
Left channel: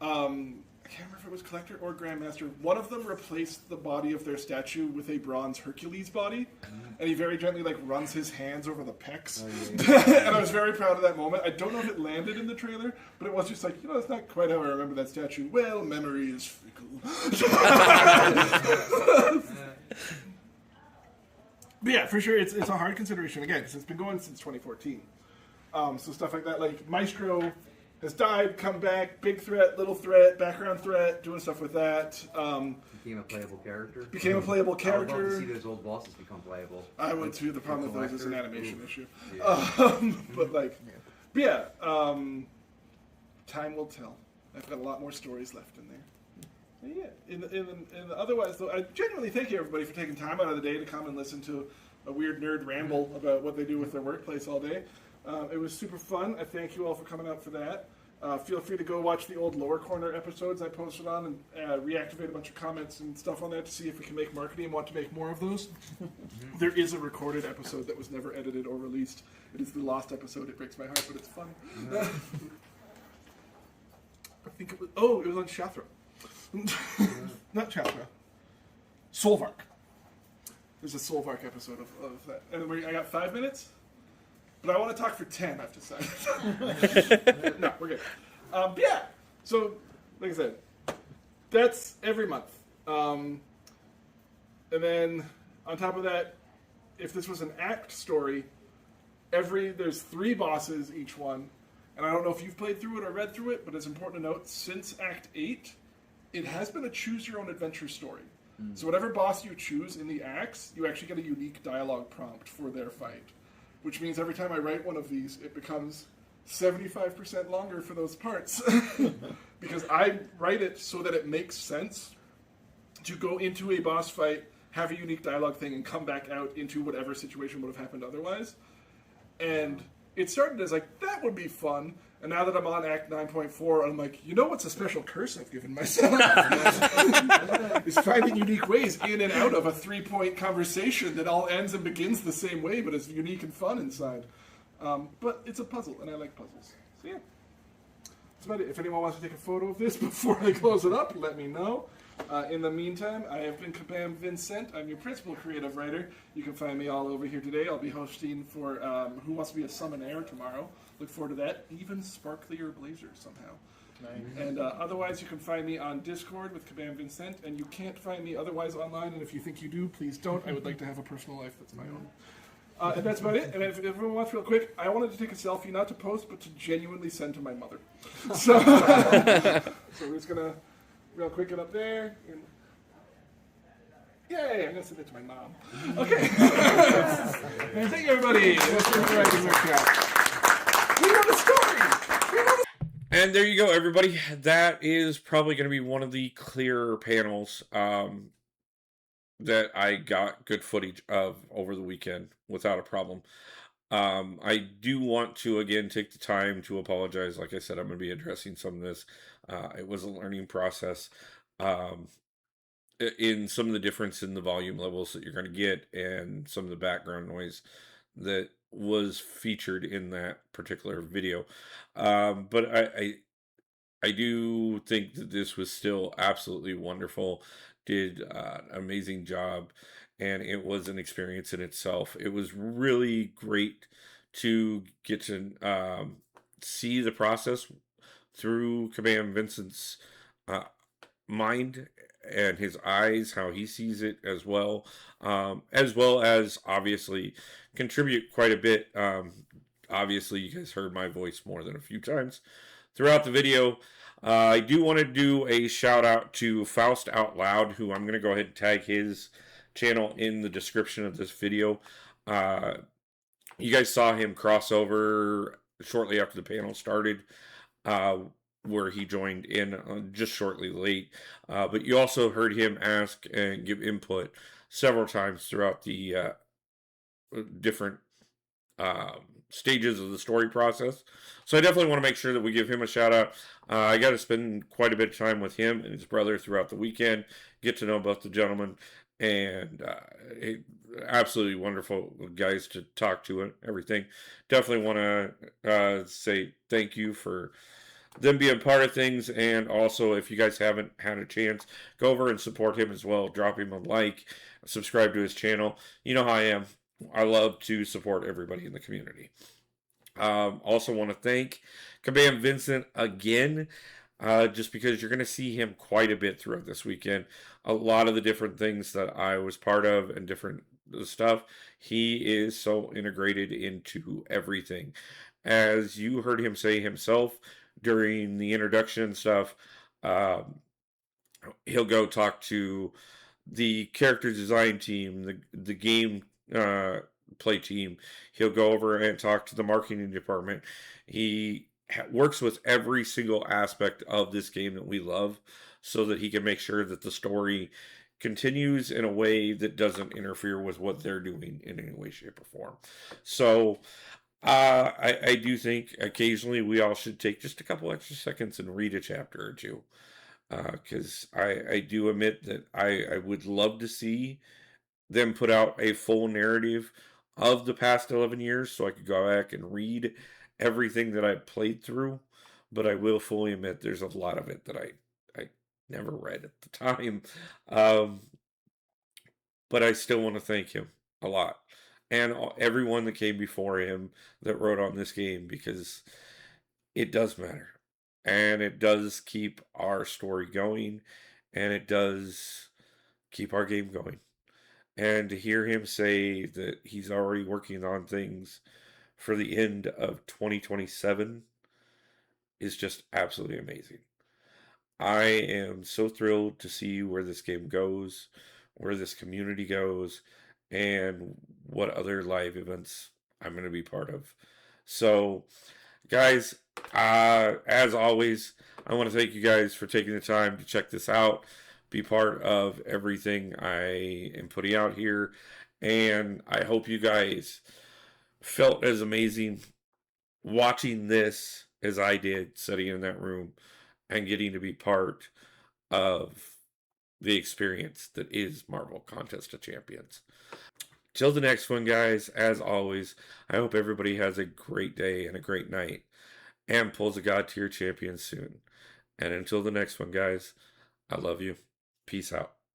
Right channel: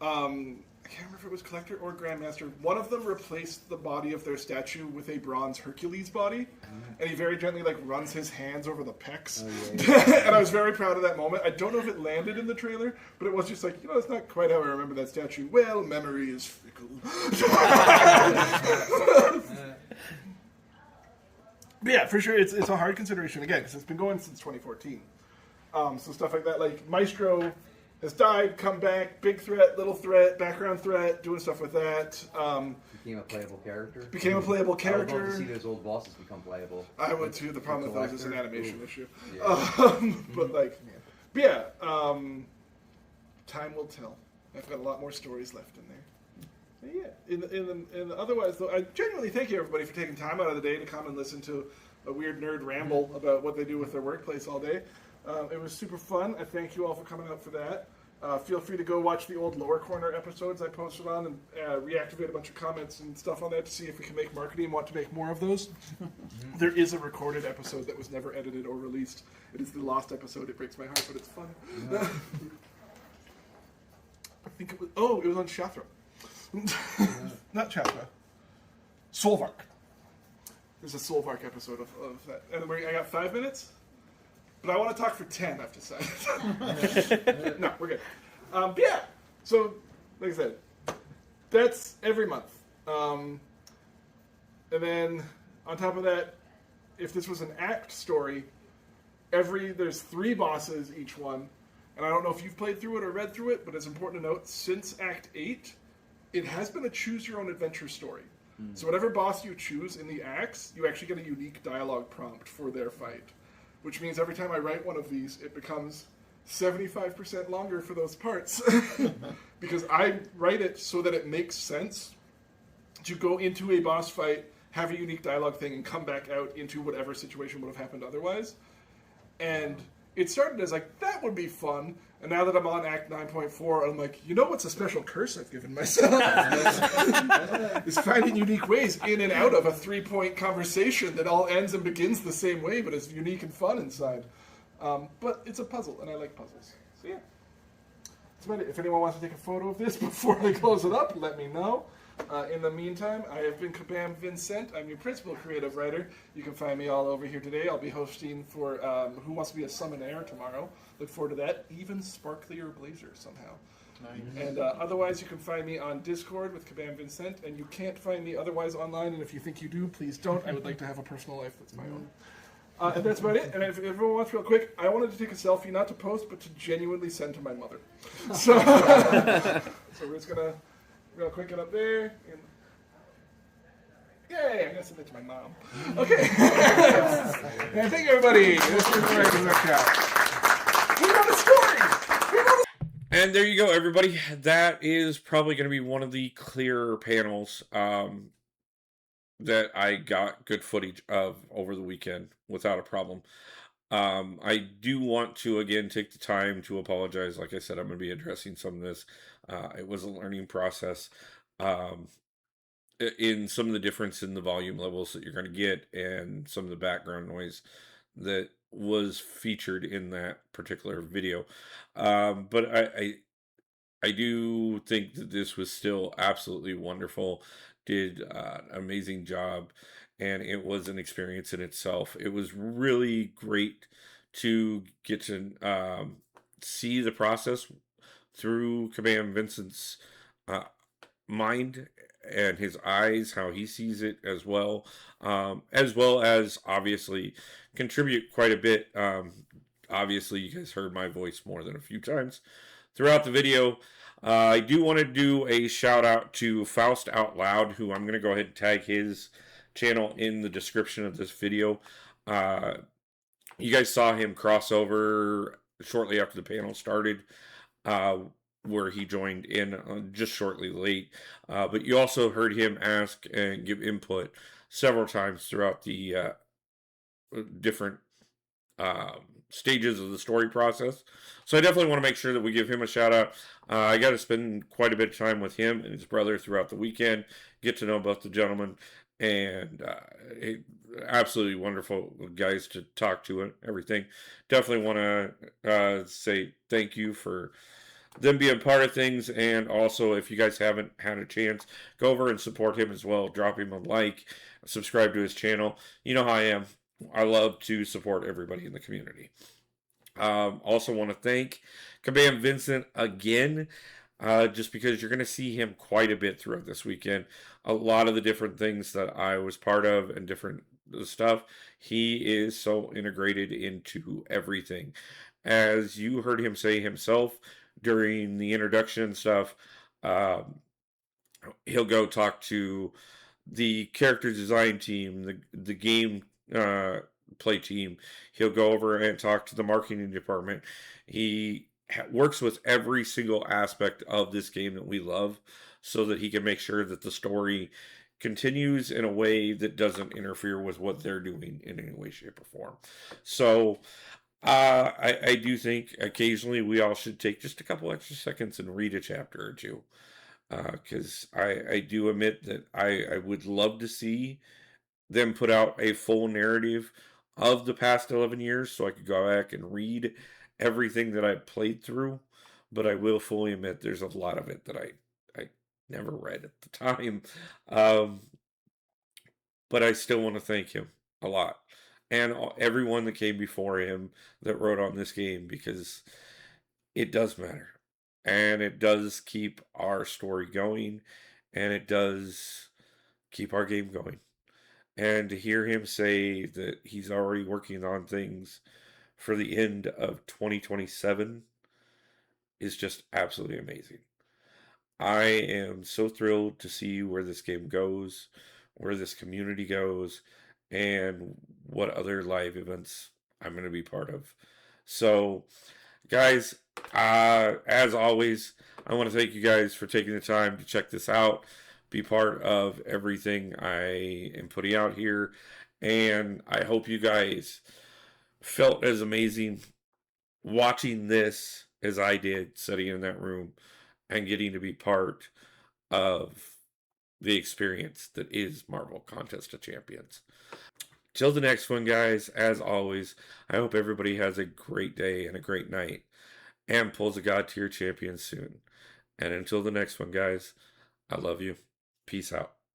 I can't remember if it was Collector or Grandmaster. One of them replaced the body of their statue with a bronze Hercules body, and he very gently like runs his hands over the pecs. And I was very proud of that moment. I don't know if it landed in the trailer, but it was just like, it's not quite how I remember that statue. Well, memory is fickle. But yeah, for sure, it's a hard consideration again because it's been going since 2014. So stuff like that, like Maestro has died, come back, big threat, little threat, background threat, doing stuff with that. Became a playable character. Became a playable character. I would love to see those old bosses become playable. I would too. The problem with those is an animation issue. Yeah. But like, yeah, time will tell. I've got a lot more stories left in there. And yeah, otherwise though, I genuinely thank you everybody for taking time out of the day to come and listen to a weird nerd ramble about what they do with their workplace all day. It was super fun. I thank you all for coming out for that. Feel free to go watch the old Lower Corner episodes I posted on and reactivate a bunch of comments and stuff on that to see if we can make marketing and want to make more of those. There is a recorded episode that was never edited or released. It is the lost episode. It breaks my heart, but it's fun. I think it was on Shathra. Not Chatra. Solvark. There's a Solvark episode of that. And I got 5 minutes? But I want to talk for 10, I've decided. No, we're good. Yeah, so, like I said, that's every month. And then, on top of that, if this was an act story, there's 3 bosses each one. And I don't know if you've played through it or read through it, but it's important to note, since Act 8, it has been a choose-your-own-adventure story. So whatever boss you choose in the acts, you actually get a unique dialogue prompt for their fight. Which means every time I write one of these, it becomes 75% longer for those parts. Because I write it so that it makes sense to go into a boss fight, have a unique dialogue thing, and come back out into whatever situation would have happened otherwise. And it started as like, that would be fun. And now that I'm on Act 9.4, I'm like, what's a special curse I've given myself? Is finding unique ways in and out of a 3-point conversation that all ends and begins the same way, but is unique and fun inside. But it's a puzzle, and I like puzzles. So yeah. That's about it. If anyone wants to take a photo of this before they close it up, you let me know. In the meantime, I have been Kabam Vincent. I'm your principal creative writer. You can find me all over here today. I'll be hosting for Who Wants to Be a Summoner tomorrow. Look forward to that. Even sparklier blazer somehow. Nice. And otherwise, you can find me on Discord with Kabam Vincent, and you can't find me otherwise online, and if you think you do, please don't. I would like to have a personal life that's my own. And that's about it. And if everyone wants real quick, I wanted to take a selfie, not to post, but to genuinely send to my mother. So, so we're just going to real quick get up there. And yay, I'm going to send it to my mom. Okay. And thank you, everybody. We'll see you guys in the next chat. We have a story! And there you go, everybody. That is probably going to be one of the clearer panels that I got good footage of over the weekend without a problem. I do want to, again, take the time to apologize. Like I said, I'm going to be addressing some of this. It was a learning process in some of the difference in the volume levels that you're going to get and some of the background noise that was featured in that particular video. But I do think that this was still absolutely wonderful. Did an amazing job, and it was an experience in itself. It was really great to get to see the process through Kabam Vincent's mind and his eyes, how he sees it as well as obviously contribute quite a bit. Obviously, you guys heard my voice more than a few times throughout the video. I do want to do a shout out to FaustOutLoud, who I'm going to go ahead and tag his channel in the description of this video. You guys saw him cross over shortly after the panel started, where he joined in just shortly late. But you also heard him ask and give input several times throughout the different stages of the story process. So I definitely want to make sure that we give him a shout out. I got to spend quite a bit of time with him and his brother throughout the weekend, get to know both the gentlemen, and absolutely wonderful guys to talk to and everything. Definitely want to say thank you for them being part of things, and also if you guys haven't had a chance, go over and support him as well. Drop him a like, subscribe to his channel. You know how I am. I love to support everybody in the community. Also want to thank Kabam Vincent again, just because you're going to see him quite a bit throughout this weekend. A lot of the different things that I was part of and different stuff, he is so integrated into everything. As you heard him say himself during the introduction stuff, he'll go talk to the character design team, the game play team. He'll go over and talk to the marketing department. He works with every single aspect of this game that we love so that he can make sure that the story continues in a way that doesn't interfere with what they're doing in any way, shape, or form. So I do think occasionally we all should take just a couple extra seconds and read a chapter or two. Because I do admit that I would love to see them put out a full narrative of the past 11 years so I could go back and read everything that I played through. But I will fully admit there's a lot of it that I never read at the time. But I still want to thank him a lot. And everyone that came before him that wrote on this game, because it does matter. And it does keep our story going. And it does keep our game going. And to hear him say that he's already working on things for the end of 2027 is just absolutely amazing. I am so thrilled to see where this game goes, where this community goes, and what other live events I'm going to be part of. So, guys, as always, I want to thank you guys for taking the time to check this out, be part of everything I am putting out here, and I hope you guys felt as amazing watching this as I did sitting in that room and getting to be part of the experience that is Marvel Contest of Champions. Till the next one, guys, as always, I hope everybody has a great day and a great night and pulls a God tier champion soon. And until the next one, guys, I love you. Peace out.